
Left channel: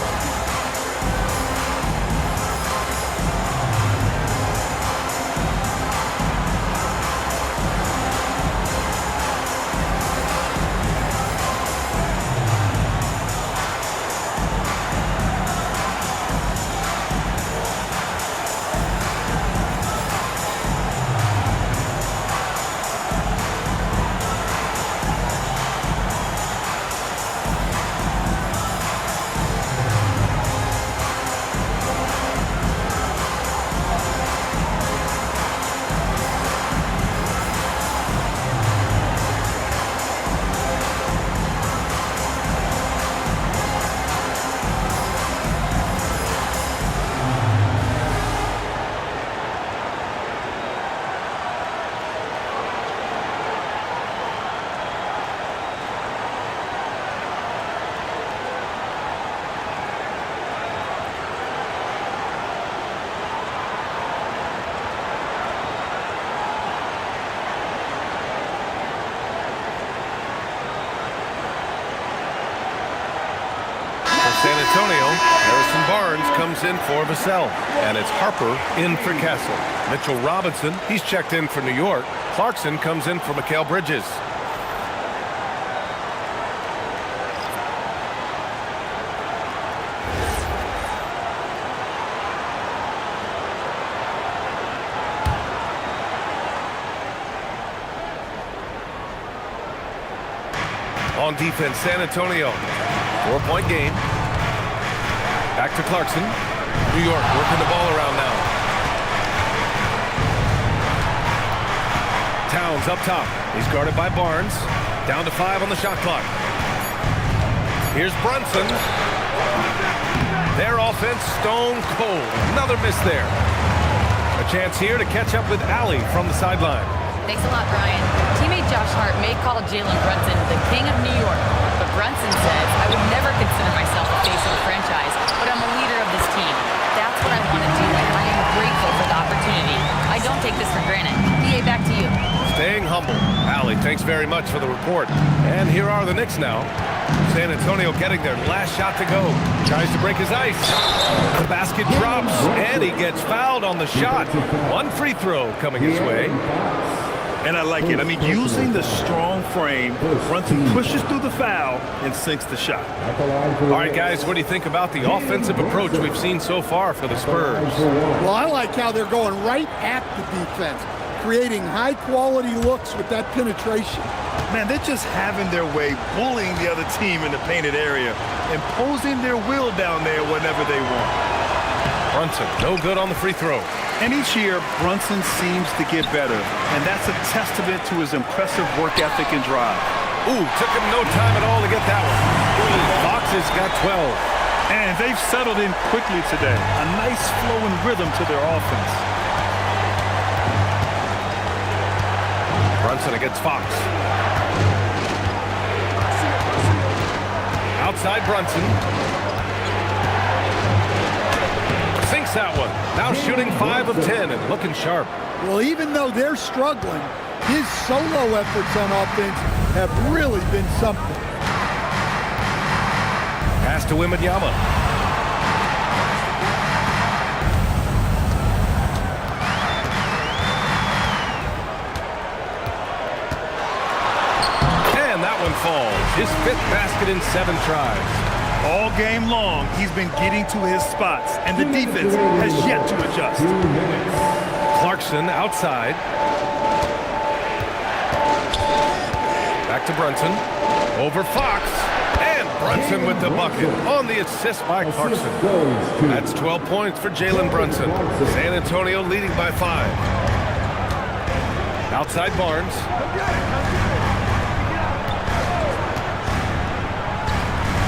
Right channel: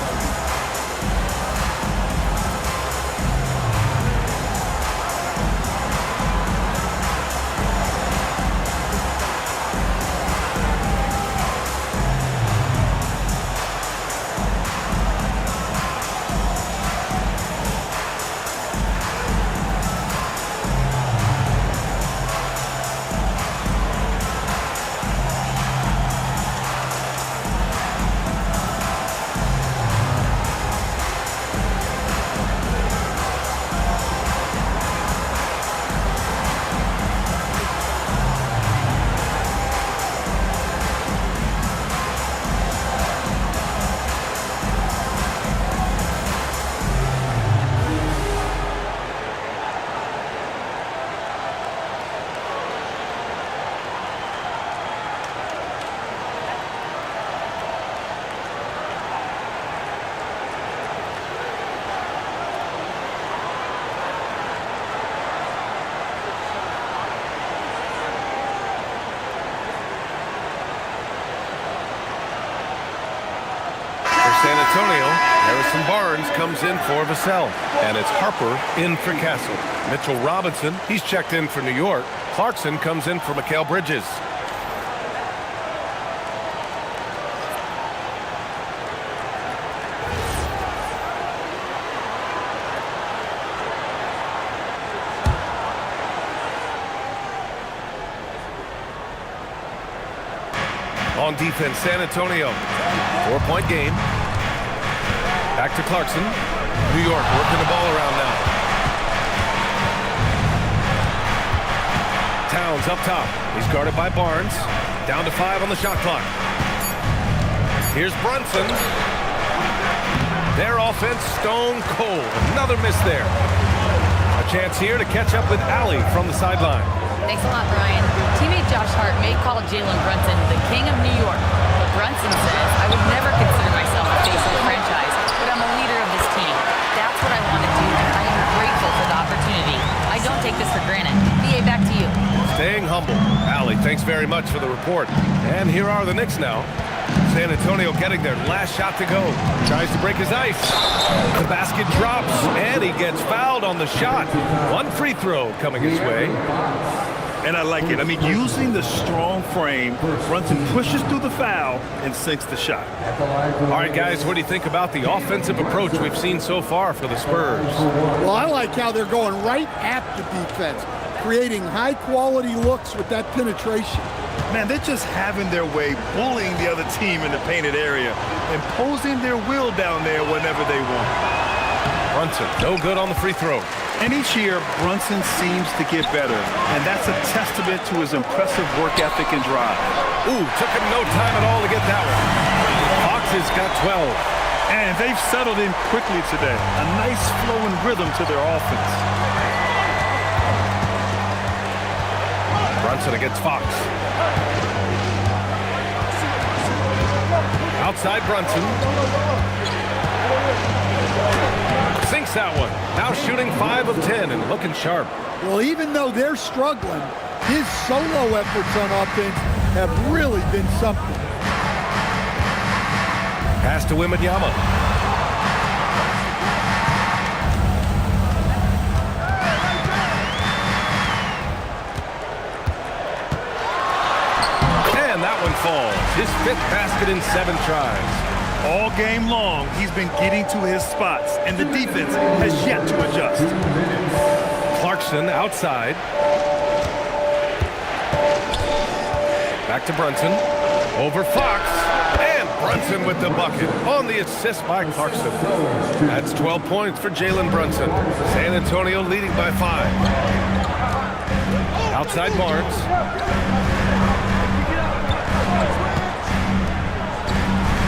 San Antonio, Harrison Barnes comes in for Vassell. And it's Harper in for Castle. Mitchell Robinson, he's checked in for New York. Clarkson comes in for Mikal Bridges. On defense, San Antonio. 4-point game. Back to Clarkson. New York working the ball around now. Towns up top. He's guarded by Barnes. Down to 5 on the shot clock. Here's Brunson. Their offense stone cold. Another miss there. A chance here to catch up with Allie from the sideline. Thanks a lot, Brian. Teammate Josh Hart may call Jalen Brunson the king of New York, but Brunson says, I would never consider myself a face of the franchise, but I'm a leader of this team. That's what I want to do, and I am grateful for the opportunity. I don't take this for granted. BA, back to you. Staying humble. Allie, thanks very much for the report. And here are the Knicks now. San Antonio getting their last shot to go. Tries to break his ice. The basket drops, and he gets fouled on the shot. One free throw coming his way. And I like it. I mean, using the strong frame, Brunson pushes through the foul and sinks the shot. All right, guys, what do you think about the offensive approach we've seen so far for the Spurs? Well, I like how they're going right at the defense, creating high-quality looks with that penetration. Man, they're just having their way, bullying the other team in the painted area, imposing their will down there whenever they want. Brunson, no good on the free throw. And each year, Brunson seems to get better, and that's a testament to his impressive work ethic and drive. Ooh, took him no time at all to get that one. Fox has got 12. And they've settled in quickly today. A nice flowing rhythm to their offense. Brunson against Fox. Outside Brunson. Sinks that one. Now shooting 5 of 10 and looking sharp. Well, even though they're struggling, his solo efforts on offense have really been something. Pass to Wembanyama. And that one falls. His 5th basket in 7 tries. All game long, he's been getting to his spots, and the defense has yet to adjust. Clarkson outside. Back to Brunson. Over Fox. And Brunson with the bucket on the assist by Clarkson. That's 12 points for Jalen Brunson. San Antonio leading by 5. Outside Barnes.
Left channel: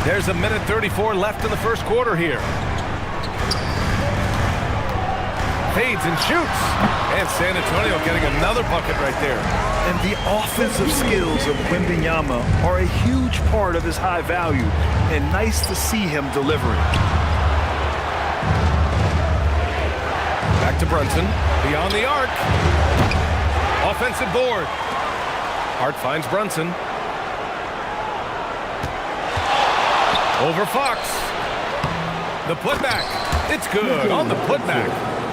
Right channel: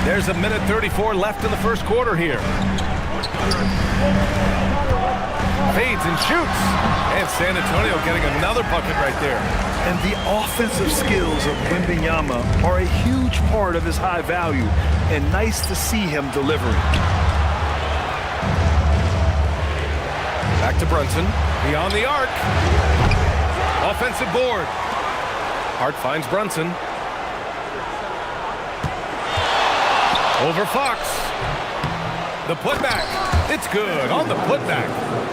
There's a minute 34 left in the first quarter here. Fades and shoots. And San Antonio getting another bucket right there. And the offensive skills of Wembanyama are a huge part of his high value. And nice to see him delivering. Back to Brunson. Beyond the arc. Offensive board. Hart finds Brunson. Over Fox. The putback. It's good on the putback.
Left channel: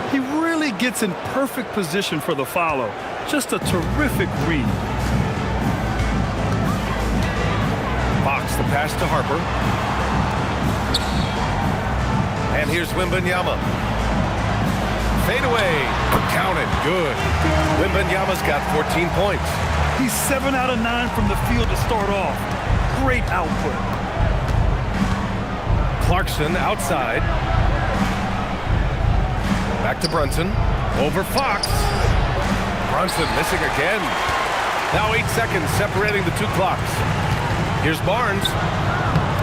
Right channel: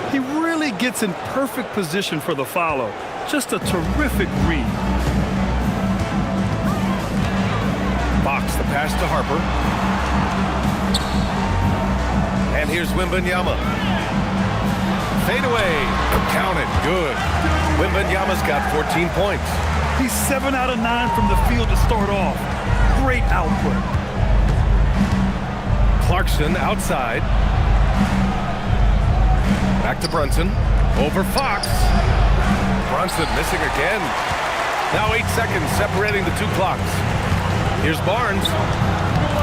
He really gets in perfect position for the follow. Just a terrific read. Fox, the pass to Harper. And here's Wembanyama. Fade away. Count it. Good. Wembanyama's got 14 points. He's 7 out of 9 from the field to start off. Great output. Clarkson outside. Back to Brunson. Over Fox. Brunson missing again. Now 8 seconds separating the 2 clocks. Here's Barnes.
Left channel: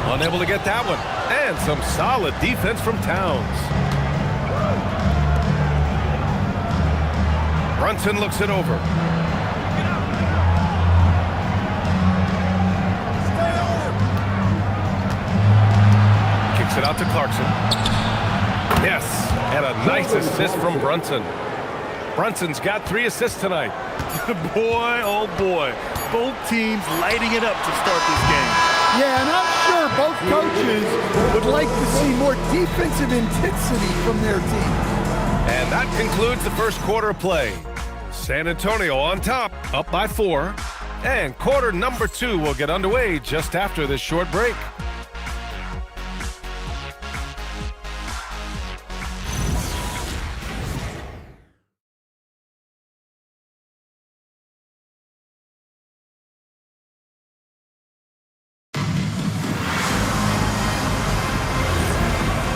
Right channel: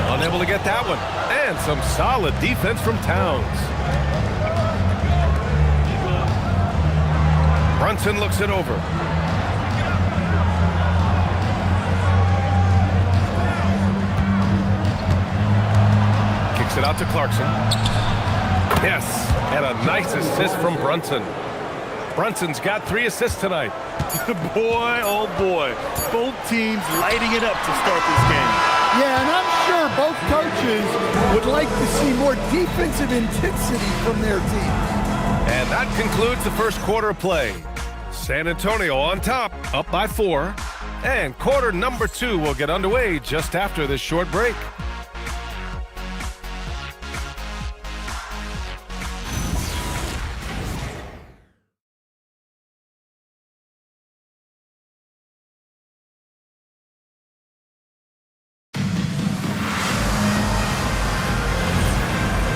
Unable to get that one. And some solid defense from Towns. Brunson looks it over. Kicks it out to Clarkson. Yes, and a nice assist from Brunson. Brunson's got 3 assists tonight. Boy, oh boy. Both teams lighting it up to start this game. Yeah, and I'm sure both coaches would like to see more defensive intensity from their teams. And that concludes the first quarter of play. San Antonio on top, up by 4. And quarter number 2 will get underway just after this short break.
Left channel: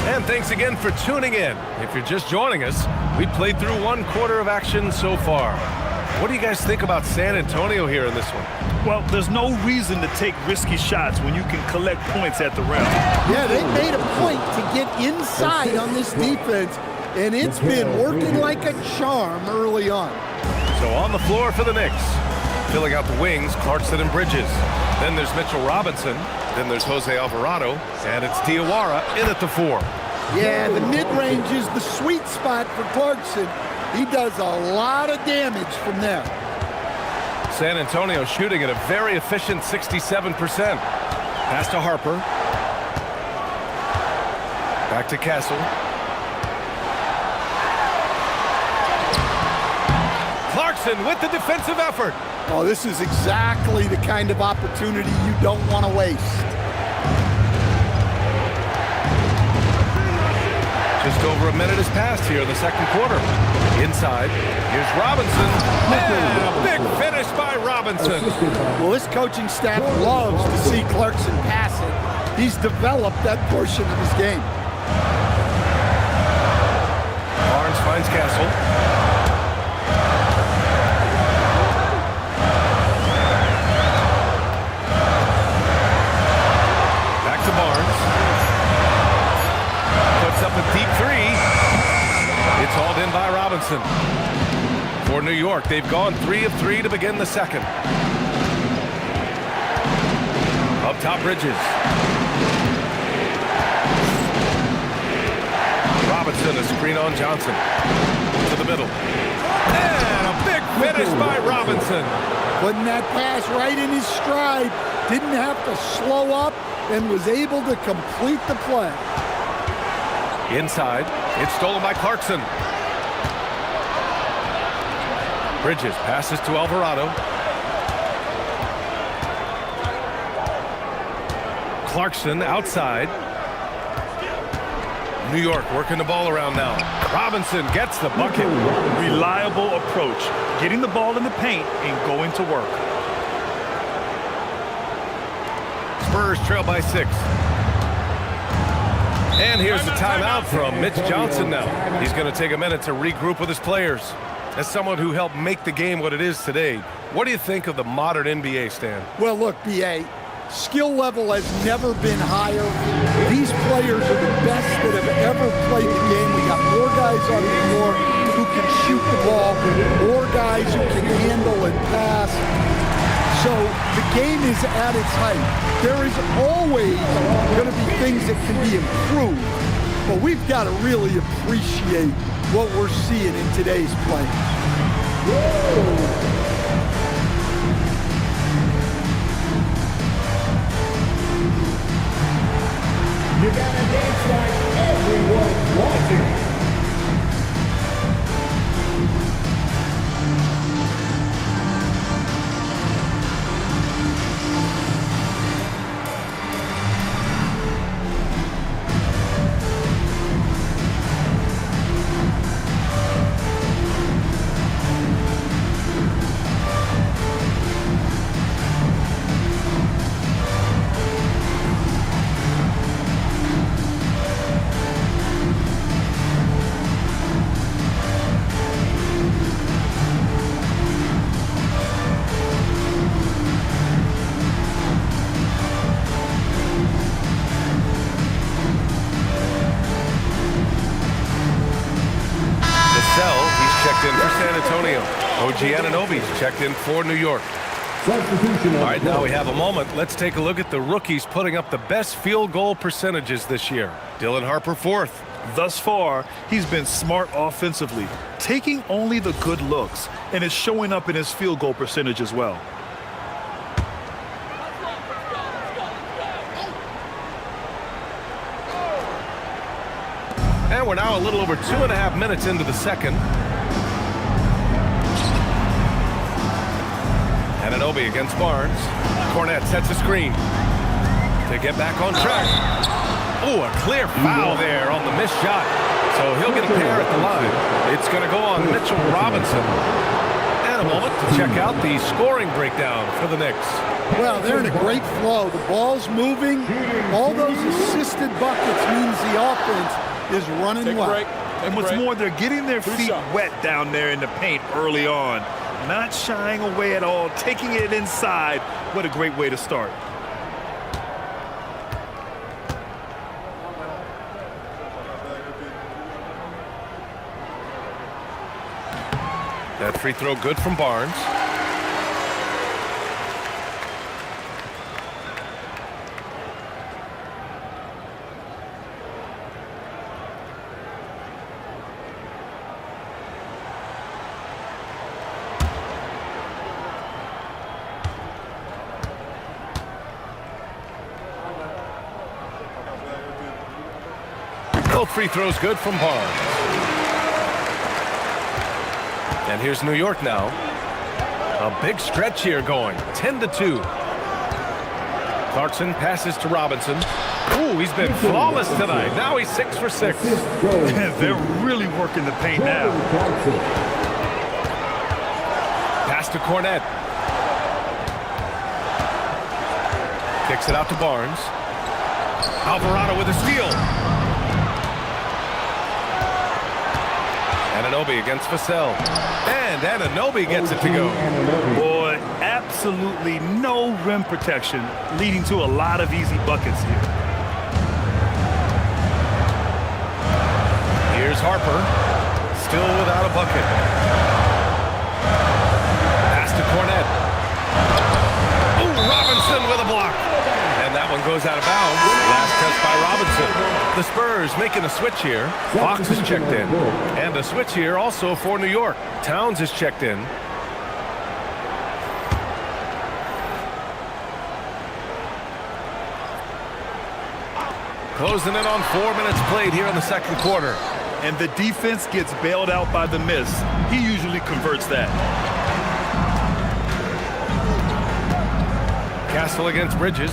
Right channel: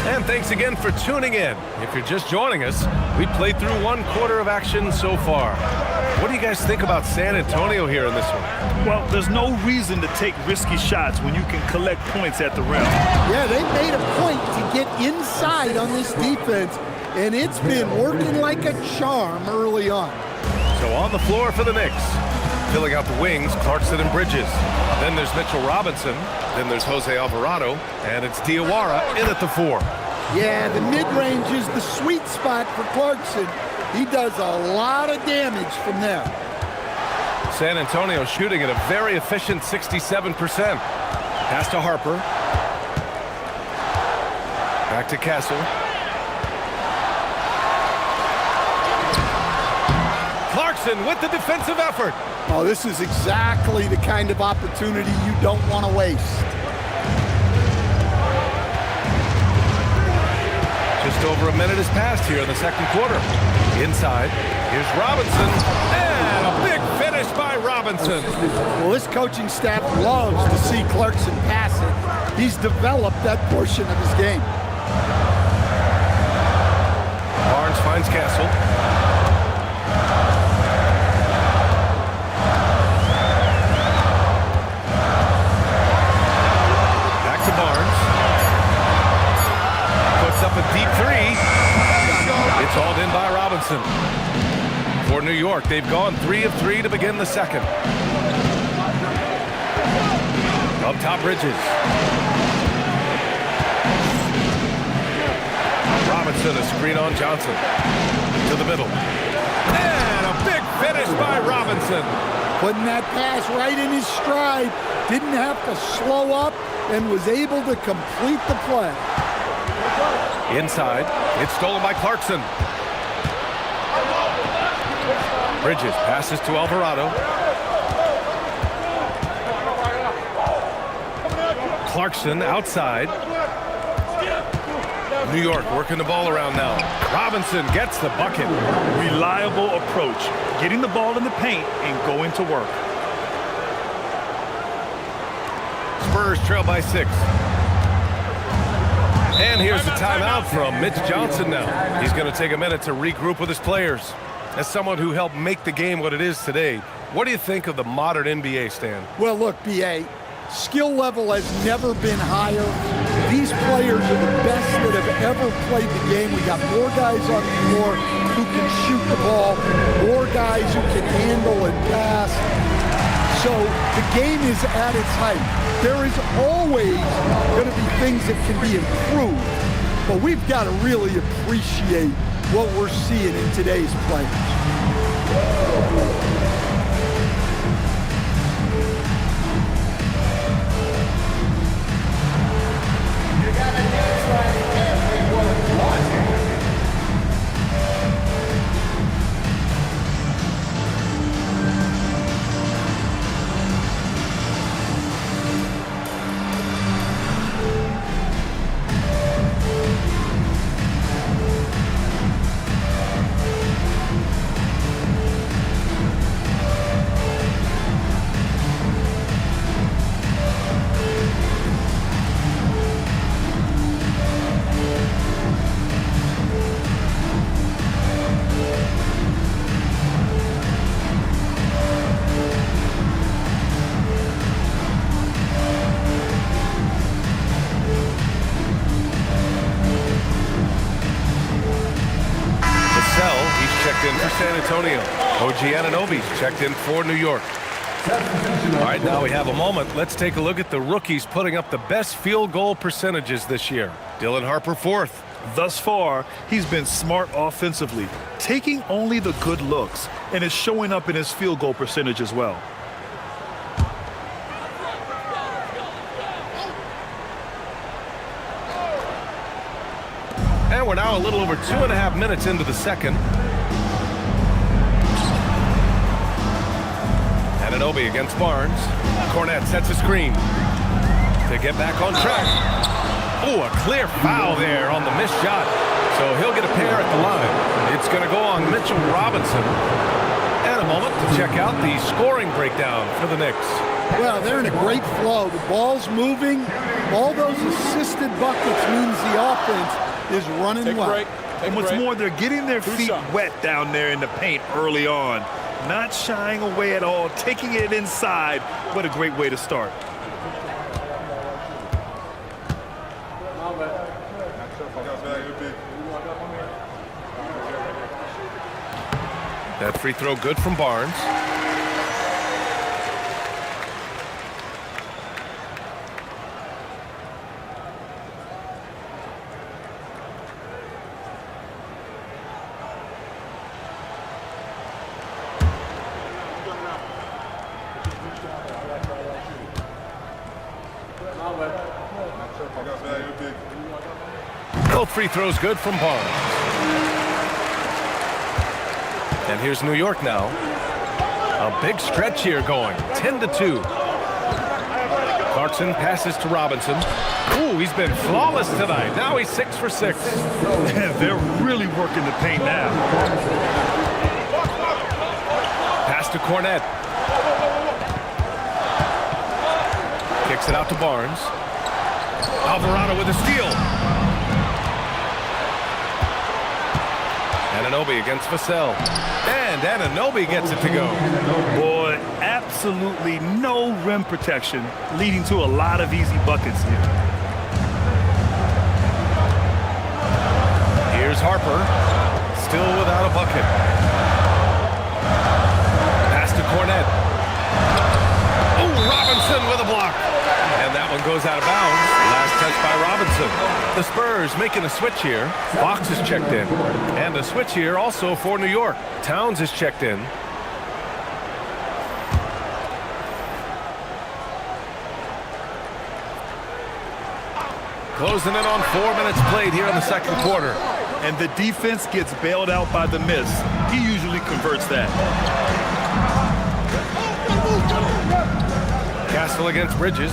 And thanks again for tuning in. If you're just joining us, we played through 1 quarter of action so far. What do you guys think about San Antonio here in this one? Well, there's no reason to take risky shots when you can collect points at the rim. Yeah, they made a point to get inside on this defense, and it's been working like a charm early on. So on the floor for the Knicks. Filling out the wings, Clarkson and Bridges. Then there's Mitchell Robinson. Then there's Jose Alvarado. And it's Diawara in at the 4. Yeah, the mid-range is the sweet spot for Clarkson. He does a lot of damage from there. San Antonio shooting at a very efficient 67%. Pass to Harper. Back to Castle. Clarkson with the defensive effort. Oh, this is exactly the kind of opportunity you don't want to waste. Just over a minute has passed here in the second quarter. Inside, here's Robinson, and a big finish by Robinson. Well, this coaching staff loves to see Clarkson pass it. He's developed that portion of his game. Barnes finds Castle. Back to Barnes. Puts up a deep 3. It's hauled in by Robinson. For New York, they've gone 3 of 3 to begin the second. Up top, Bridges. Robinson, a screen on Johnson. To the middle. And a big finish by Robinson. Putting that pass right in his stride. Didn't have to slow up and was able to complete the play. Inside, it's stolen by Clarkson. Bridges passes to Alvarado. Clarkson outside. New York working the ball around now. Robinson gets the bucket. Reliable approach, getting the ball in the paint and going to work. Spurs trail by 6. And here's the timeout from Mitch Johnson now. He's going to take a minute to regroup with his players. As someone who helped make the game what it is today, what do you think of the modern NBA, Stan? Well, look, B.A., skill level has never been higher. These players are the best that have ever played the game. We got more guys on the floor who can shoot the ball, more guys who can handle and pass. So the game is at its height. There is always going to be things that can be improved, but we've got to really appreciate what we're seeing in today's players. You got to dance like everyone watching. He's checked in for San Antonio. OG Anunoby's checked in for New York. All right, now we have a moment. Let's take a look at the rookies putting up the best field goal percentages this year. Dylan Harper, 4th. Thus far, he's been smart offensively, taking only the good looks, and is showing up in his field goal percentage as well. And we're now a little over 2.5 minutes into the second. Anunoby against Barnes. Cornette sets a screen to get back on track. Oh, a clear foul there on the missed shot. So he'll get a pair at the line. It's going to go on Mitchell Robinson. And a moment to check out the scoring breakdown for the Knicks. Well, they're in a great flow. The ball's moving. All those assisted buckets means the offense is running well. And what's more, they're getting their feet wet down there in the paint early on. Not shying away at all, taking it inside. What a great way to start. That free throw good from Barnes. Both free throws good from Barnes. And here's New York now. A big stretch here going. 10-2. Clarkson passes to Robinson. Ooh, he's been flawless tonight. Now he's 6 for 6. They're really working the paint now. Pass to Cornette. Kicks it out to Barnes. Alvarado with a steal. Anunoby against Vassell. And Anunoby gets it to go. Boy, absolutely no rim protection, leading to a lot of easy buckets here. Here's Harper. Still without a bucket. Pass to Cornette. Oh, Robinson with a block. And that one goes out of bounds. Last touch by Robinson. The Spurs making a switch here. Fox is checked in. And a switch here also for New York. Towns is checked in. Closing in on 4 minutes played here in the second quarter. And the defense gets bailed out by the miss. He usually converts that. Castle against Bridges.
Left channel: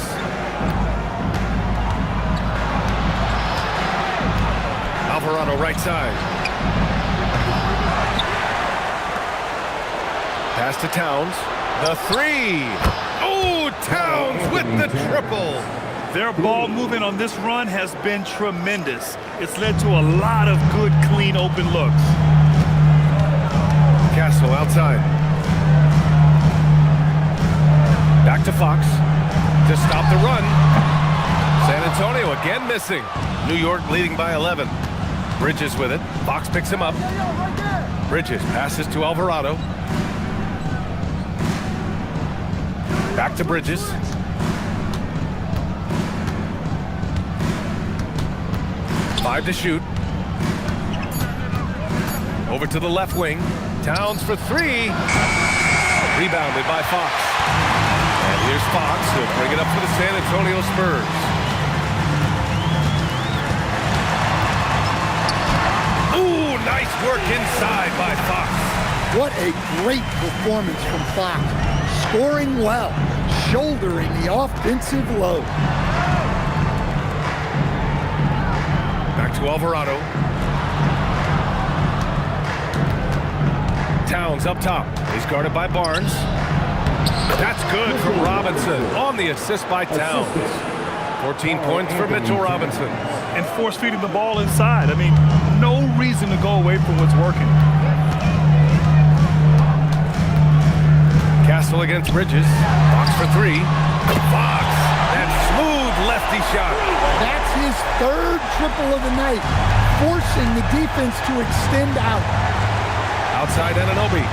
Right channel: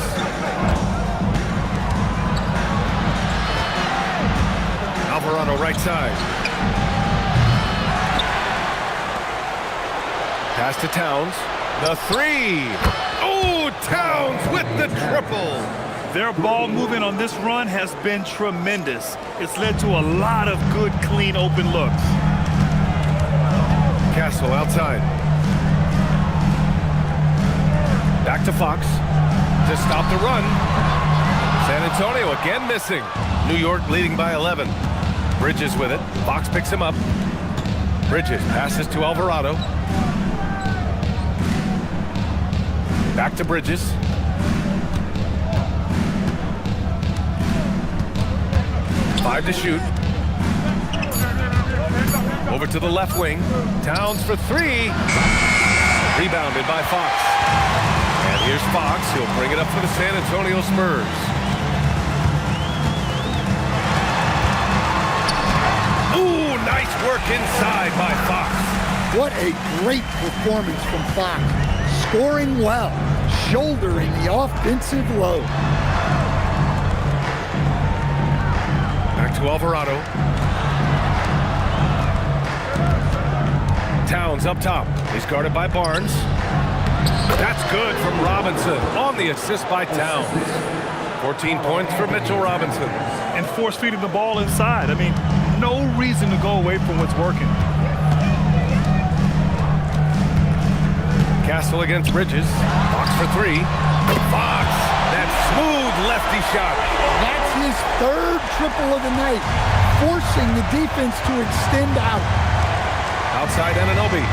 Alvarado right side. Pass to Towns. The three. Oh, Towns with the triple. Their ball movement on this run has been tremendous. It's led to a lot of good, clean, open looks. Castle outside. Back to Fox to stop the run. San Antonio again missing. New York leading by 11. Bridges with it. Fox picks him up. Bridges passes to Alvarado. Back to Bridges. Five to shoot. Over to the left wing. Towns for three. Rebounded by Fox. And here's Fox. He'll bring it up for the San Antonio Spurs. Ooh, nice work inside by Fox. What a great performance from Fox. Scoring well, shouldering the offensive load. Back to Alvarado. Towns up top. He's guarded by Barnes. That's good from Robinson on the assist by Towns. 14 points for Mitchell Robinson. And force feeding the ball inside. I mean, no reason to go away from what's working. Castle against Bridges. Fox for three. Fox, that smooth lefty shot. That's his third triple of the night, forcing the defense to extend out. Outside Anunoby.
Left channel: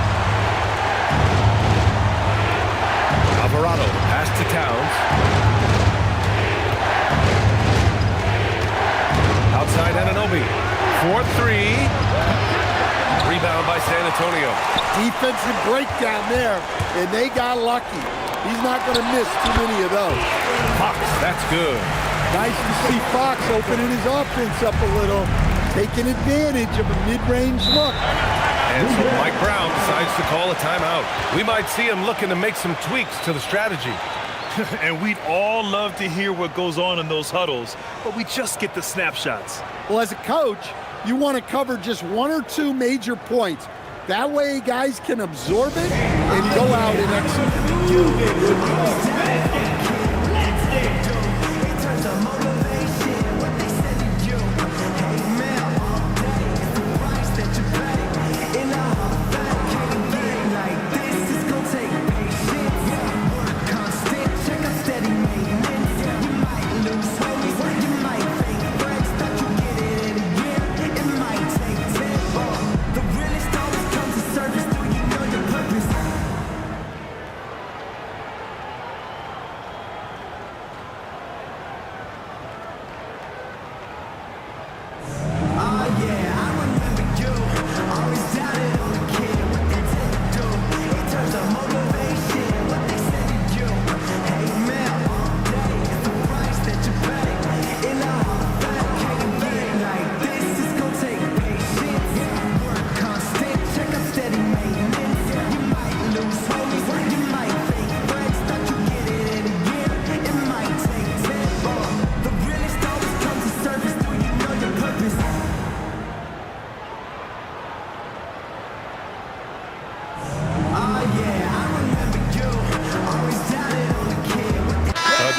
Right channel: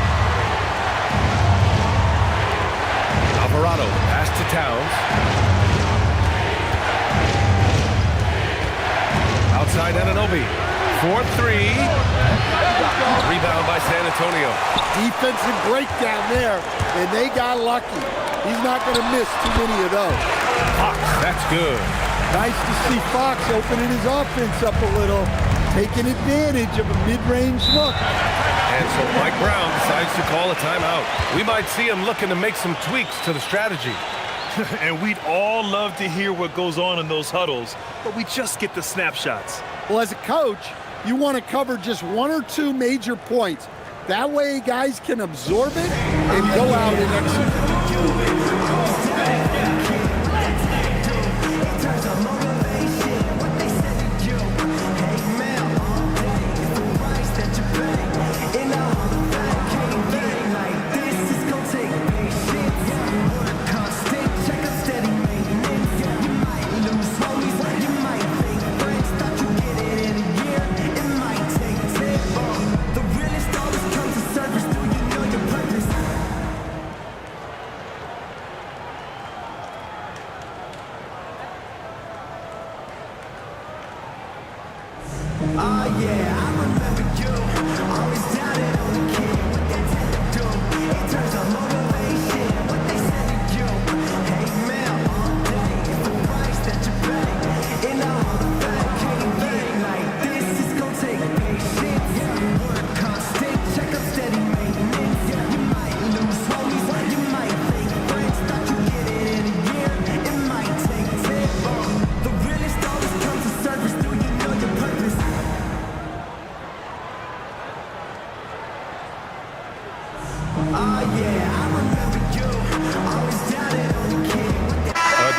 Alvarado, the pass to Towns. Outside Anunoby. 4-3. Rebound by San Antonio. Defensive breakdown there, and they got lucky. He's not going to miss too many of those. Fox, that's good. Nice to see Fox opening his offense up a little. taking advantage of a mid-range look. And so Mike Brown decides to call a timeout. We might see him looking to make some tweaks to the strategy. And we'd all love to hear what goes on in those huddles, but we just get the snapshots. Well, as a coach, you want to cover just 1 or 2 major points. That way guys can absorb it and go out and execute.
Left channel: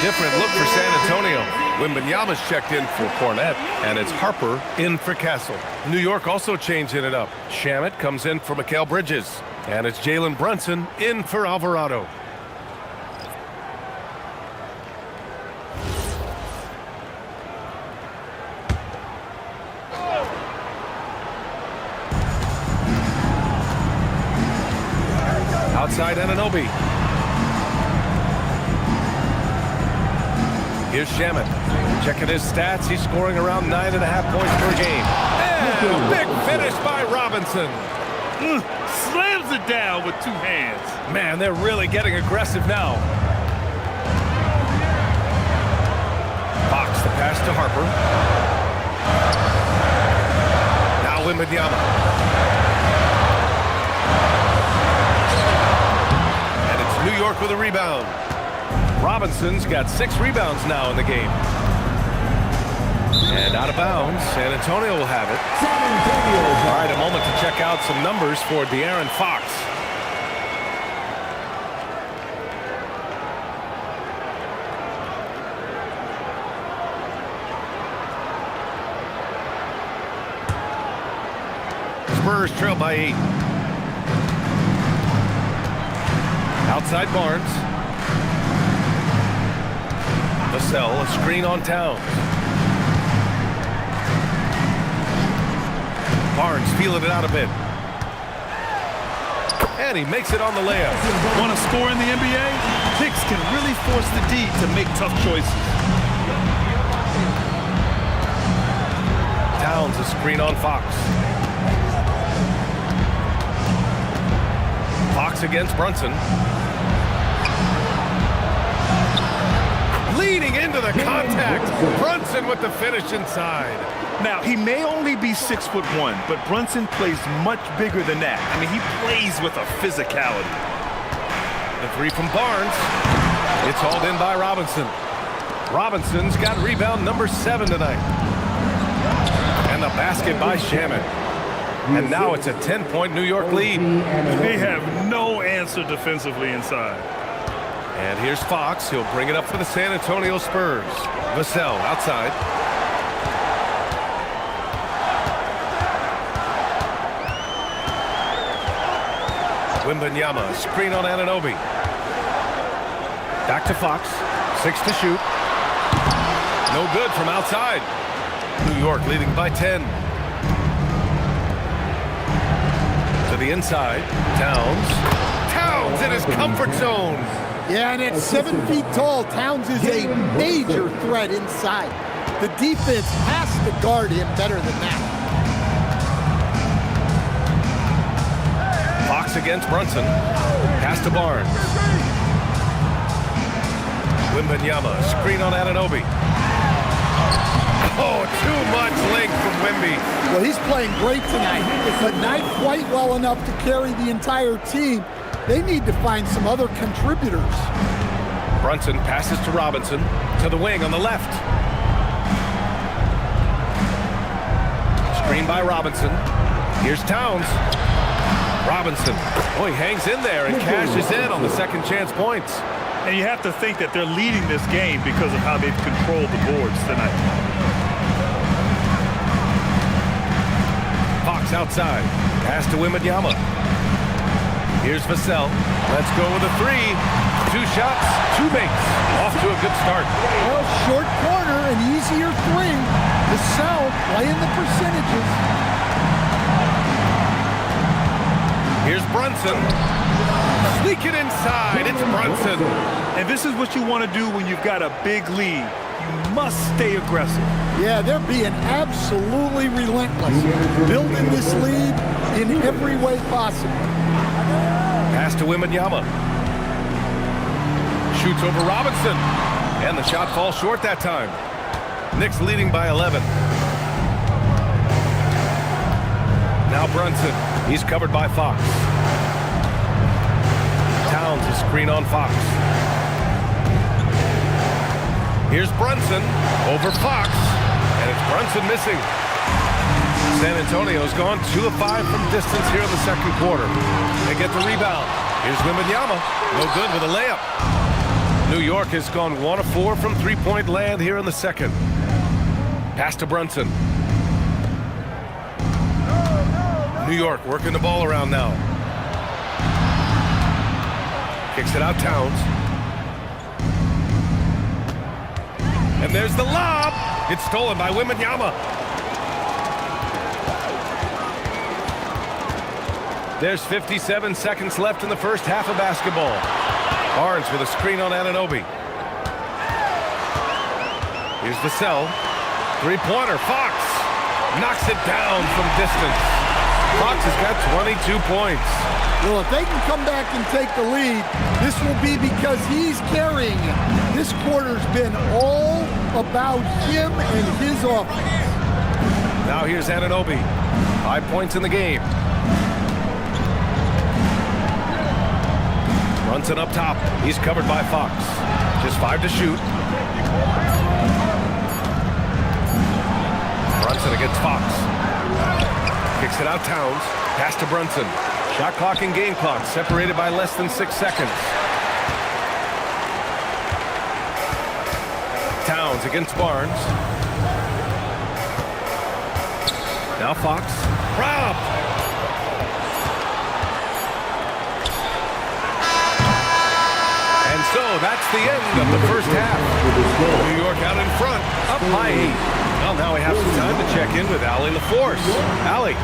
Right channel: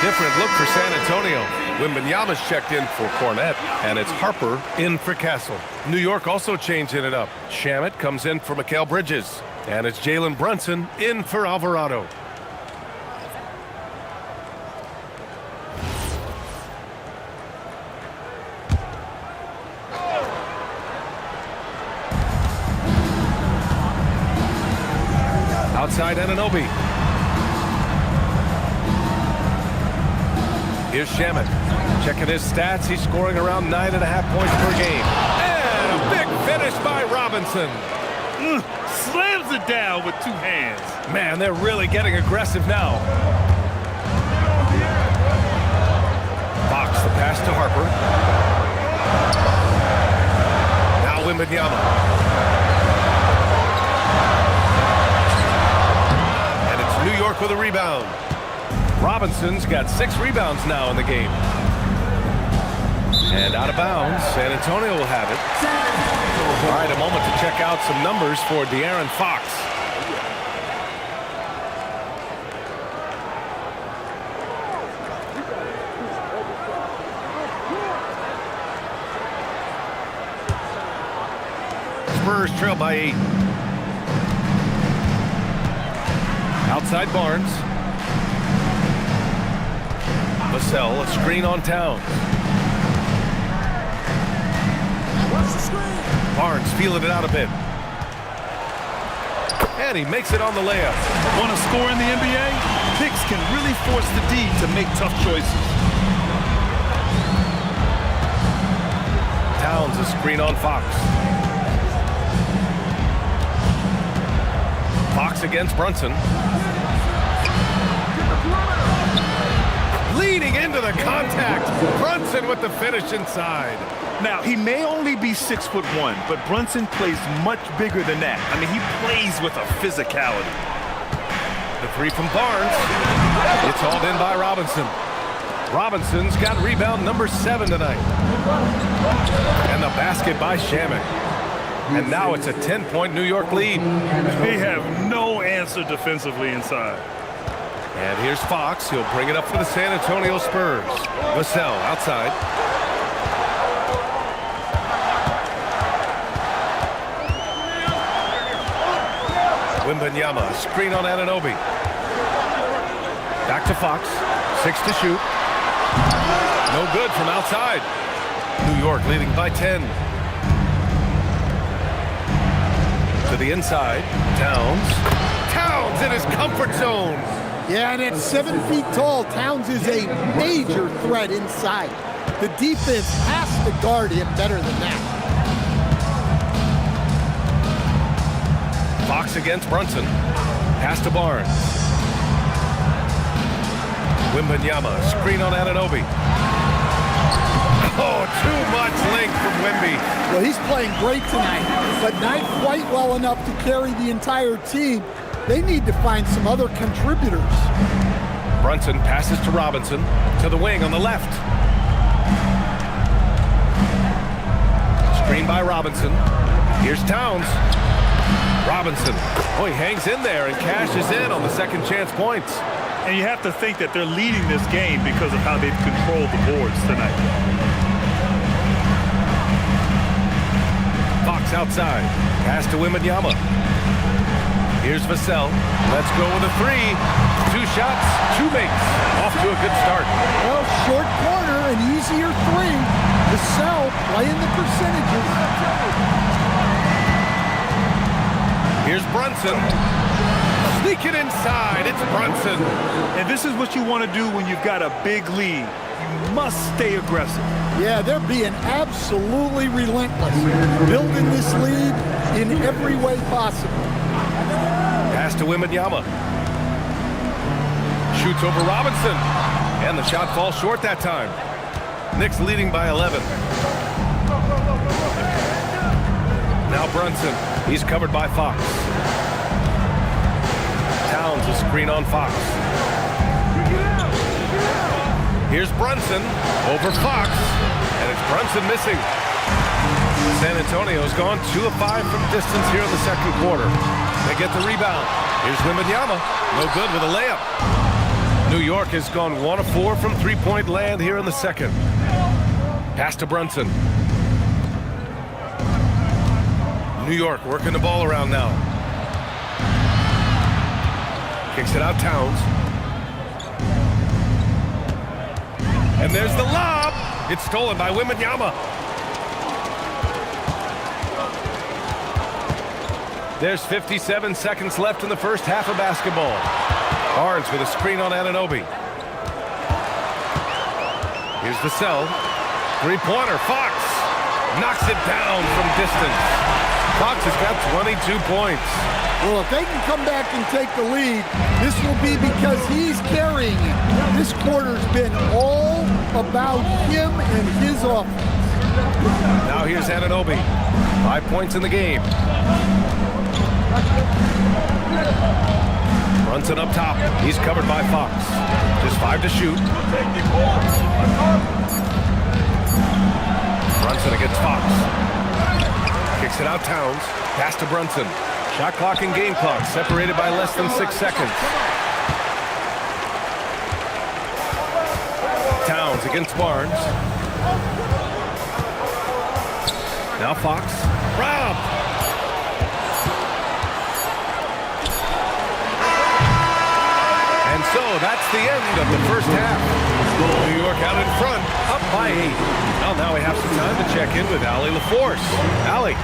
Different look for San Antonio. Wembanyama's checked in for Cornette, and it's Harper in for Castle. New York also changing it up. Shamet comes in for Mikal Bridges, and it's Jalen Brunson in for Alvarado. Outside Anunoby. Here's Shamet. Checking his stats. He's scoring around 9.5 points per game. And a big finish by Robinson. Slams it down with 2 hands. Man, they're really getting aggressive now. Fox, the pass to Harper. Now Wembanyama. And it's New York with a rebound. Robinson's got 6 rebounds now in the game. And out of bounds, San Antonio will have it. All right, a moment to check out some numbers for De'Aaron Fox. Spurs trail by 8. Outside Barnes. Vassell, a screen on Towns. Barnes feeling it out a bit. And he makes it on the layup. Want to score in the NBA? Knicks can really force the D to make tough choices. Towns, a screen on Fox. Fox against Brunson. Leading into the contact. Brunson with the finish inside. Now, he may only be 6'1", but Brunson plays much bigger than that. I mean, he plays with a physicality. The 3 from Barnes. It's hauled in by Robinson. Robinson's got rebound number 7 tonight. And the basket by Shamet. And now it's a 10-point New York lead. They have no answer defensively inside. And here's Fox. He'll bring it up for the San Antonio Spurs. Vassell outside. Wembanyama, screen on Anunoby. Back to Fox. 6 to shoot. No good from outside. New York leading by 10. To the inside. Towns. Towns in his comfort zone. Yeah, and at 7 feet tall, Towns is a major threat inside. The defense has to guard him better than that. Fox against Brunson. Pass to Barnes. Wembanyama, screen on Anunoby. Oh, too much length from Wemby. Well, he's playing great tonight, but not quite well enough to carry the entire team. They need to find some other contributors. Brunson passes to Robinson, to the wing on the left. Screen by Robinson. Here's Towns. Robinson. Oh, he hangs in there and cashes in on the second chance points. And you have to think that they're leading this game because of how they've controlled the boards tonight. Fox outside. Pass to Wembanyama. Here's Vassell. Let's go with a three. 2 shots, 2 makes. Off to a good start. Well, short corner, an easier three. Vassell playing the percentages. Here's Brunson. Sneak it inside. It's Brunson. And this is what you want to do when you've got a big lead. You must stay aggressive. Yeah, they're being absolutely relentless, building this lead in every way possible. Pass to Wembanyama. Shoots over Robinson. And the shot falls short that time. Knicks leading by 11. Now Brunson. He's covered by Fox. Towns a screen on Fox. Here's Brunson over Fox. And it's Brunson missing. San Antonio's gone 2 of 5 from distance here in the second quarter. They get the rebound. Here's Wembanyama. No good with a layup. New York has gone 1 of 4 from three-point land here in the second. Pass to Brunson. New York working the ball around now. Kicks it out Towns. And there's the lob. It's stolen by Wembanyama. There's 57 seconds left in the first half of basketball. Barnes with a screen on Anunoby. Here's Vassell. Three-pointer. Fox knocks it down from distance. Fox has got 22 points. Well, if they can come back and take the lead, this will be because he's carrying it. This quarter's been all about him and his offense. Now here's Anunoby. 5 points in the game. Brunson up top. He's covered by Fox. Just 5 to shoot. Brunson against Fox. Kicks it out Towns. Pass to Brunson. Shot clock and game clock separated by less than 6 seconds. Towns against Barnes. Now Fox. Robbed. And so that's the end of the first half. New York out in front, up by 8. Well, now we have some time to check in with Allie LaForce. Allie.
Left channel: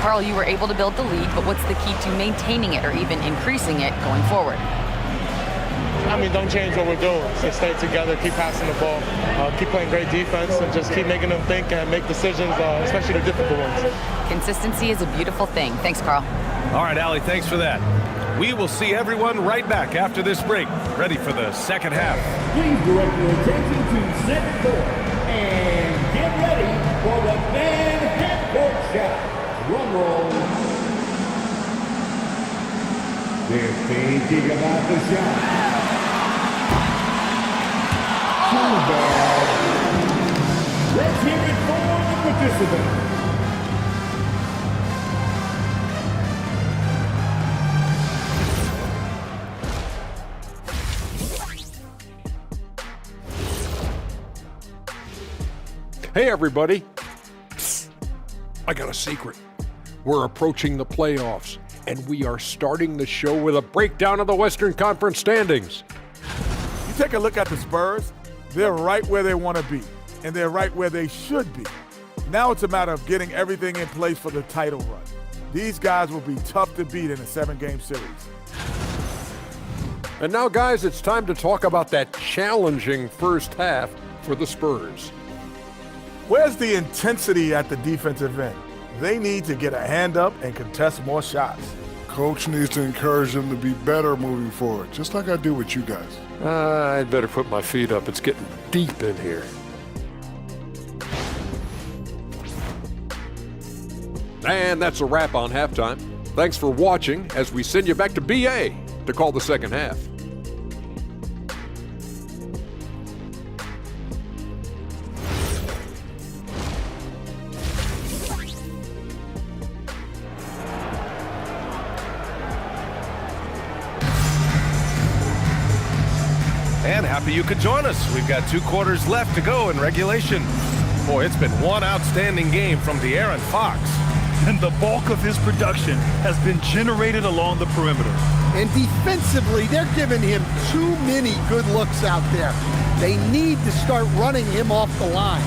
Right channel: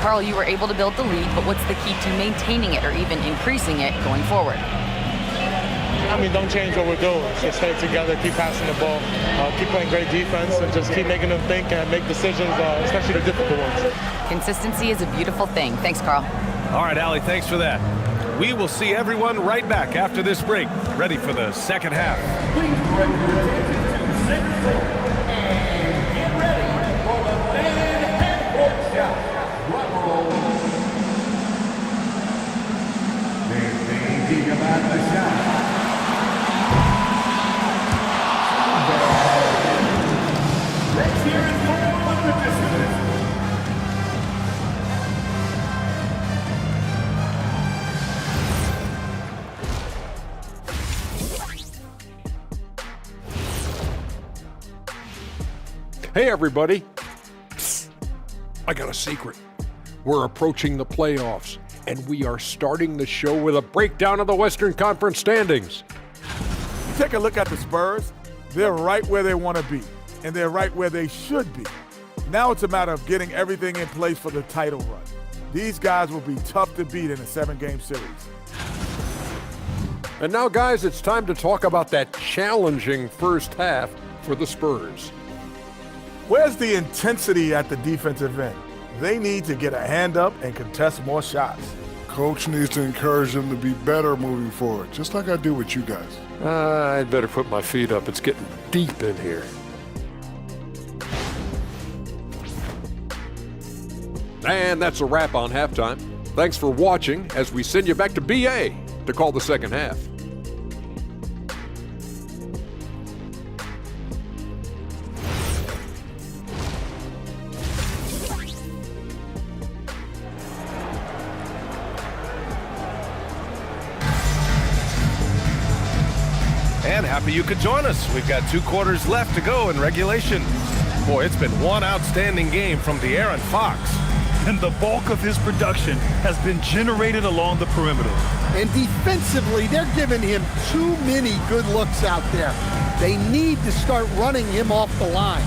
Carl, you were able to build the lead, but what's the key to maintaining it or even increasing it going forward? I mean, don't change what we're doing. Just stay together, keep passing the ball, keep playing great defense, and just keep making them think and make decisions, especially the difficult ones. Consistency is a beautiful thing. Thanks, Carl. All right, Allie, thanks for that. We will see everyone right back after this break, ready for the second half. Please direct your attention to center court and get ready for the fan half-court shot. Drum roll. They're thinking about the shot. Let's hear it for the participants. Hey, everybody. Psst. I got a secret. We're approaching the playoffs, and we are starting the show with a breakdown of the Western Conference standings. You take a look at the Spurs, they're right where they want to be, and they're right where they should be. Now it's a matter of getting everything in place for the title run. These guys will be tough to beat in a 7-game series. And now, guys, it's time to talk about that challenging first half for the Spurs. Where's the intensity at the defensive end? They need to get a hand up and contest more shots. Coach needs to encourage them to be better moving forward, just like I do with you guys. I'd better put my feet up. It's getting deep in here. And that's a wrap on halftime. Thanks for watching as we send you back to BA to call the second half. And happy you could join us. We've got 2 quarters left to go in regulation. Boy, it's been one outstanding game from De'Aaron Fox. And the bulk of his production has been generated along the perimeter. And defensively, they're giving him too many good looks out there. They need to start running him off the line.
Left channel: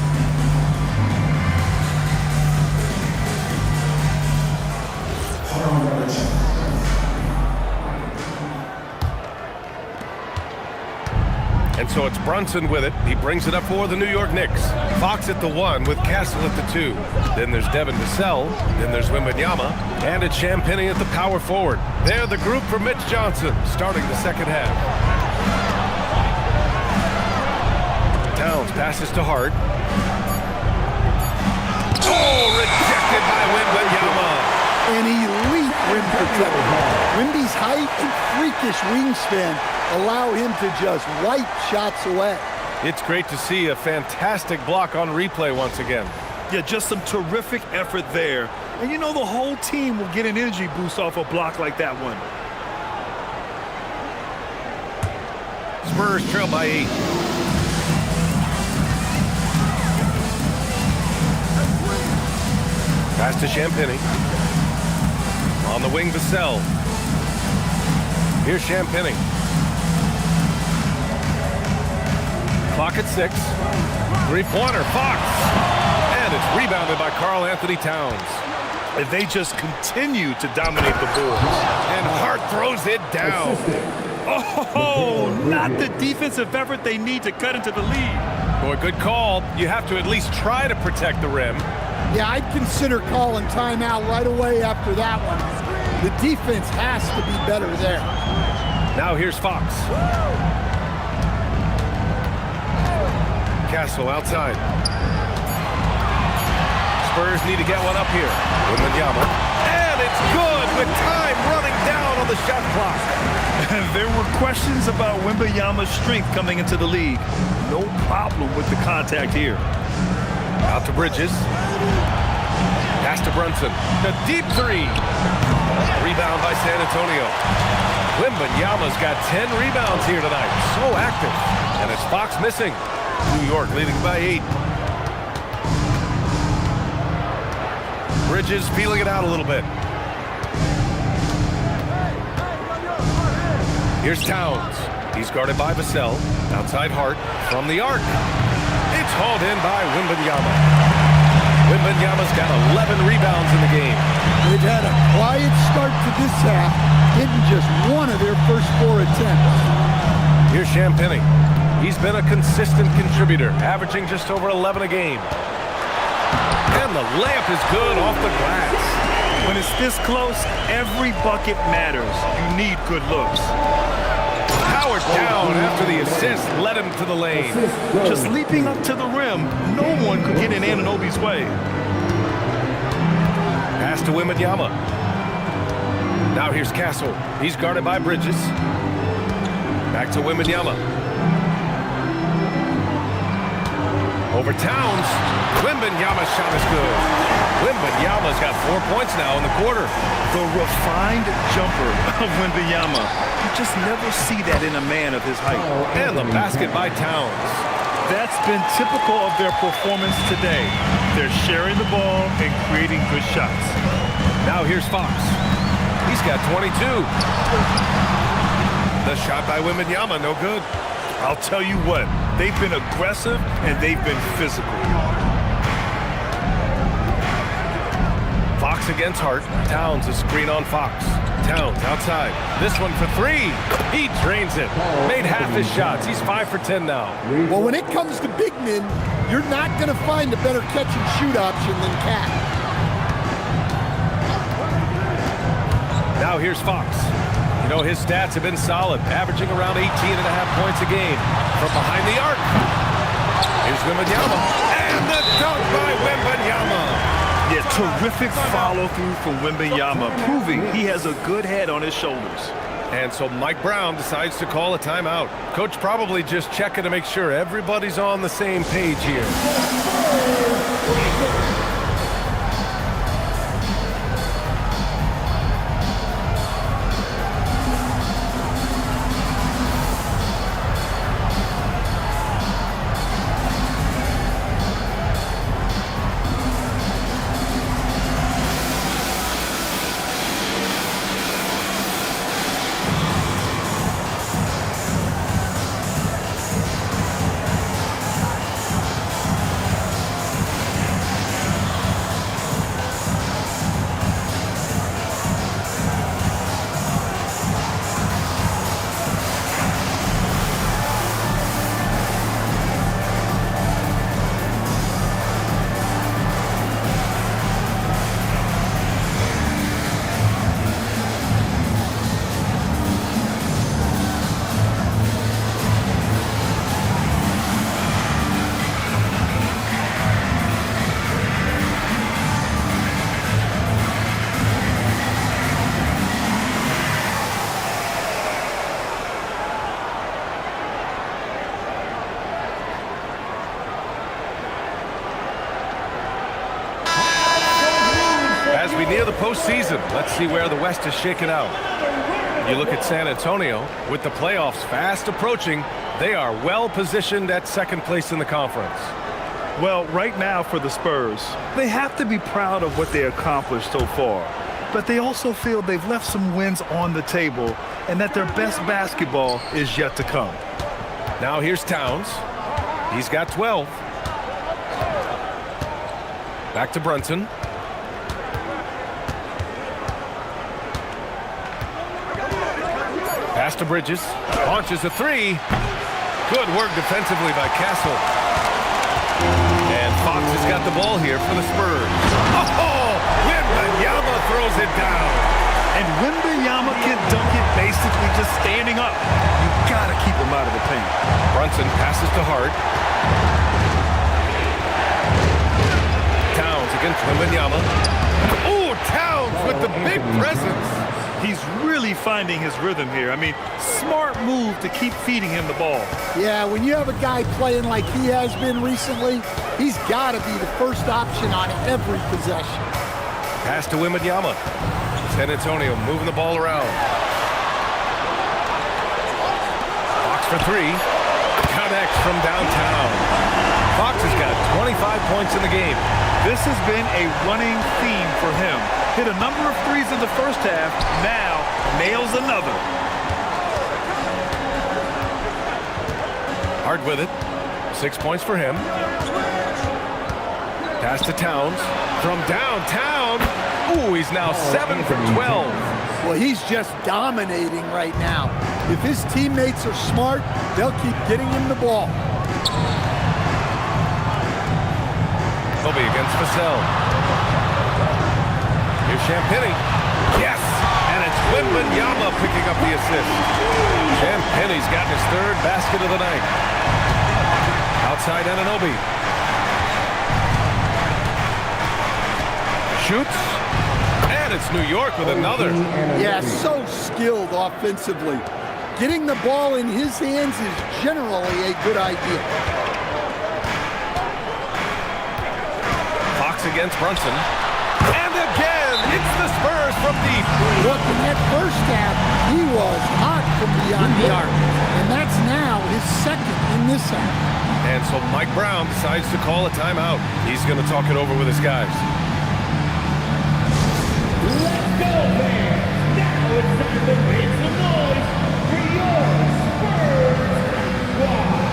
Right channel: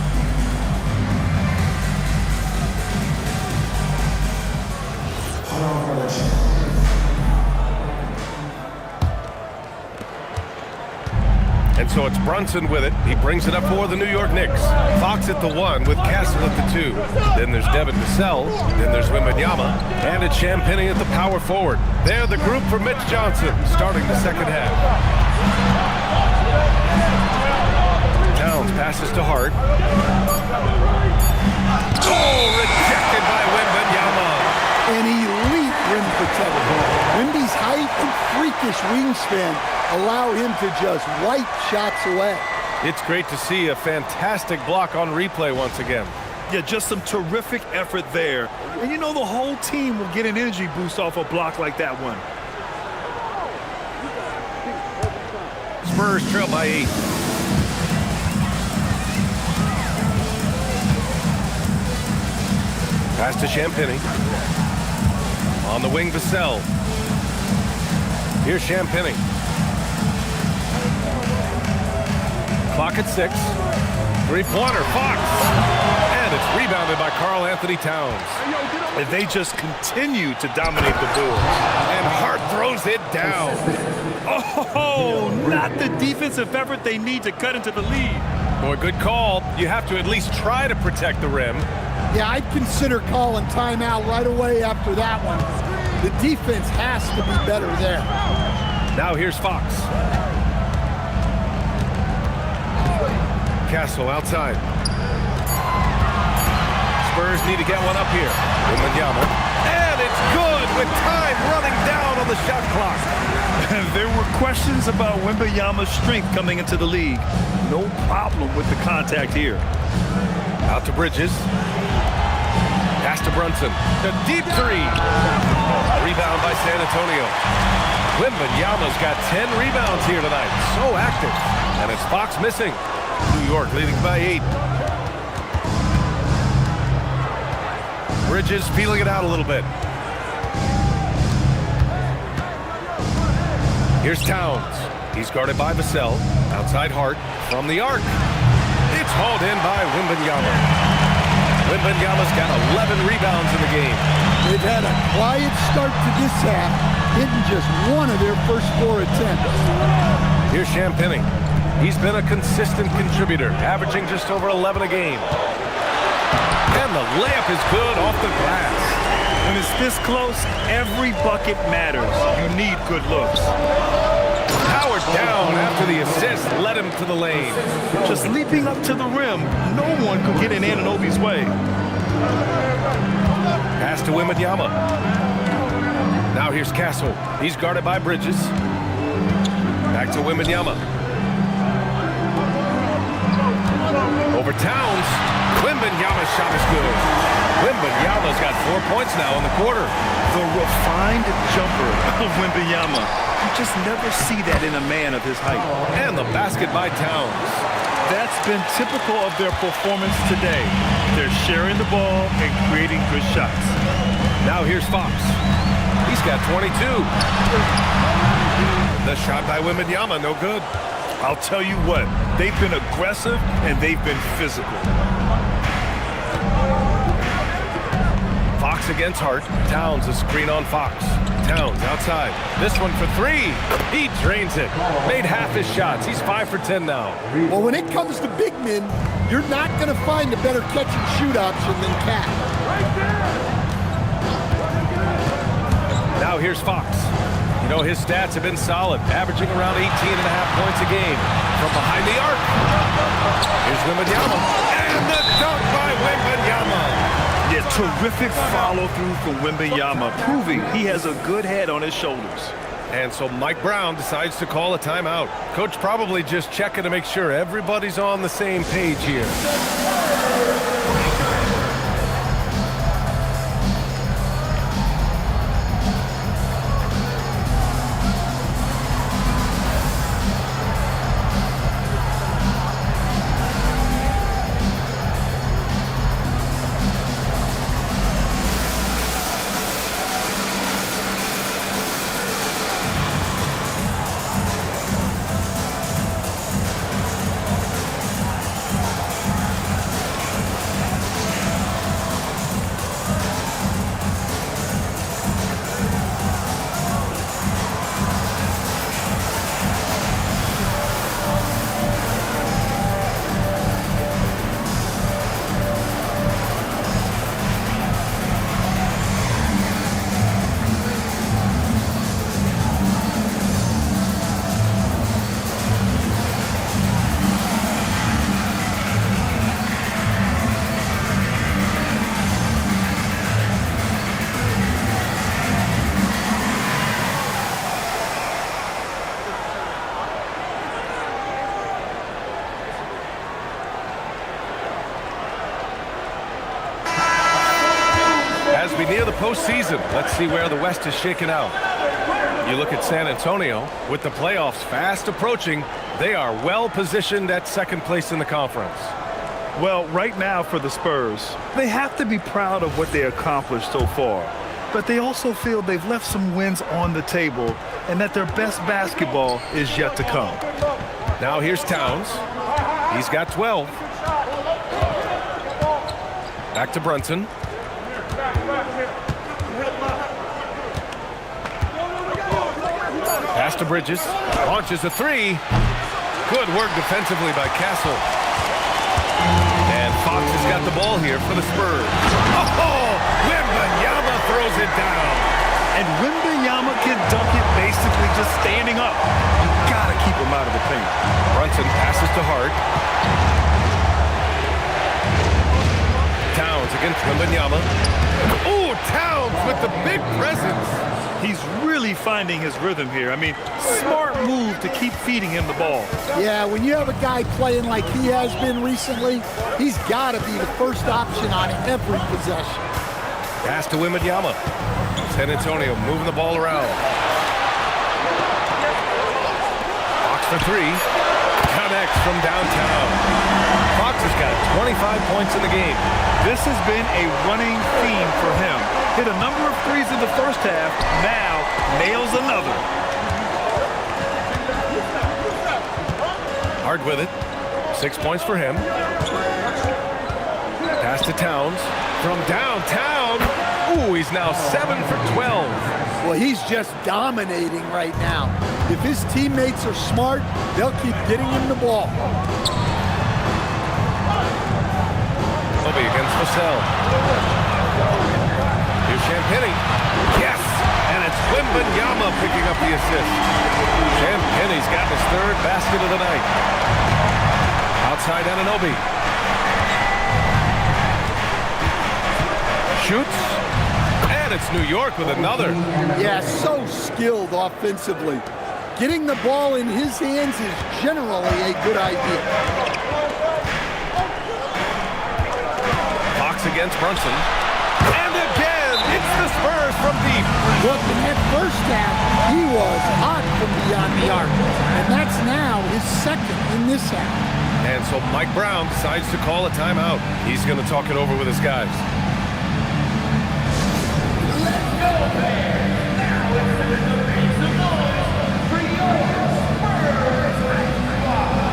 And so it's Brunson with it. He brings it up for the New York Knicks. Fox at the 1 with Castle at the 2. Then there's Devin Vassell. Then there's Wembanyama. And it's Champagnie at the power forward. They're the group for Mitch Johnson starting the second half. Towns passes to Hart. Oh, rejected by Wembanyama. An elite rim protector. Wemby's height and freakish wingspan allow him to just wipe shots away. It's great to see a fantastic block on replay once again. Yeah, just some terrific effort there. And you know the whole team will get an energy boost off a block like that one. Spurs trail by 8. Pass to Champagnie. On the wing, Vassell. Here's Champagnie. Clock at 6. 3-pointer, Fox. And it's rebounded by Karl Anthony Towns. And they just continue to dominate the boards. And Hart throws it down. Oh, not the defensive effort they need to cut into the lead. Boy, good call. You have to at least try to protect the rim. Yeah, I'd consider calling timeout right away after that one. The defense has to be better there. Now here's Fox. Castle outside. Spurs need to get one up here. Wembanyama. And it's good with time running down on the shot clock. There were questions about Wembanyama's strength coming into the league. No problem with the contact here. Out to Bridges. Pass to Brunson. The deep 3. Rebound by San Antonio. Wembanyama's got 10 rebounds here tonight. So active. And it's Fox missing. New York leading by 8. Bridges feeling it out a little bit. Here's Towns. He's guarded by Vassell. Outside Hart from the arc. It's hauled in by Wembanyama. Wembanyama's got 11 rebounds in the game. They've had a quiet start to this half, hitting just one of their first 4 attempts. Here's Champagnie. He's been a consistent contributor, averaging just over 11 a game. And the layup is good off the glass. When it's this close, every bucket matters. You need good looks. Powered down after the assist led him to the lane. Just leaping up to the rim, no one could get in Anunoby's way. Pass to Wembanyama. Now here's Castle. He's guarded by Bridges. Back to Wembanyama. Over Towns. Wembanyama's shot is good. Wembanyama's got 4 points now in the quarter. The refined jumper of Wembanyama. You just never see that in a man of his height. And the basket by Towns. That's been typical of their performance today. They're sharing the ball and creating good shots. Now here's Fox. He's got 22. The shot by Wembanyama, no good. I'll tell you what, they've been aggressive and they've been physical. Fox against Hart. Towns a screen on Fox. Towns outside. This one for 3. He drains it. Made half his shots. He's 5 for 10 now. Well, when it comes to big men, you're not going to find a better catch and shoot option than Cat. Now here's Fox. You know, his stats have been solid, averaging around 18.5 points a game from behind the arc. Here's Wembanyama. And the dunk by Wembanyama. Yeah, terrific follow-through from Wembanyama, proving he has a good head on his shoulders. And so Mike Brown decides to call a timeout. Coach probably just checking to make sure everybody's on the same page here. As we near the postseason, let's see where the West is shaken out. You look at San Antonio, with the playoffs fast approaching, they are well positioned at second place in the conference. Well, right now for the Spurs, they have to be proud of what they accomplished so far. But they also feel they've left some wins on the table and that their best basketball is yet to come. Now here's Towns. He's got 12. Back to Brunson. Pass to Bridges. Launches a three. Good work defensively by Castle. And Fox has got the ball here for the Spurs. Oh, Wembanyama throws it down. And Wembanyama can dunk it basically just standing up. You got to keep him out of the paint. Brunson passes to Hart. Towns against Wembanyama. Oh, Towns with the big presence. He's really finding his rhythm here. I mean, smart move to keep feeding him the ball. Yeah, when you have a guy playing like he has been recently, he's got to be the first option on every possession. Pass to Wembanyama. San Antonio moving the ball around. Fox for three. Connects from downtown. Fox has got 25 points in the game. This has been a running theme for him. Hit a number of threes in the first half, now nails another. Hard with it. 6 points for him. Pass to Towns. From downtown. Ooh, he's now 7 for 12. Well, he's just dominating right now. If his teammates are smart, they'll keep getting him the ball. Obi against Vassell. Here's Champagny. Yes! And it's Wembanyama picking up the assist. Champagny's got his third basket of the night. Outside Anunoby. Shoots. And it's New York with another. Yeah, so skilled offensively. Getting the ball in his hands is generally a good idea. Fox against Brunson. And again, it's the Spurs from deep. Look, in that first half, he was hot from beyond the arc. And that's now his second in this half. And so Mike Brown decides to call a timeout. He's going to talk it over with his guys. Let's go, fans. Now it's time to make some noise for your Spurs squad.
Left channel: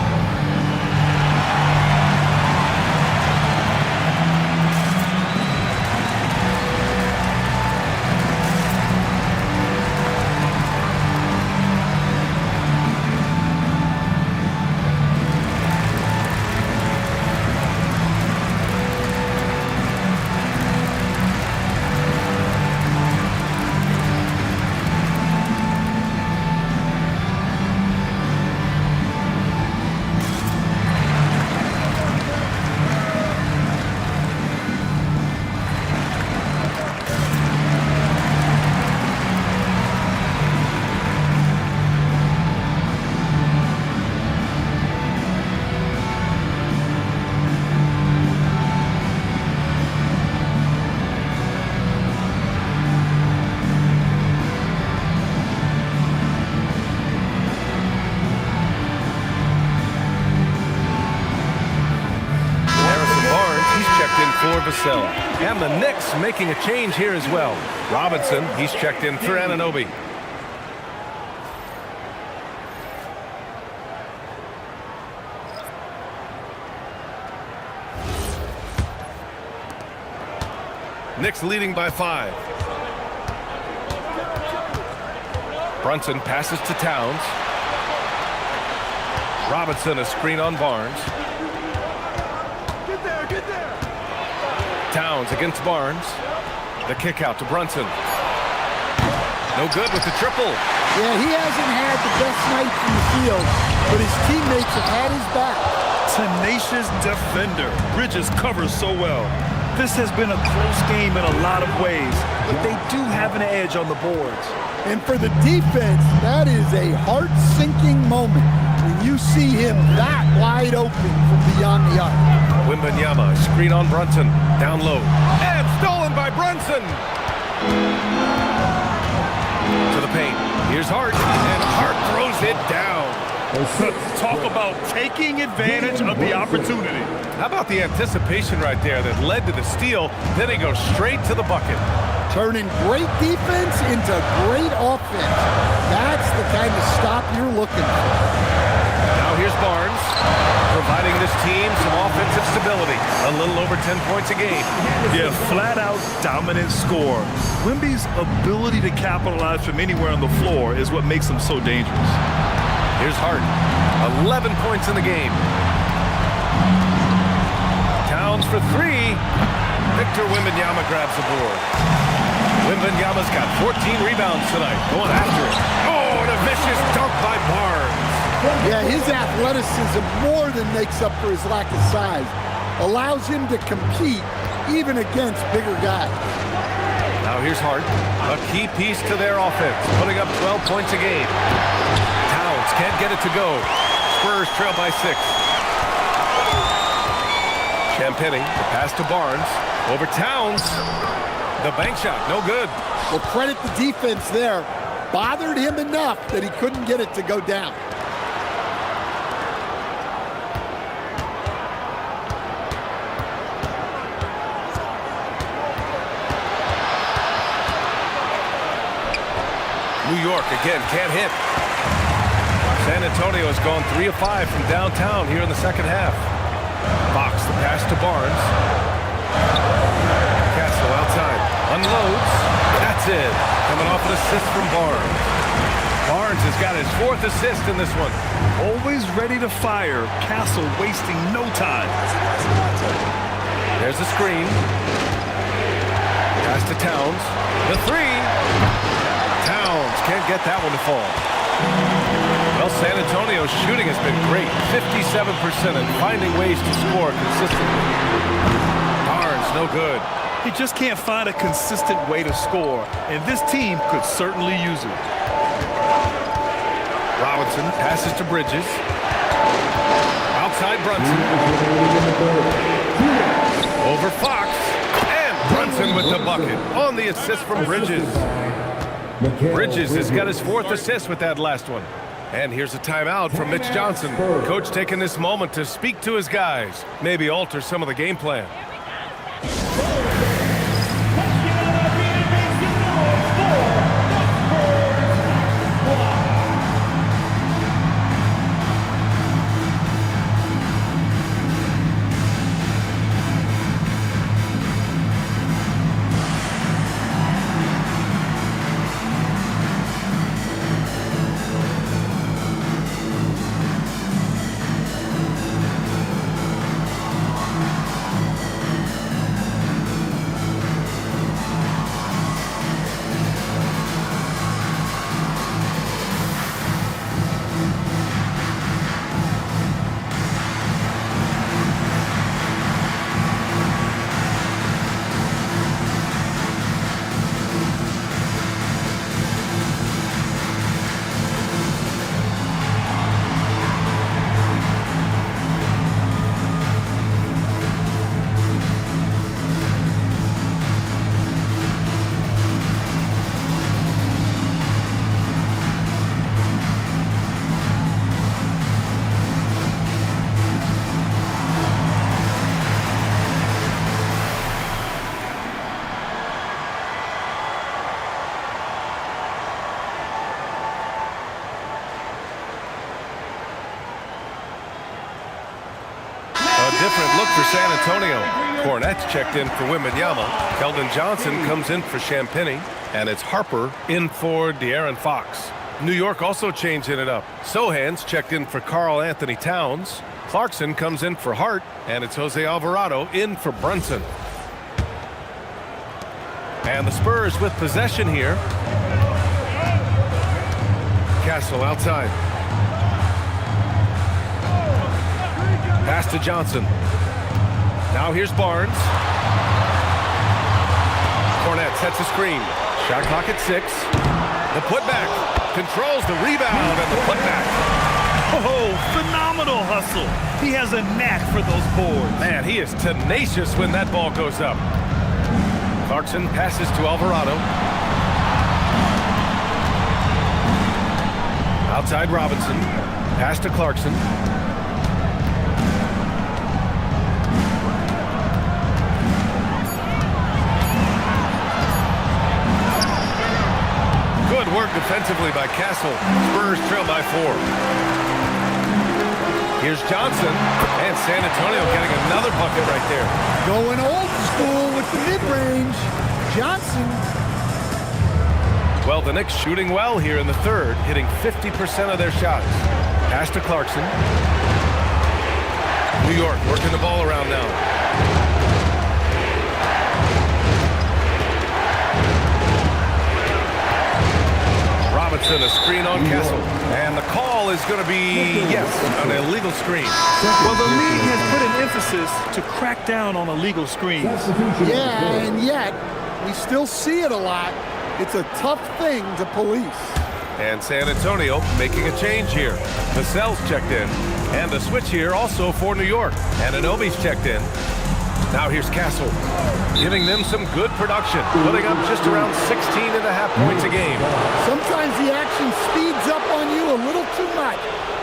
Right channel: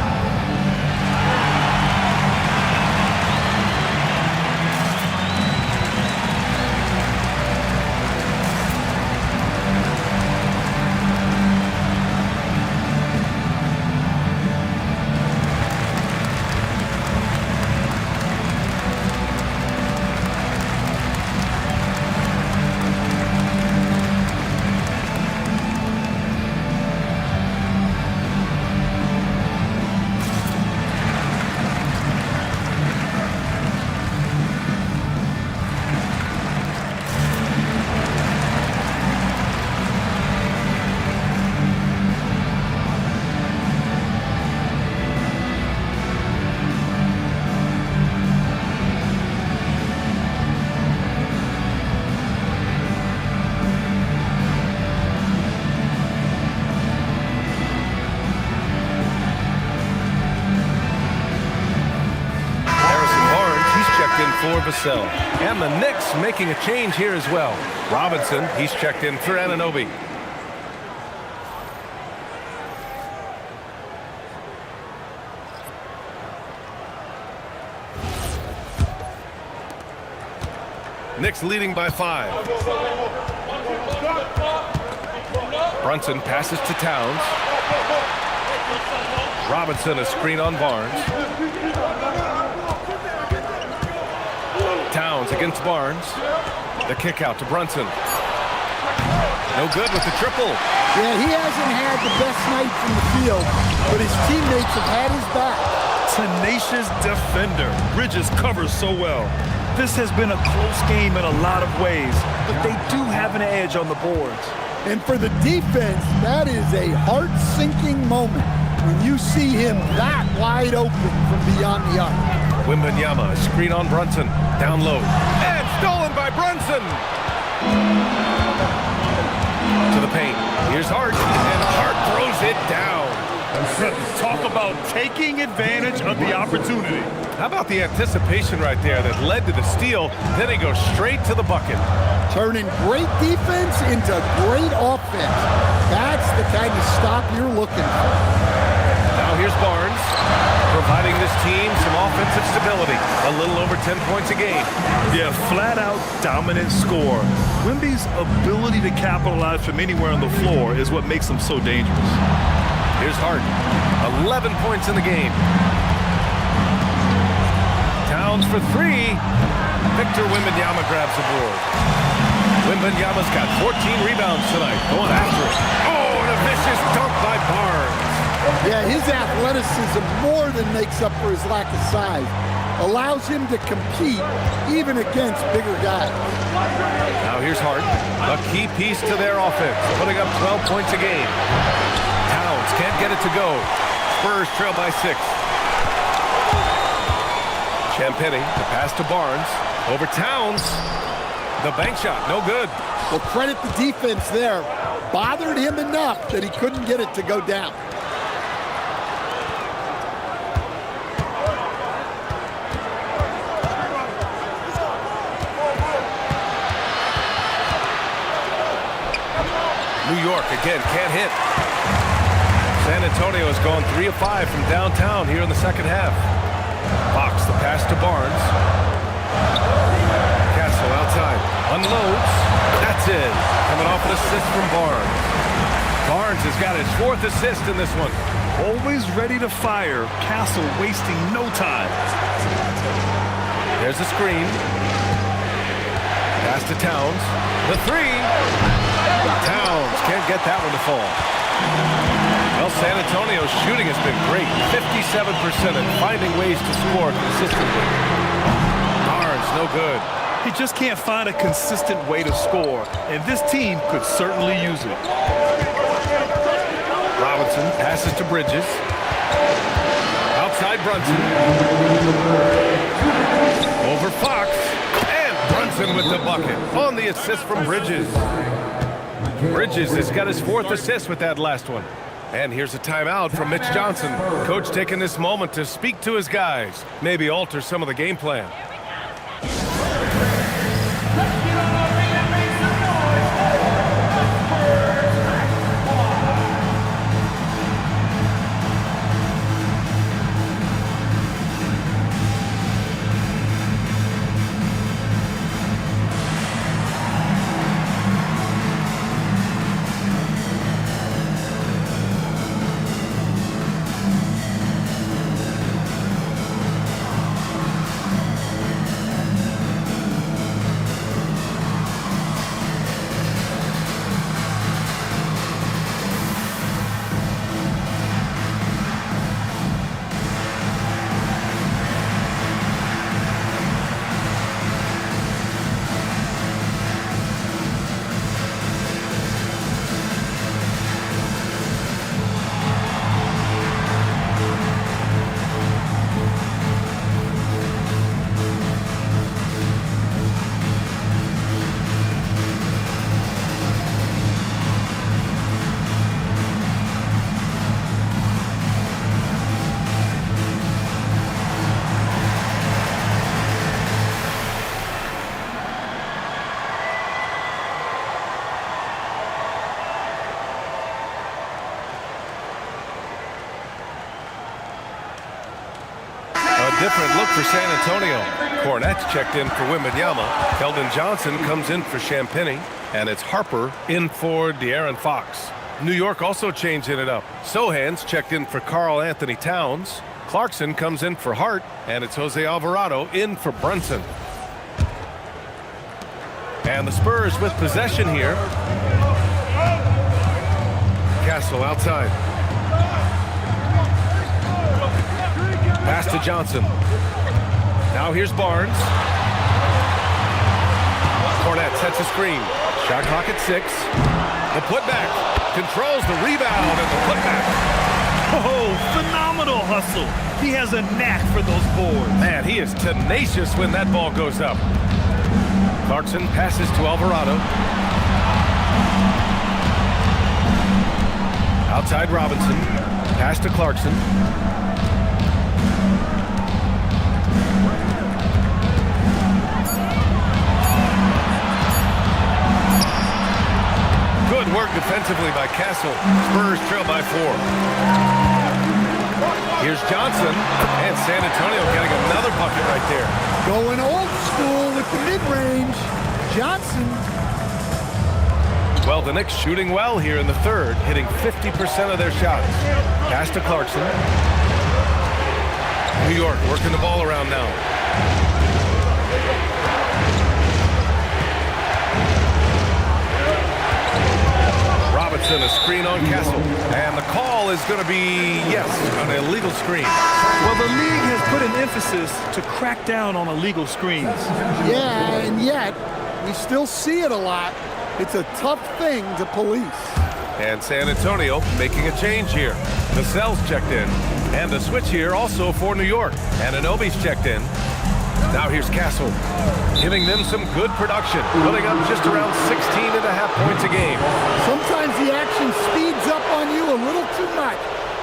in for Vassell. And the Knicks making a change here as well. Robinson, he's checked in for Anunoby. Knicks leading by 5. Brunson passes to Towns. Robinson, a screen on Barnes. Towns against Barnes. The kick out to Brunson. No good with the triple. Yeah, he hasn't had the best night from the field, but his teammates have had his back. Tenacious defender. Bridges covers so well. This has been a close game in a lot of ways, but they do have an edge on the boards. And for the defense, that is a heart-sinking moment when you see him that wide open from beyond the arc. Wembanyama, a screen on Brunson. Down low. And stolen by Brunson. To the paint. Here's Hart. And Hart throws it down. Talk about taking advantage of the opportunity. How about the anticipation right there that led to the steal? Then he goes straight to the bucket. Turning great defense into great offense. That's the kind of stop you're looking for. Now here's Barnes, providing this team some offensive stability. A little over 10 points a game. Yeah, flat-out dominant score. Wemby's ability to capitalize from anywhere on the floor is what makes him so dangerous. Here's Hart, 11 points in the game. Towns for 3. Victor Wembanyama grabs the board. Wembanyama's got 14 rebounds tonight, going after it. Oh, and a vicious dunk by Barnes. Yeah, his athleticism more than makes up for his lack of size. Allows him to compete even against bigger guys. Now here's Hart, a key piece to their offense, putting up 12 points a game. Towns can't get it to go. Spurs trail by 6. Champagny, the pass to Barnes. Over Towns. The bank shot, no good. Well, credit the defense there. Bothered him enough that he couldn't get it to go down. New York, again, can't hit. San Antonio has gone 3 of 5 from downtown here in the second half. Fox, the pass to Barnes. Castle outside. Unloads. That's it. Coming off an assist from Barnes. Barnes has got his 4th assist in this one. Always ready to fire. Castle wasting no time. There's the screen. Pass to Towns. The 3. Towns can't get that one to fall. Well, San Antonio's shooting has been great. 57% and finding ways to score consistently. Barnes, no good. He just can't find a consistent way to score, and this team could certainly use it. Robinson passes to Bridges. Outside Brunson. Over Fox. And Brunson with the bucket on the assist from Bridges. Bridges has got his 4th assist with that last one. And here's a timeout from Mitch Johnson. Coach taking this moment to speak to his guys. Maybe alter some of the game plan. different look for San Antonio. Cornette's checked in for Wembanyama. Keldon Johnson comes in for Champagnie. And it's Harper in for De'Aaron Fox. New York also changing it up. Sohan's checked in for Karl Anthony Towns. Clarkson comes in for Hart. And it's Jose Alvarado in for Brunson. And the Spurs with possession here. Castle outside. Pass to Johnson. Now here's Barnes. Cornette sets a screen. Shot clock at 6. The putback. Controls the rebound and the putback. Oh, phenomenal hustle. He has a knack for those boards. Man, he is tenacious when that ball goes up. Clarkson passes to Alvarado. Outside Robinson. Pass to Clarkson. Good work defensively by Castle. Spurs trail by 4. Here's Johnson, and San Antonio getting another bucket right there. Going old school with the mid-range. Johnson. Well, the Knicks shooting well here in the third, hitting 50% of their shots. Pass to Clarkson. New York working the ball around now. Robinson, a screen on Castle. And the call is going to be, yes, an illegal screen. Well, the league has put an emphasis to crack down on illegal screens. Yeah, and yet we still see it a lot. It's a tough thing to police. And San Antonio making a change here. Vassell's checked in. And a switch here also for New York. And Anunoby's checked in. Now here's Castle, giving them some good production, putting up just around 16.5 points a game. Sometimes the action speeds up on you a little too much.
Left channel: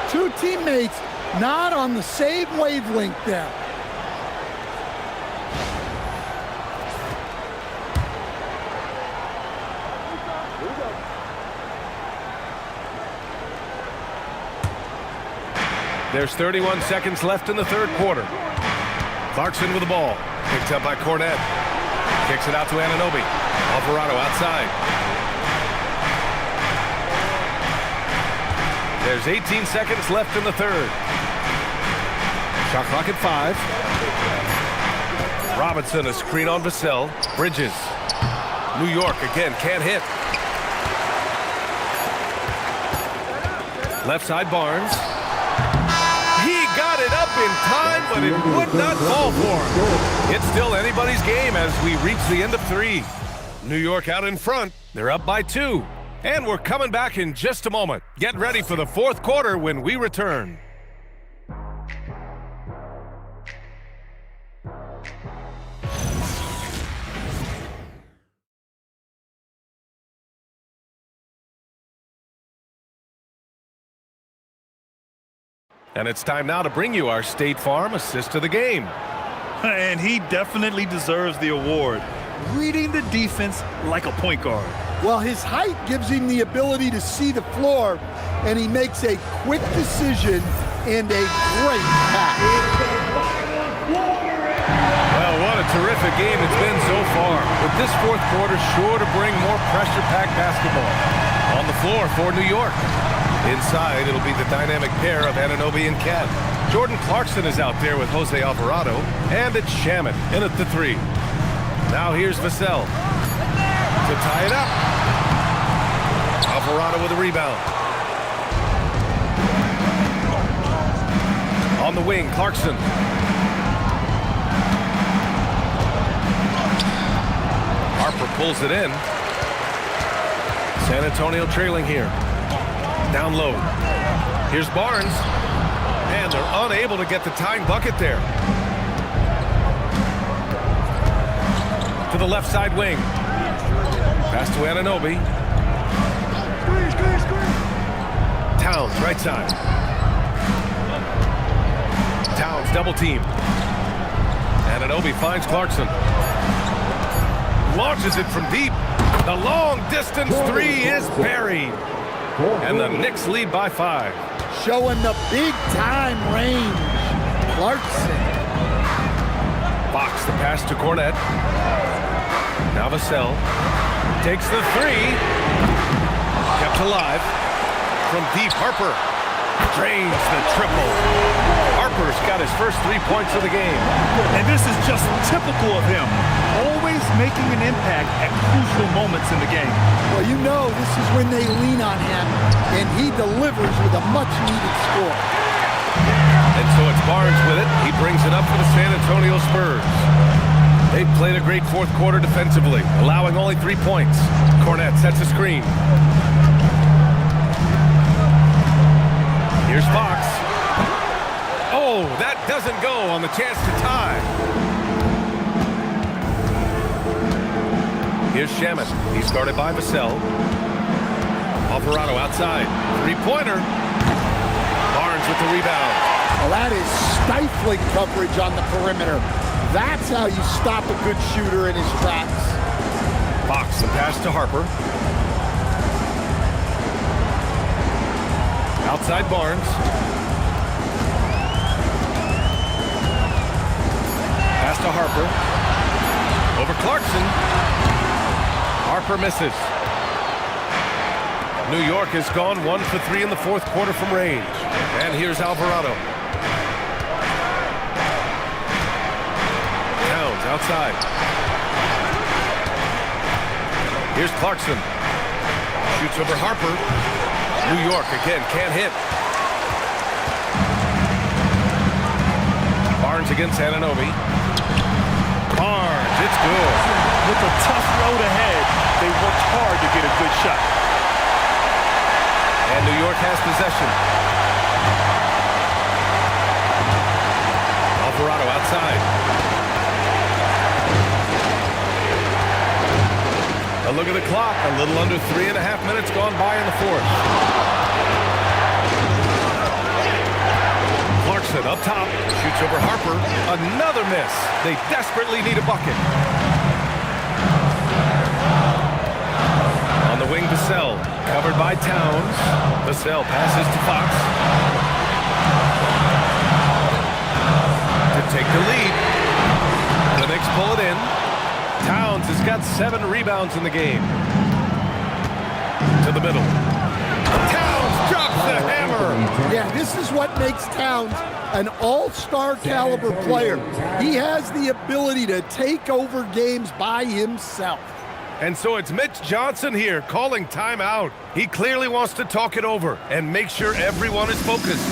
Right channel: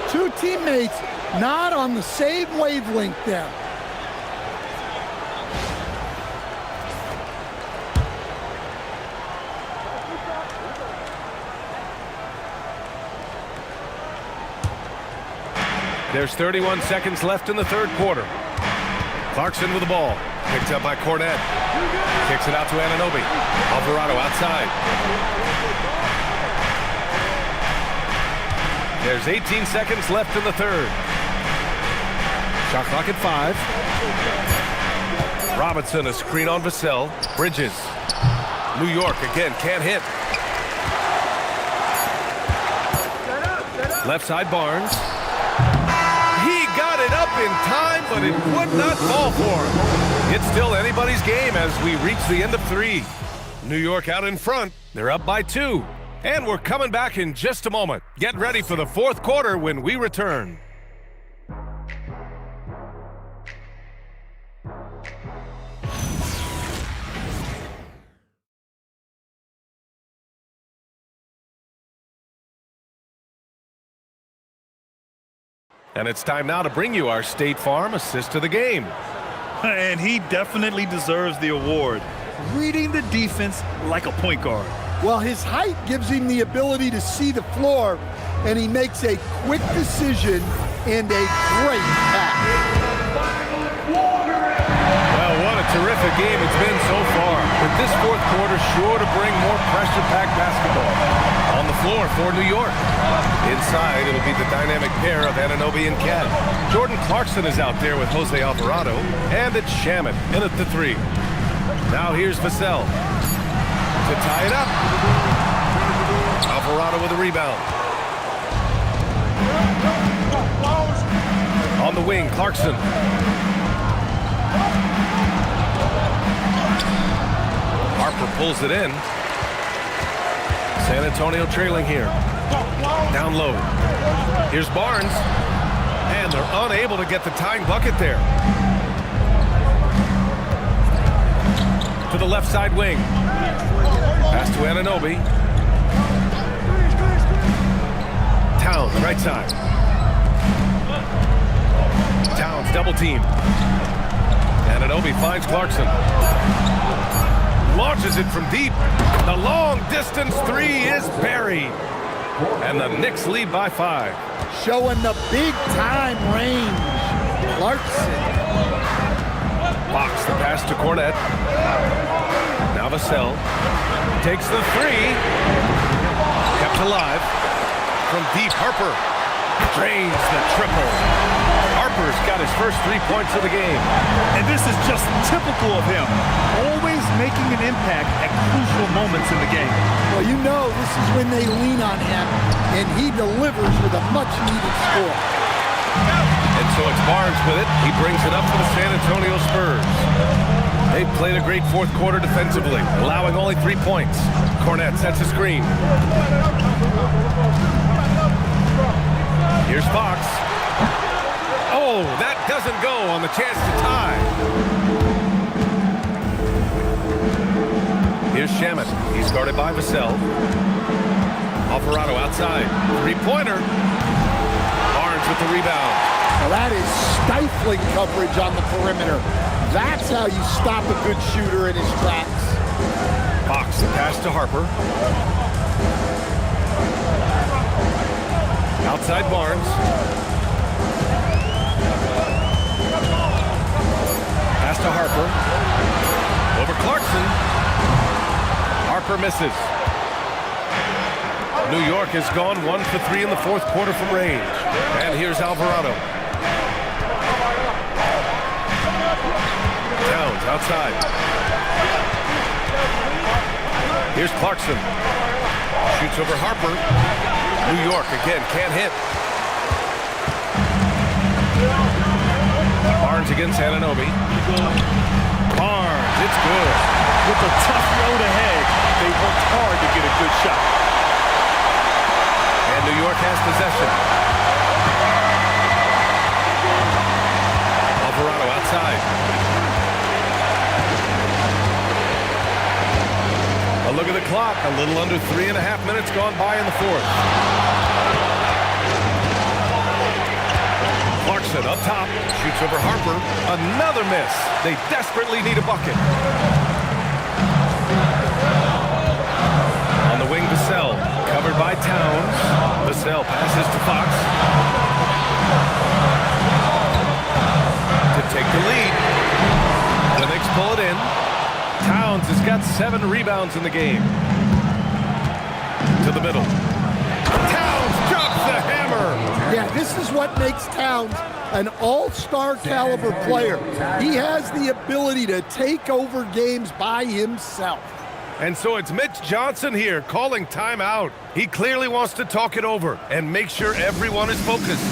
Two teammates not on the same wavelength there. There's 31 seconds left in the third quarter. Clarkson with the ball. Picked up by Cornette. Kicks it out to Anunoby. Alvarado outside. There's 18 seconds left in the third. Shot clock at 5. Robinson, a screen on Vassell. Bridges. New York again, can't hit. Left side Barnes. He got it up in time, but it would not fall for him. It's still anybody's game as we reach the end of 3. New York out in front. They're up by 2. And we're coming back in just a moment. Get ready for the fourth quarter when we return. And it's time now to bring you our State Farm assist of the game. And he definitely deserves the award. Reading the defense like a point guard. Well, his height gives him the ability to see the floor, and he makes a quick decision and a great pass. Well, what a terrific game it's been so far. With this fourth quarter sure to bring more pressure-packed basketball. On the floor for New York. Inside, it'll be the dynamic pair of Anunoby and Cat. Jordan Clarkson is out there with Jose Alvarado. And it's Shamet in at the 3. Now here's Vassell to tie it up. Alvarado with a rebound. On the wing, Clarkson. Harper pulls it in. San Antonio trailing here. Down low. Here's Barnes. And they're unable to get the tying bucket there. To the left side wing. Pass to Anunoby. Towns, right side. Towns, double team. Anunoby finds Clarkson. Launches it from deep. The long distance 3 is buried. And the Knicks lead by 5. Showing the big time range. Clarkson Fox the pass to Cornette. Now Vassell takes the three. Kept alive from deep. Harper drains the triple. Harper's got his first 3 points of the game. And this is just typical of him. Always making an impact at crucial moments in the game. Well, you know this is when they lean on him, and he delivers with a much-needed score. And so it's Barnes with it. He brings it up for the San Antonio Spurs. They've played a great fourth quarter defensively, allowing only 3 points. Cornette sets a screen. Here's Fox. Oh, that doesn't go on the chance to tie. Here's Shamet. He's guarded by Vassell. Alvarado outside. Three-pointer. Barnes with the rebound. Well, that is stifling coverage on the perimeter. That's how you stop a good shooter in his tracks. Fox the pass to Harper. Outside Barnes. Pass to Harper. Over Clarkson. Harper misses. New York has gone 1 for 3 in the fourth quarter from range. And here's Alvarado. Towns outside. Here's Clarkson. Shoots over Harper. New York again can't hit. Barnes against Anunoby. Barnes, it's good. With a tough road ahead, they worked hard to get a good shot. And New York has possession. Alvarado outside. A look at the clock. A little under 3.5 minutes gone by in the fourth. Clarkson up top. Shoots over Harper. Another miss. They desperately need a bucket. On the wing, Vassell. Covered by Towns. Vassell passes to Fox. To take the lead. The Knicks pull it in. Towns has got 7 rebounds in the game. To the middle. Towns drops the hammer. Yeah, this is what makes Towns an all-star caliber player. He has the ability to take over games by himself. And so it's Mitch Johnson here calling timeout. He clearly wants to talk it over and make sure everyone is focused.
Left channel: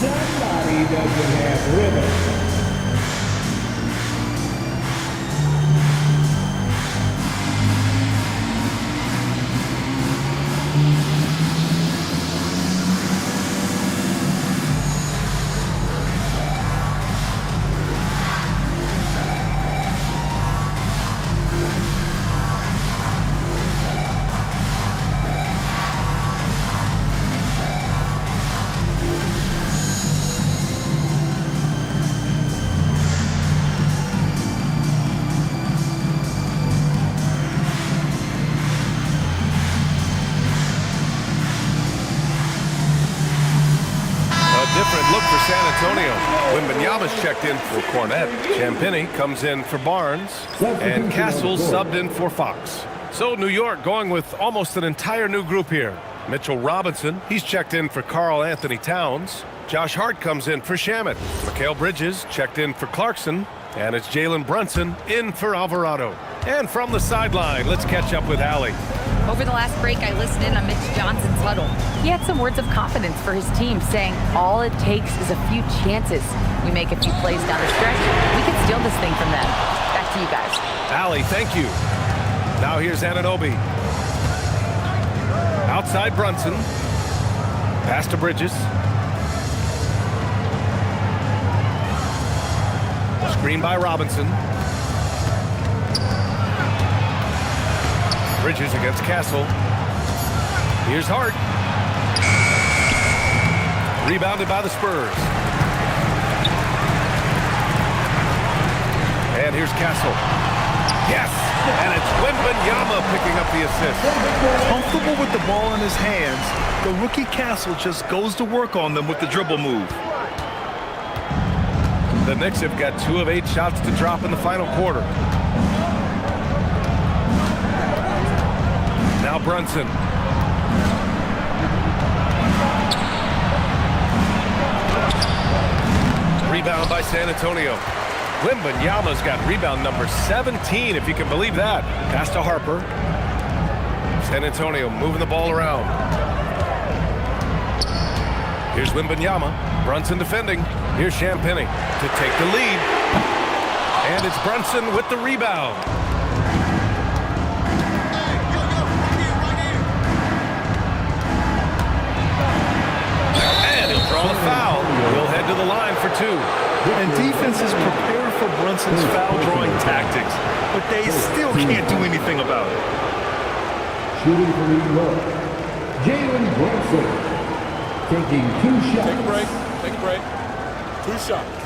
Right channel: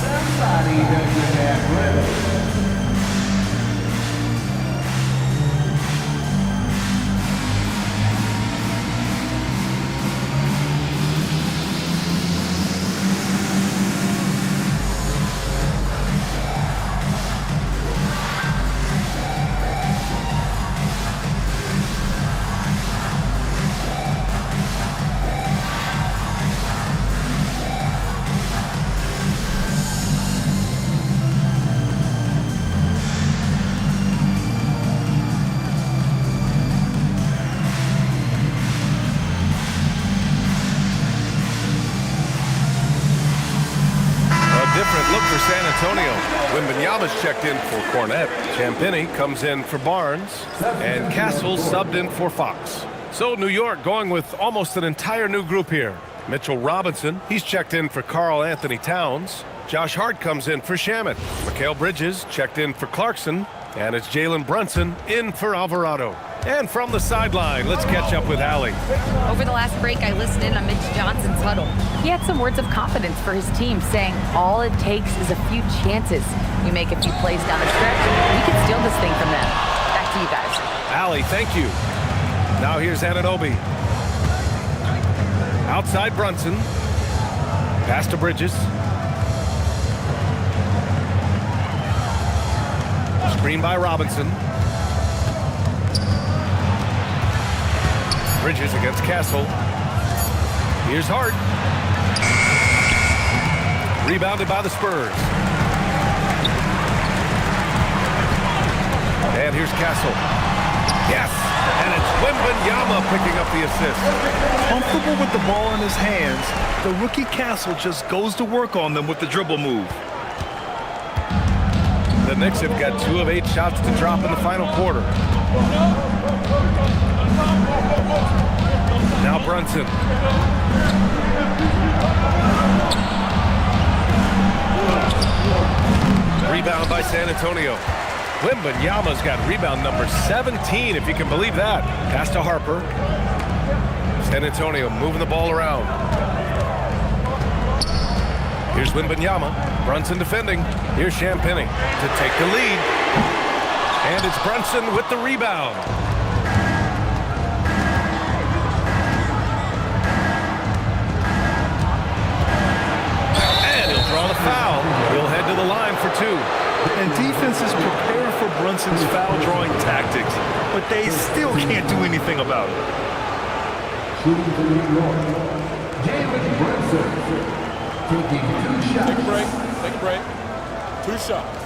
Somebody doesn't have rhythm. Different look for San Antonio. Wembanyama's checked in for Cornette. Champagnie comes in for Barnes. And Castle's subbed in for Fox. So New York going with almost an entire new group here. Mitchell Robinson, he's checked in for Karl Anthony Towns. Josh Hart comes in for Shamet. Mikal Bridges checked in for Clarkson. And it's Jalen Brunson in for Alvarado. And from the sideline, let's catch up with Allie. Over the last break, I listened in on Mitch Johnson's huddle. He had some words of confidence for his team, saying all it takes is a few chances. We make a few plays down the stretch, we can steal this thing from them. Back to you guys. Allie, thank you. Now here's Anunoby. Outside Brunson. Pass to Bridges. Screen by Robinson. Bridges against Castle. Here's Hart. Rebounded by the Spurs. And here's Castle. Yes! And it's Wembanyama picking up the assist. Comfortable with the ball in his hands, the rookie Castle just goes to work on them with the dribble move. The Knicks have got 2 of 8 shots to drop in the final quarter. Now Brunson. Rebound by San Antonio. Wembanyama's got rebound number 17, if you can believe that. Pass to Harper. San Antonio moving the ball around. Here's Wembanyama. Brunson defending. Here's Champagnie to take the lead. And it's Brunson with the rebound. And he'll draw the foul. He'll head to the line for 2. And defenses prepare for Brunson's foul-drawing tactics, but they still can't do anything about it. Shooting for New York, Jalen Brunson. Taking 2 shots. Take a break. Take a break. 2 shots.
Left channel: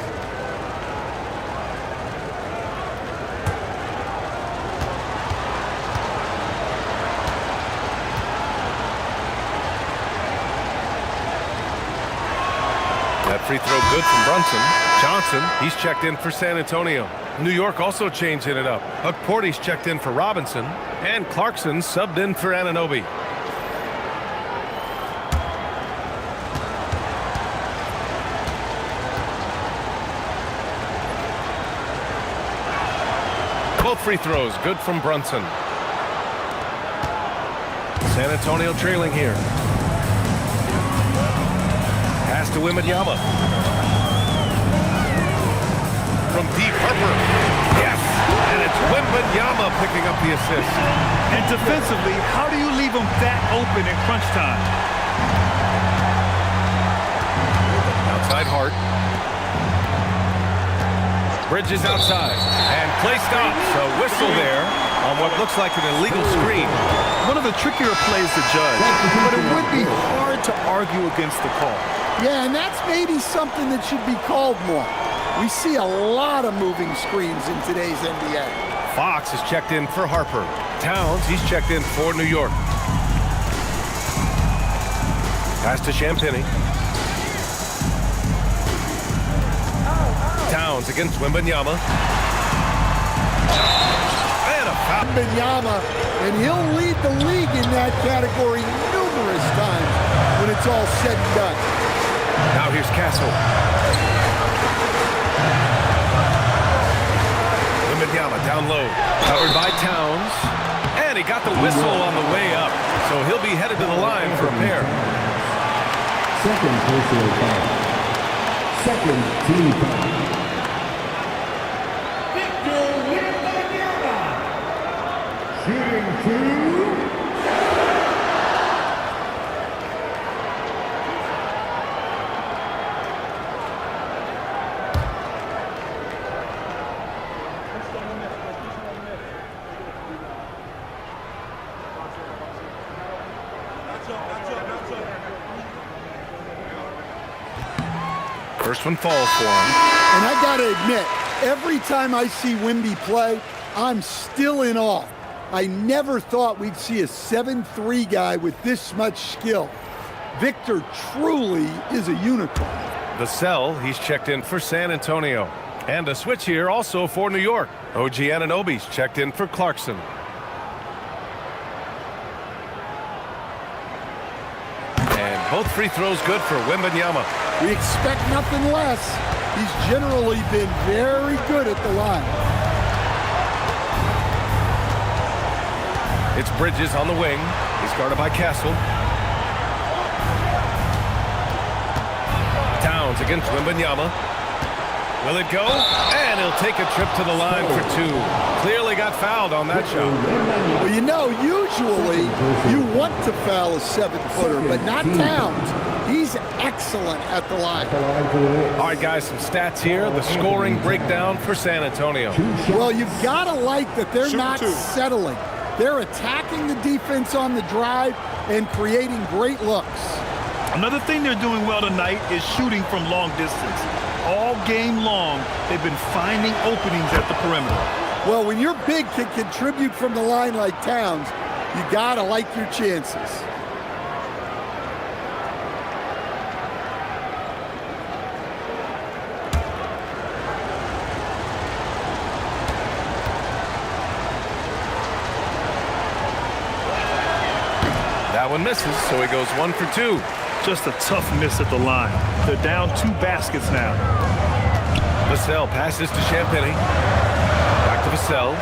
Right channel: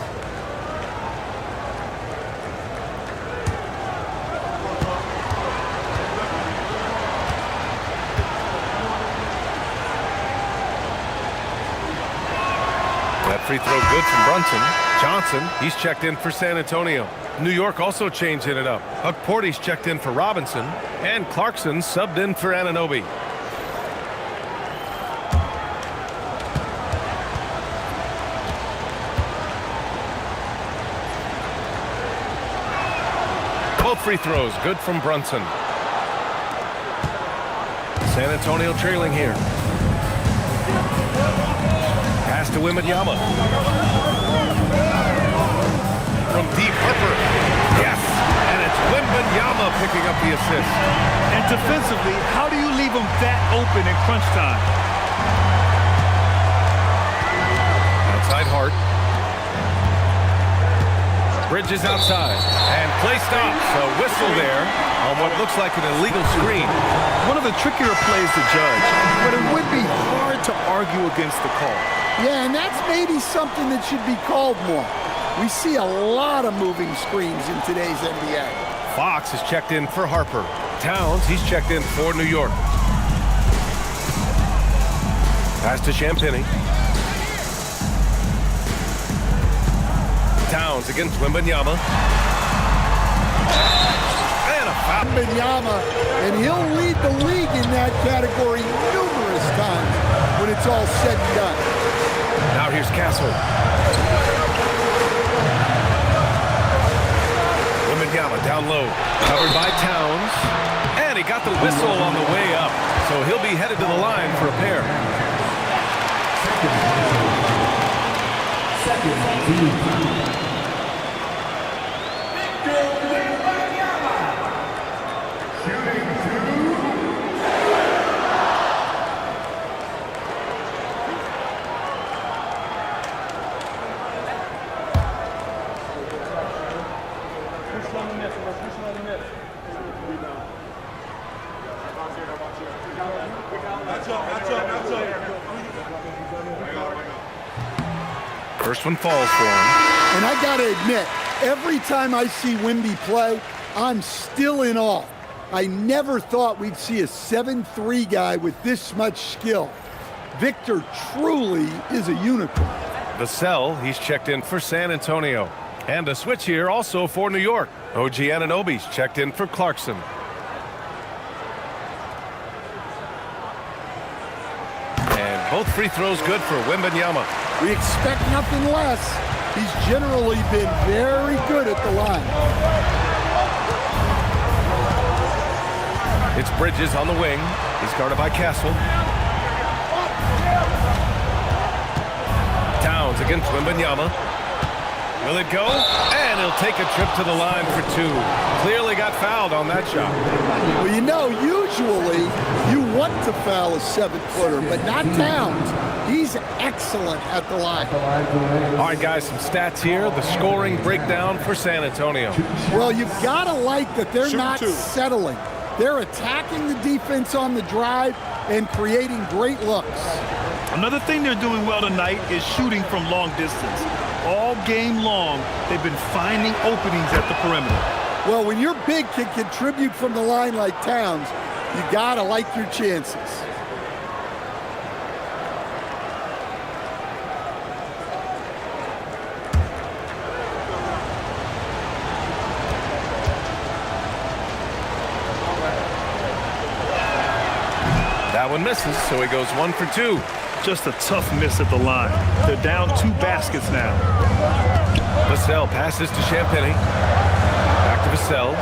That free throw good from Brunson. Johnson, he's checked in for San Antonio. New York also changing it up. Porty's checked in for Robinson. And Clarkson subbed in for Anunoby. Both free throws good from Brunson. San Antonio trailing here. Pass to Wembanyama. From deep, Harper. Yes! And it's Wembanyama picking up the assist. And defensively, how do you leave them that open in crunch time? Outside Hart. Bridges outside. And play stops. A whistle there on what looks like an illegal screen. One of the trickier plays to judge, but it would be hard to argue against the call. Yeah, and that's maybe something that should be called more. We see a lot of moving screens in today's NBA. Fox is checked in for Harper. Towns, he's checked in for New York. Pass to Champagnie. Towns against Wembanyama. And a foul. Wembanyama, and he'll lead the league in that category numerous times when it's all said and done. Now here's Castle. Wembanyama down low. Covered by Towns. And he got the whistle on the way up. So he'll be headed to the line for a pair. Second personal foul. Second team foul. Victor Wembanyama. Shooting 2. First one falls for him. And I got to admit, every time I see Wemby play, I'm still in awe. I never thought we'd see a 7'3" guy with this much skill. Victor truly is a unicorn. Vassell, he's checked in for San Antonio. And a switch here also for New York. OG Anunoby's checked in for Clarkson. And both free throws good for Wembanyama. We expect nothing less. He's generally been very good at the line. It's Bridges on the wing. He's guarded by Castle. Towns against Wembanyama. Will it go? And he'll take a trip to the line for 2. Clearly got fouled on that shot. Well, you know, usually you want to foul a 7-footer, but not Towns. He's excellent at the line. All right, guys, some stats here. The scoring breakdown for San Antonio. Well, you've got to like that they're not settling. They're attacking the defense on the drive and creating great looks. Another thing they're doing well tonight is shooting from long distance. All game long, they've been finding openings at the perimeter. Well, when your big can contribute from the line like Towns, you got to like your chances. That one misses, so he goes 1 for 2. Just a tough miss at the line. They're down 2 baskets now. Vassell passes to Champagny. Back to Vassell.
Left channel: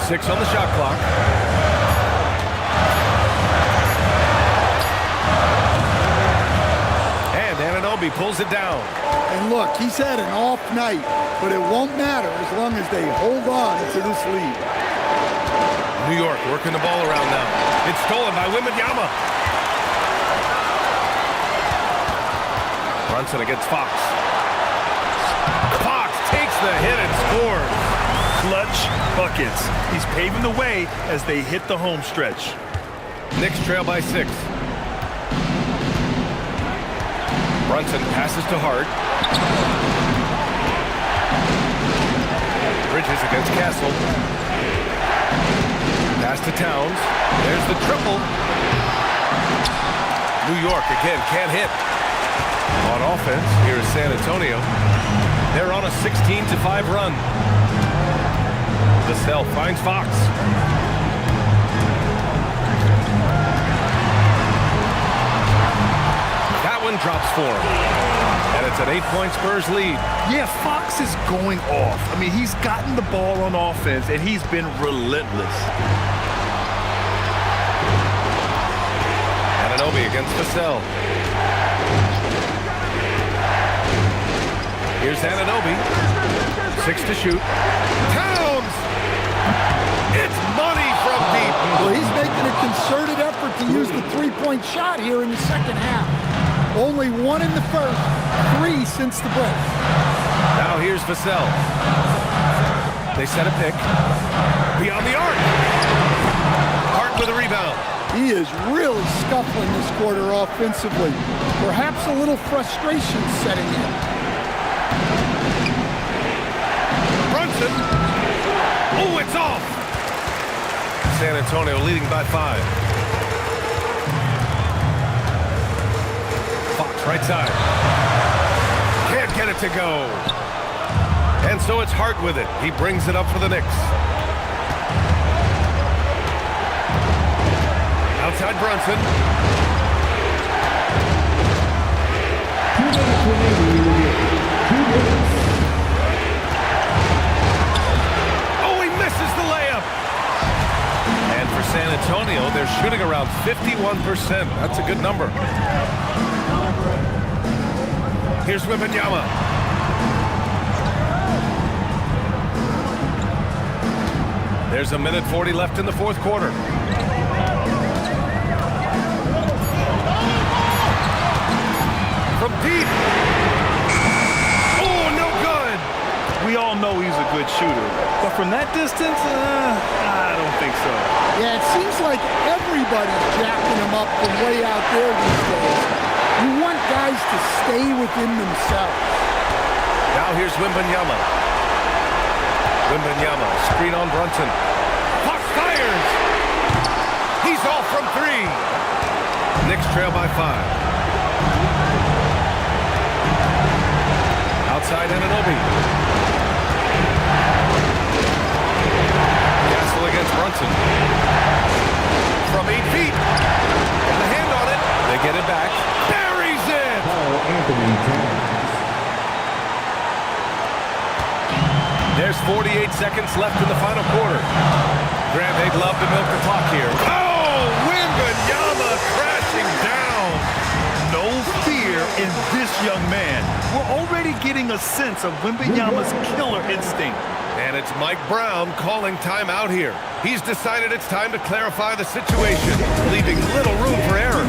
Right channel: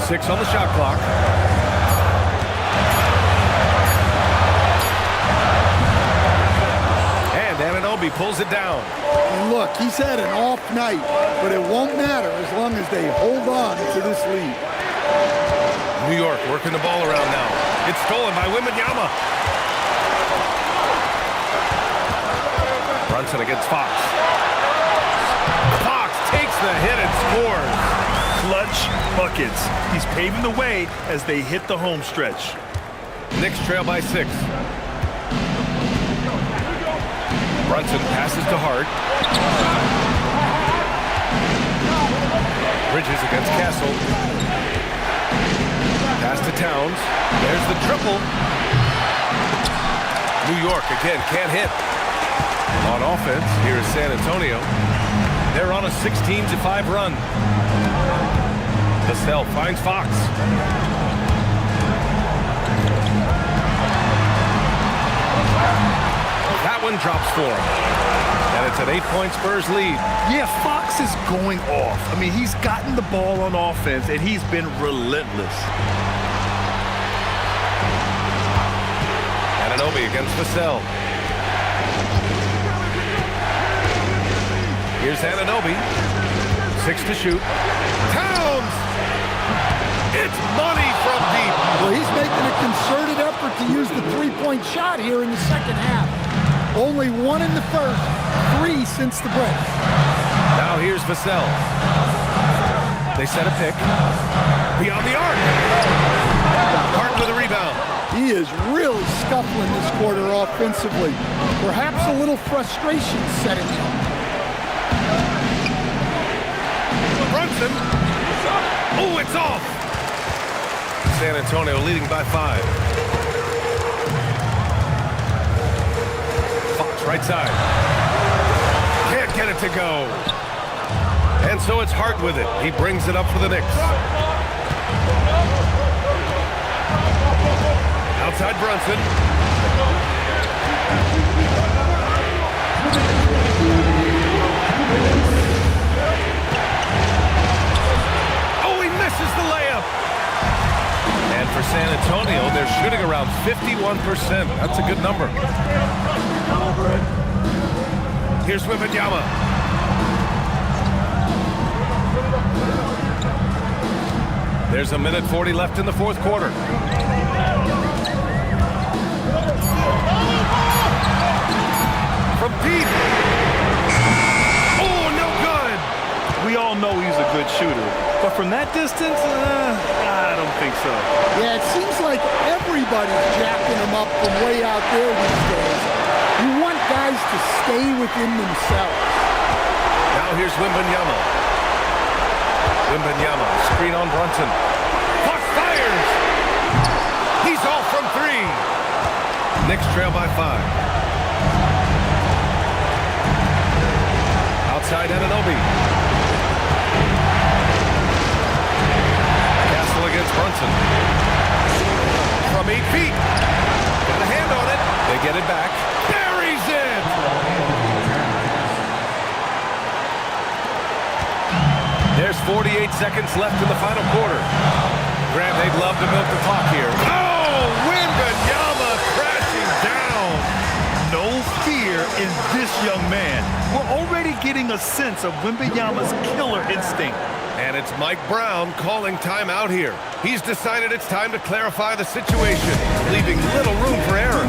Six on the shot clock. And Anunoby pulls it down. And look, he's had an off night, but it won't matter as long as they hold on to this lead. New York working the ball around now. It's stolen by Wembanyama. Brunson against Fox. Fox takes the hit and scores. Clutch buckets. He's paving the way as they hit the home stretch. Knicks trail by 6. Brunson passes to Hart. Bridges against Castle. Pass to Towns. There's the triple. New York again can't hit. On offense, here is San Antonio. They're on a 16-5 run. Vassell finds Fox. That one drops for him. And it's an 8-point Spurs lead. Yeah, Fox is going off. I mean, he's gotten the ball on offense, and he's been relentless. Anunoby against Vassell. Here's Anunoby. 6 to shoot. Towns! It's money from deep. Well, he's making a concerted effort to use the three-point shot here in the second half. Only 1 in the first, 3 since the break. Now here's Vassell. They set a pick. Beyond the arc. Hart with a rebound. He is really scuffling this quarter offensively. Perhaps a little frustration setting in. Brunson. Oh, it's off. San Antonio leading by 5. Fox right side. Can't get it to go. And so it's Hart with it. He brings it up for the Knicks. Outside Brunson. Oh, he misses the layup. And for San Antonio, they're shooting around 51%. That's a good number. Here's Wembanyama. There's a minute 40 left in the fourth quarter. From deep. Oh, no good. We all know he's a good shooter, but from that distance, I don't think so. Yeah, it seems like everybody's jacking him up from way out there these days. You want guys to stay within themselves. Now here's Wembanyama. Wembanyama, screen on Brunson. Fox fires! He's off from 3. Knicks trail by 5. Outside Anunoby. Castle against Brunson. From 8 feet. Got a hand on it. They get it back. Buries it! There's 48 seconds left in the final quarter. Grant, they'd love to milk the clock here. Oh, Wembanyama crashing down. No fear in this young man. We're already getting a sense of Wembanyama's killer instinct. And it's Mike Brown calling timeout here. He's decided it's time to clarify the situation, leaving little room for error.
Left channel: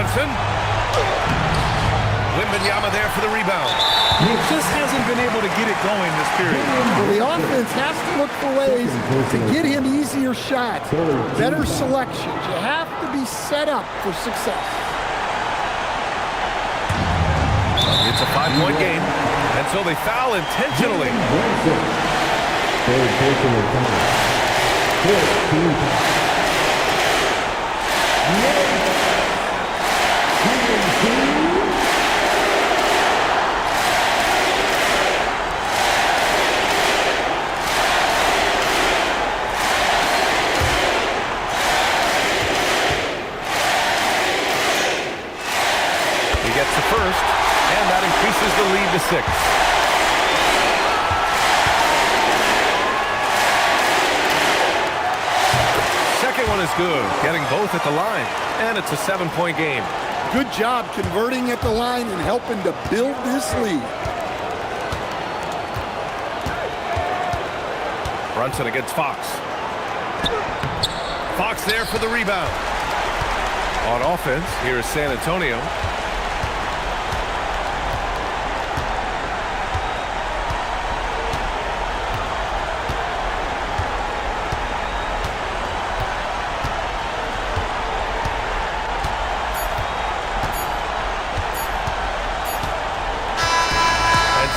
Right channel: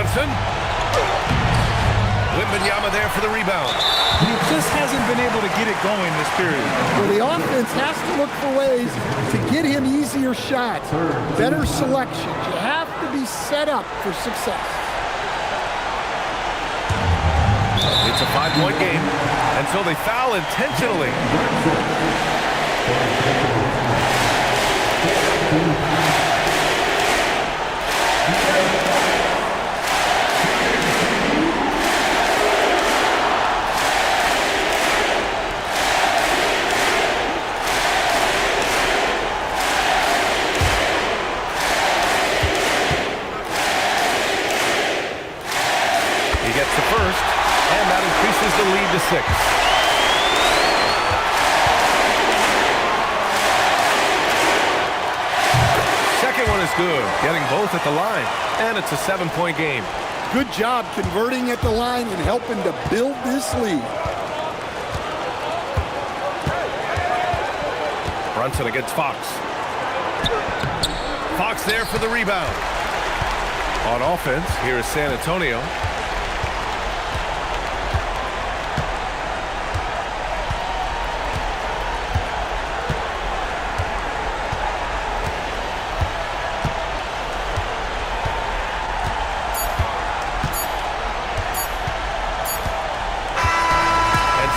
Brunson. Wembanyama there for the rebound. He just hasn't been able to get it going this period. Well, the offense has to look for ways to get him easier shots, better selections. You have to be set up for success. It's a 5-point game, and so they foul intentionally. He gets the first, and that increases the lead to 6. Second one is good, getting both at the line, and it's a 7-point game. Good job converting at the line and helping to build this lead. Brunson against Fox. Fox there for the rebound. On offense, here is San Antonio.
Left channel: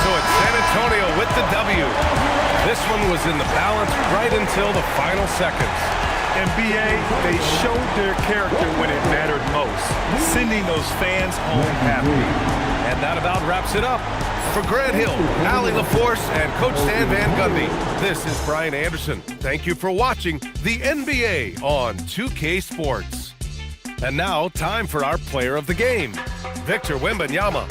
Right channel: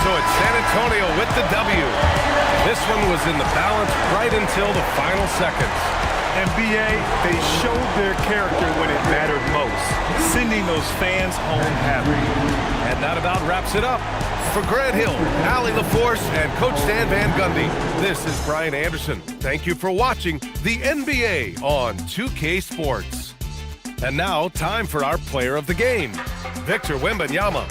So it's San Antonio with the W. This one was in the balance right until the final seconds. And B.A., they showed their character when it mattered most, sending those fans home happy. And that about wraps it up. For Grant Hill, Allie LaForce, and Coach Stan Van Gundy, this is Brian Anderson. Thank you for watching the NBA on 2K Sports. And now, time for our player of the game, Victor Wembanyama.